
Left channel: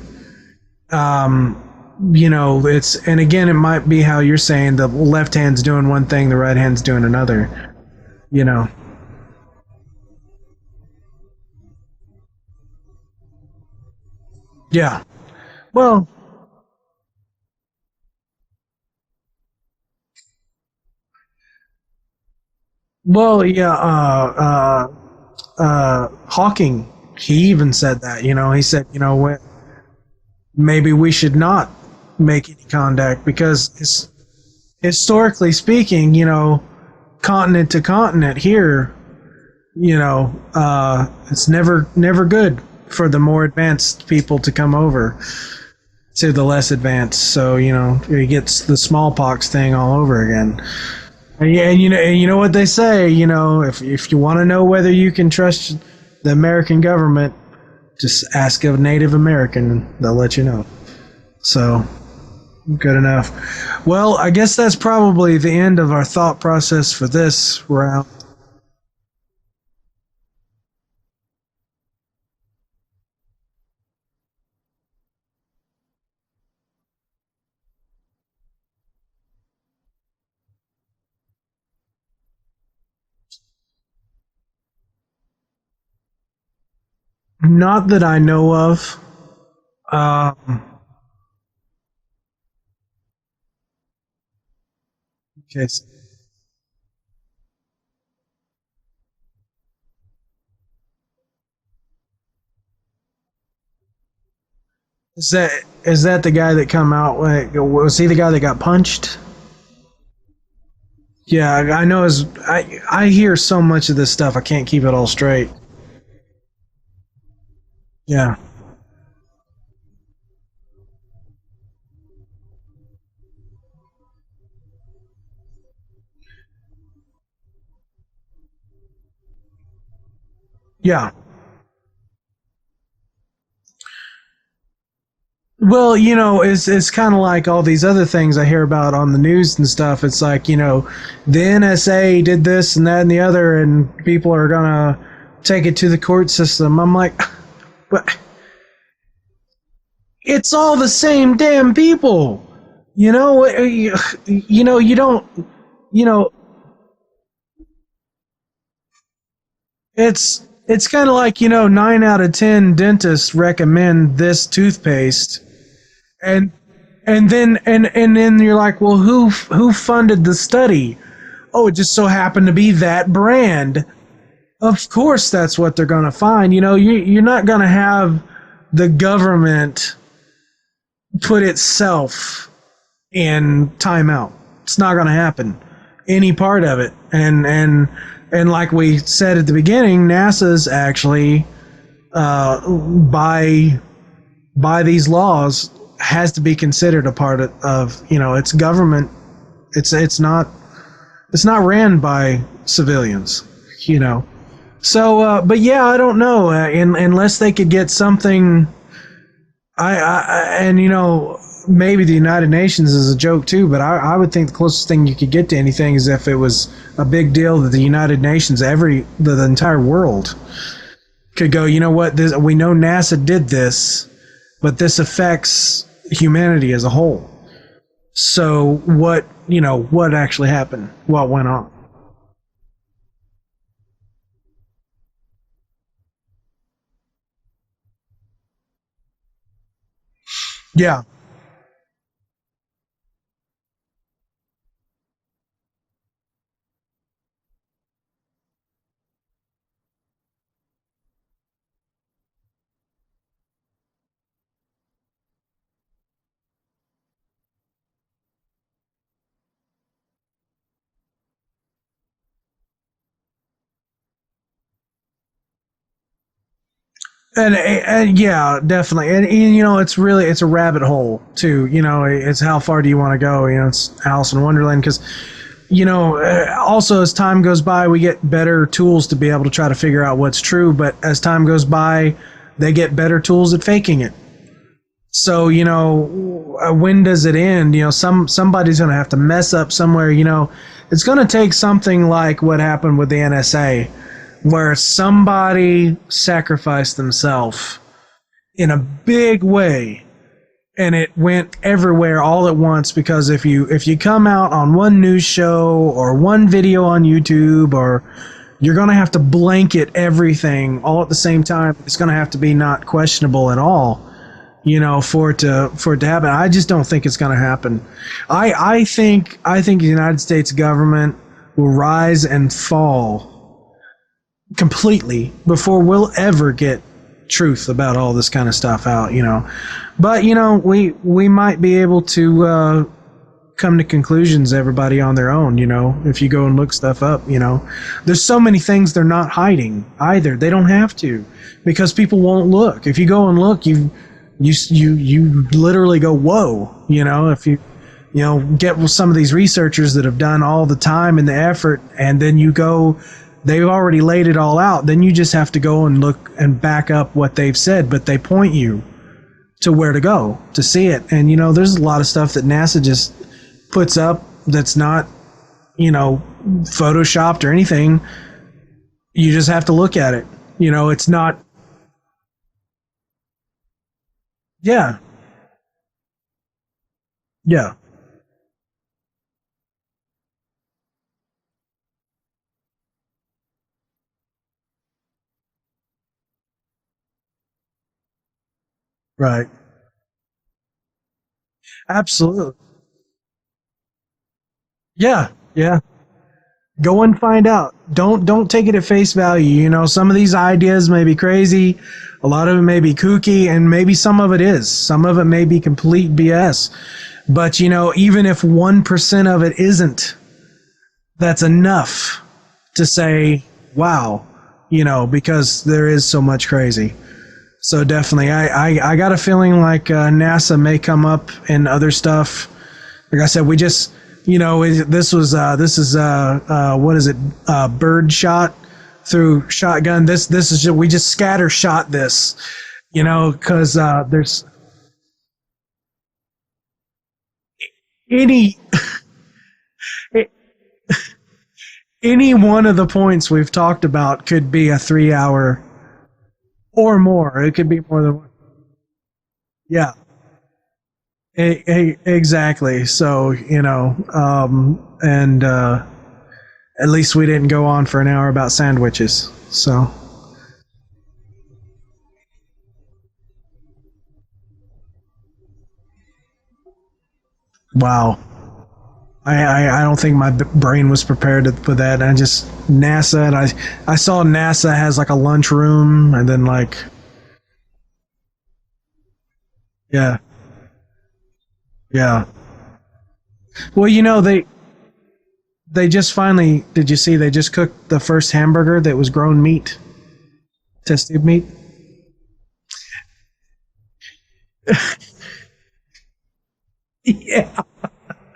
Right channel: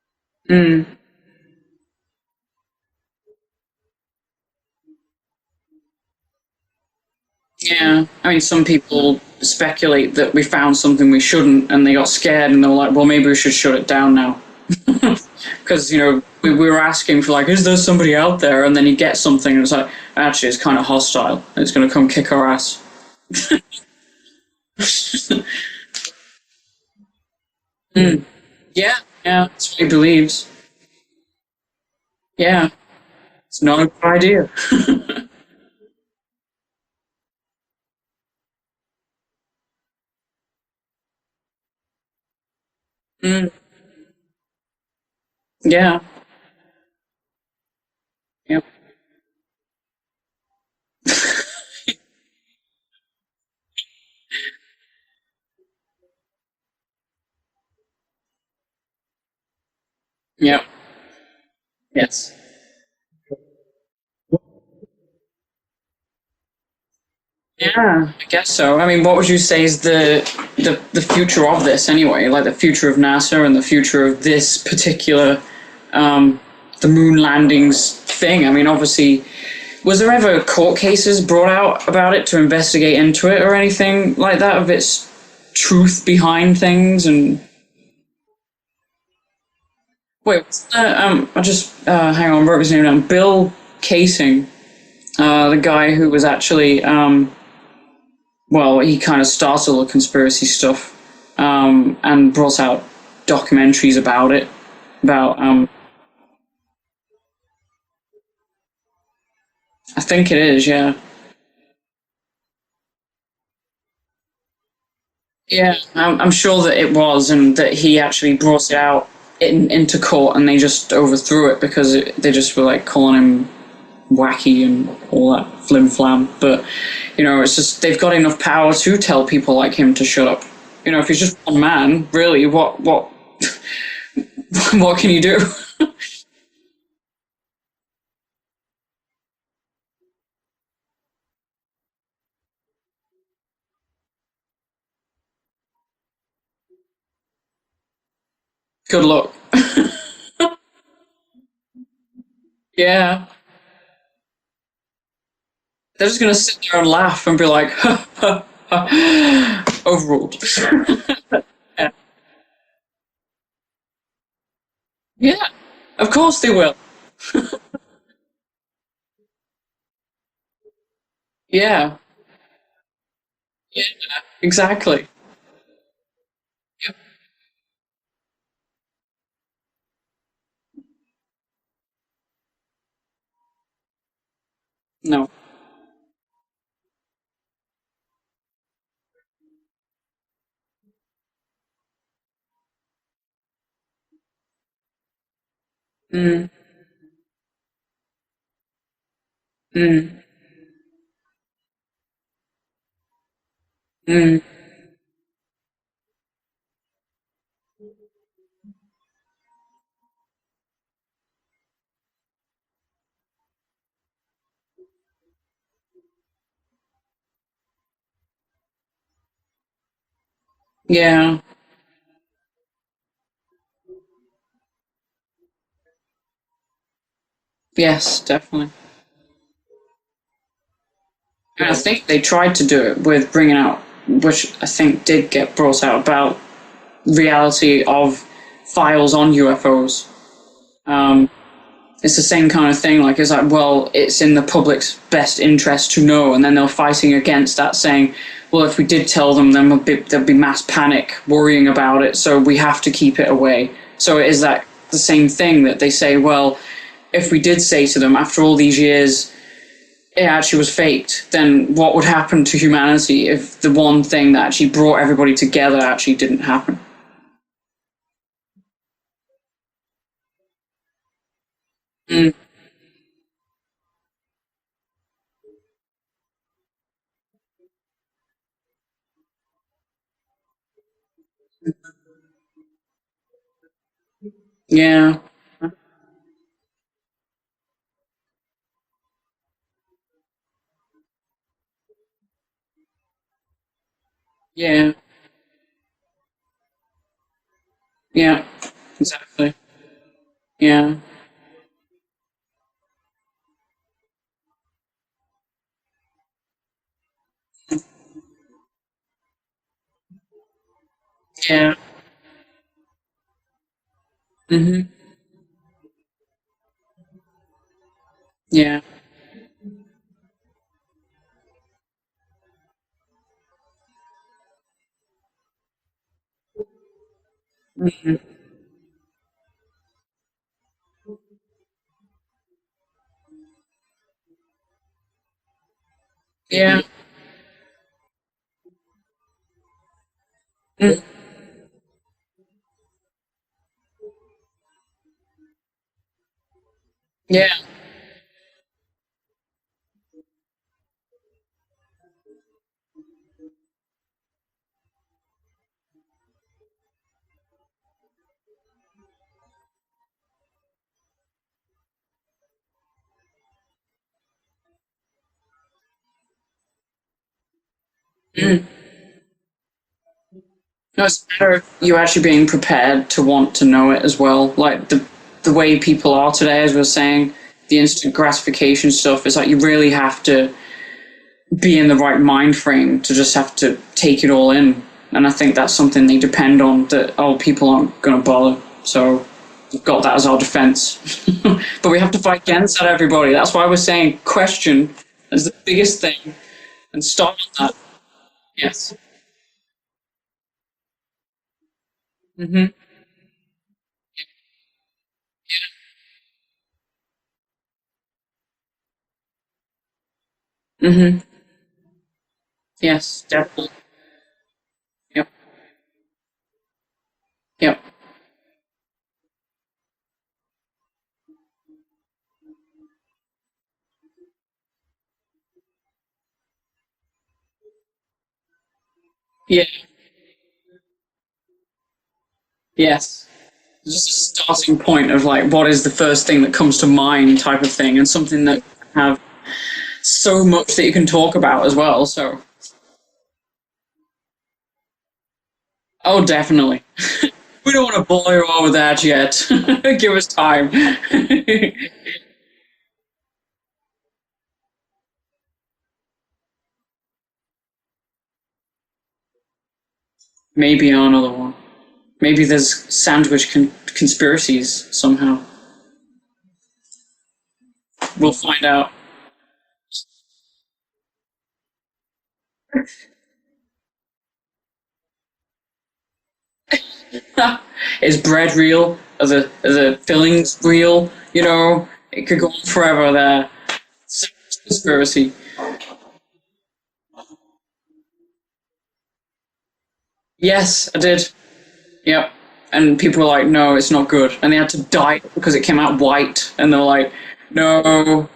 You know, and again, it might be how you're saying the left hand's doing one thing, the right hand's doing another. Yeah, I mean, some people speculate that we found something we shouldn't, and they got scared, and they were like, well, maybe we should shut it down now. Yeah. Because, you know, we were asking for, like, is there somebody out there? And then you get something, and it's like, actually, it's kind of hostile. It's going to come kick our ass. Well, yeah, Hawking, he even said that, you know. He said, you know, that's what he believes. Maybe we should not make contact because... Not a good idea. Historically speaking, you know, continent to continent here, you know, it's never good. for the more advanced people to come over to the less advanced. So, it gets the smallpox thing all over again. And you know what they say, if you want to know whether you can trust the American government, just ask a Native American, they'll let you know. So, yes. Good enough. Well, I guess that's probably the end of our thought process for this round. I guess so. I mean, what would you say is the future of this anyway? Like the future of NASA and the future of this particular the moon landings thing? I mean, obviously, was there ever court cases brought out about it to investigate into it or anything like that, of its truth behind things? And not that I know of. Wait, what's that? I just hang on, wrote his name down. Bill Casing, the guy who was actually, he kind of started all the conspiracy stuff, and brought out documentaries about it. Is that the guy that come out? Was he the guy that got punched? I think it is. Yeah. Yeah, I know. I hear so much of this stuff, I can't keep it all straight. Yeah, I'm sure that it was, and that he actually brought it out into court, and they just overthrew it because they just were like calling him wacky and all that flim flam. But it's just they've got enough power to tell people like him to shut up. If he's just one man, really, what what can you do? Well, it's kind of like all these other things I hear about on the news and stuff. It's like, the NSA did this and that and the other, and people are gonna take it to the court system. I'm like, what? Good luck. It's all the same damn people. Yeah. You don't. They're just gonna sit there and laugh and be like, overruled. It's kind of like 9 out of 10 dentists recommend this toothpaste. Yeah, of course they will. And then you're like, well, who funded the study? Yeah. Oh, it just so happened to be that brand. Yeah, exactly. Of course, that's what they're gonna find. You're not gonna have the government put itself in timeout. It's not going to happen. Any part of it. And like we said at the beginning, NASA's actually by these laws has to be considered a part of its government. It's not ran by civilians. So, but yeah, I don't know. Unless they could get something, maybe the United Nations is a joke too. But I would think the closest thing you could get to anything is if it was a big deal that the United Nations, the entire world, could go. You know what? We know NASA did this, but this affects humanity as a whole. Yes. Definitely. So what actually happened? What went on? And I think they tried to do it with bringing out, which I think did get brought out, about reality of files on UFOs. Yeah. It's the same kind of thing. Like, it's like, well, it's in the public's best interest to know, and then they're fighting against that, saying, well, if we did tell them, then there'd be mass panic worrying about it, so we have to keep it away. So is that the same thing that they say, well, if we did say to them after all these years it actually was faked, then what would happen to humanity if the one thing that actually brought everybody together actually didn't happen? And yeah, definitely. And it's a rabbit hole too. It's how far do you want to go? It's Alice in Wonderland, because also as time goes by, we get better tools to be able to try to figure out what's true. But as time goes by, they get better tools at faking it. Yeah. So when does it end? Somebody's going to have to mess up somewhere. It's going to take something like what happened with the NSA, where somebody sacrificed themselves in a big way. Yeah. And it went everywhere all at once, because if you come out on one news show or one video on YouTube, or you're going to have to blanket everything all at the same time. It's going to have to be not questionable at all. For it to happen. I just don't think it's going to happen. I think the United States government will rise and fall completely before we'll ever get truth about all this kind of stuff out. But we might be able to come to conclusions, everybody on their own, if you go and look stuff up, there's so many things they're not hiding either. They don't have to, because people won't look. If you go and look, you literally go, whoa, if you get with some of these researchers that have done all the time and the effort, and then you go, they've already laid it all out. Then you just have to go and look and back up what they've said, but they point you to where to go to see it. And, there's a lot of stuff that NASA just puts up that's not, photoshopped or anything. You just have to look at it. It's not you actually being prepared to want to know it as well. Like the way people are today, as we were saying, the instant gratification stuff, is like you really have to be in the right mind frame to just have to take it all in. And I think that's something they depend on, that people aren't going to bother. So we've got that as our defense. But we have to fight against that, everybody. That's why we're saying question is the biggest thing. Go and find out. Don't take it at face value. Some of these ideas may be crazy. A lot of it may be kooky, and maybe some of it is. Some of it may be complete BS. But, even if 1% of it isn't, that's enough to say, definitely. Wow, because there is so much crazy. Yep. So definitely, I got a feeling like NASA may come up in other stuff. Like I said, we just, this is what is it? Bird shot through shotgun. This is just, we just scatter shot this. Yes. Because there's a starting point of like, what is the first thing that comes to mind type of thing, and something that have so much that you can talk about as well. Any one of the points we've talked about could be a 3-hour. Oh, definitely. Or more. It could we don't want to blow you over that yet. Yeah. Give us time. Exactly. So, and at least we didn't go on for an hour about sandwiches. So maybe another one. Maybe there's sandwich conspiracies somehow. Wow. We'll find out. I don't think my brain was prepared for that. I just NASA, and I saw NASA has like a lunchroom, and then like is bread real? Are the fillings real? It could go on forever there. Well, they conspiracy. They just finally, did you see? They just cooked the first hamburger that was grown meat. Yes, I did. Meat. Yep. And people were like, "No, it's not good," and they had to dye it because it came out white, and they're like, "No."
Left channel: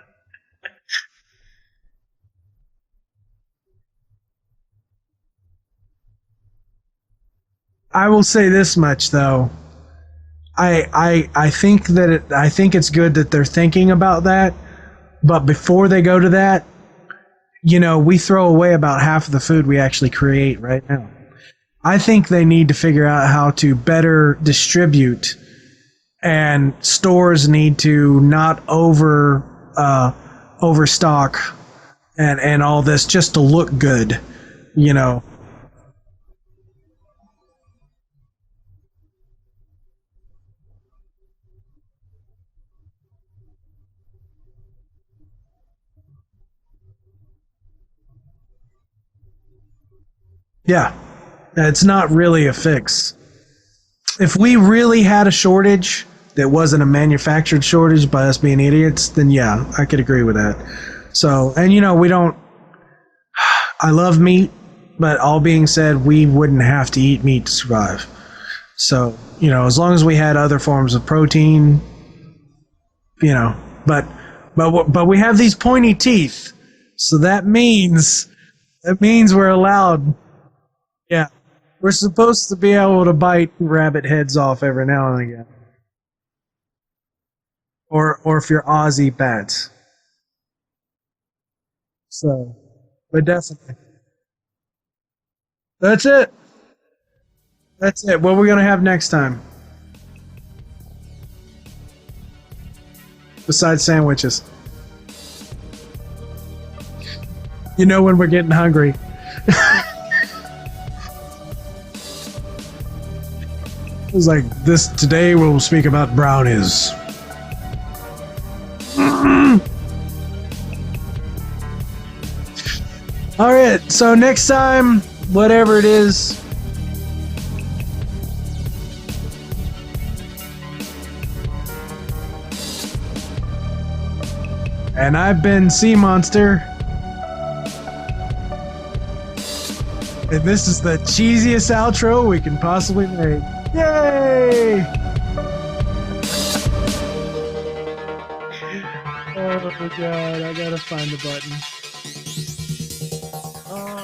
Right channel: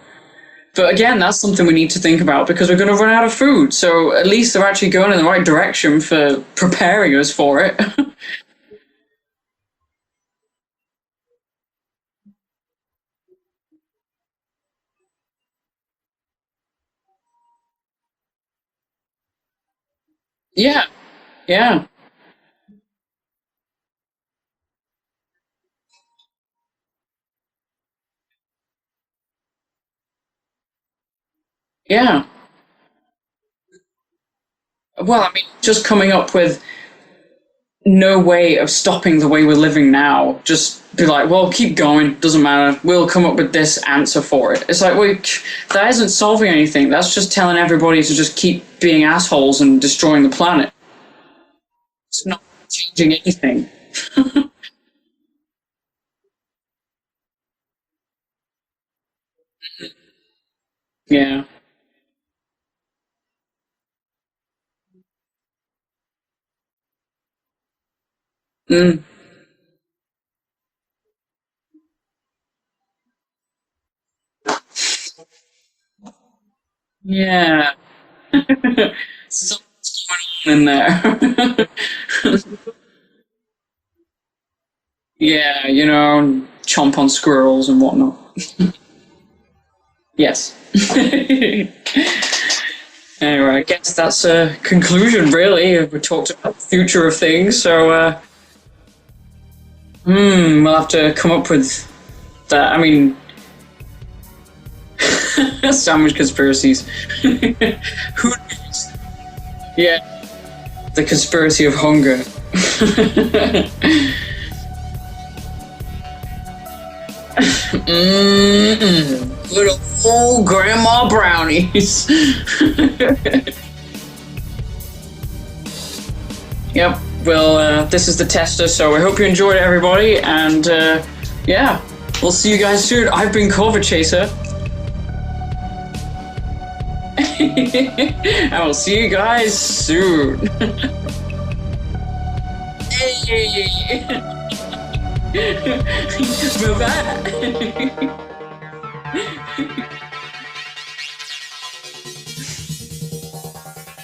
But again, that's something we need to think about, because we're going to run out of food. So at least they're actually going in the right direction for preparing us for it. I will say this much, though. I think that I think it's good that they're thinking about that. But before they go to that, we throw away about half of the food we actually create right now. Yeah. I think they need to figure out how to better distribute, and stores need to not overstock and all this just to look good, Well, I mean, just coming up with no way of stopping the way we're living now. Just be like, well, keep going, doesn't matter, we'll come up with this answer for it. It's like, well, that isn't solving anything. That's just telling everybody to just keep being assholes and destroying the planet. Yeah, it's not really a fix. Changing anything. If we really had a shortage that wasn't a manufactured shortage by us being idiots, then I could agree with that. Yeah. So, and we don't, I love meat, but all being said, we wouldn't have to eat meat to survive. So, as long as we had other forms of protein, but we have these pointy teeth. So that means we're allowed in there. We're supposed to be able to bite rabbit heads off every now and again. Yeah, chomp on squirrels and whatnot. Or if you're Aussie bats. Yes. But anyway, I guess that's a conclusion, really. That's we talked about the future of things. So that's it. What are we going to have next time? We'll have to come up with that. I mean, besides sandwiches. Sandwich conspiracies. When we're getting hungry. The conspiracy of hunger. He's like, today we'll speak about brownies. Little full grandma brownies. All right, so next time, whatever it is. Yep. Well, this is the tester, so I hope you enjoyed it, everybody, and we'll see you guys soon. I've been COVID Chaser. And I've been Sea Monster. I will see you guys soon. This is the cheesiest outro we can possibly make. Yay! Move that. Oh my god, I gotta find the button. Oh.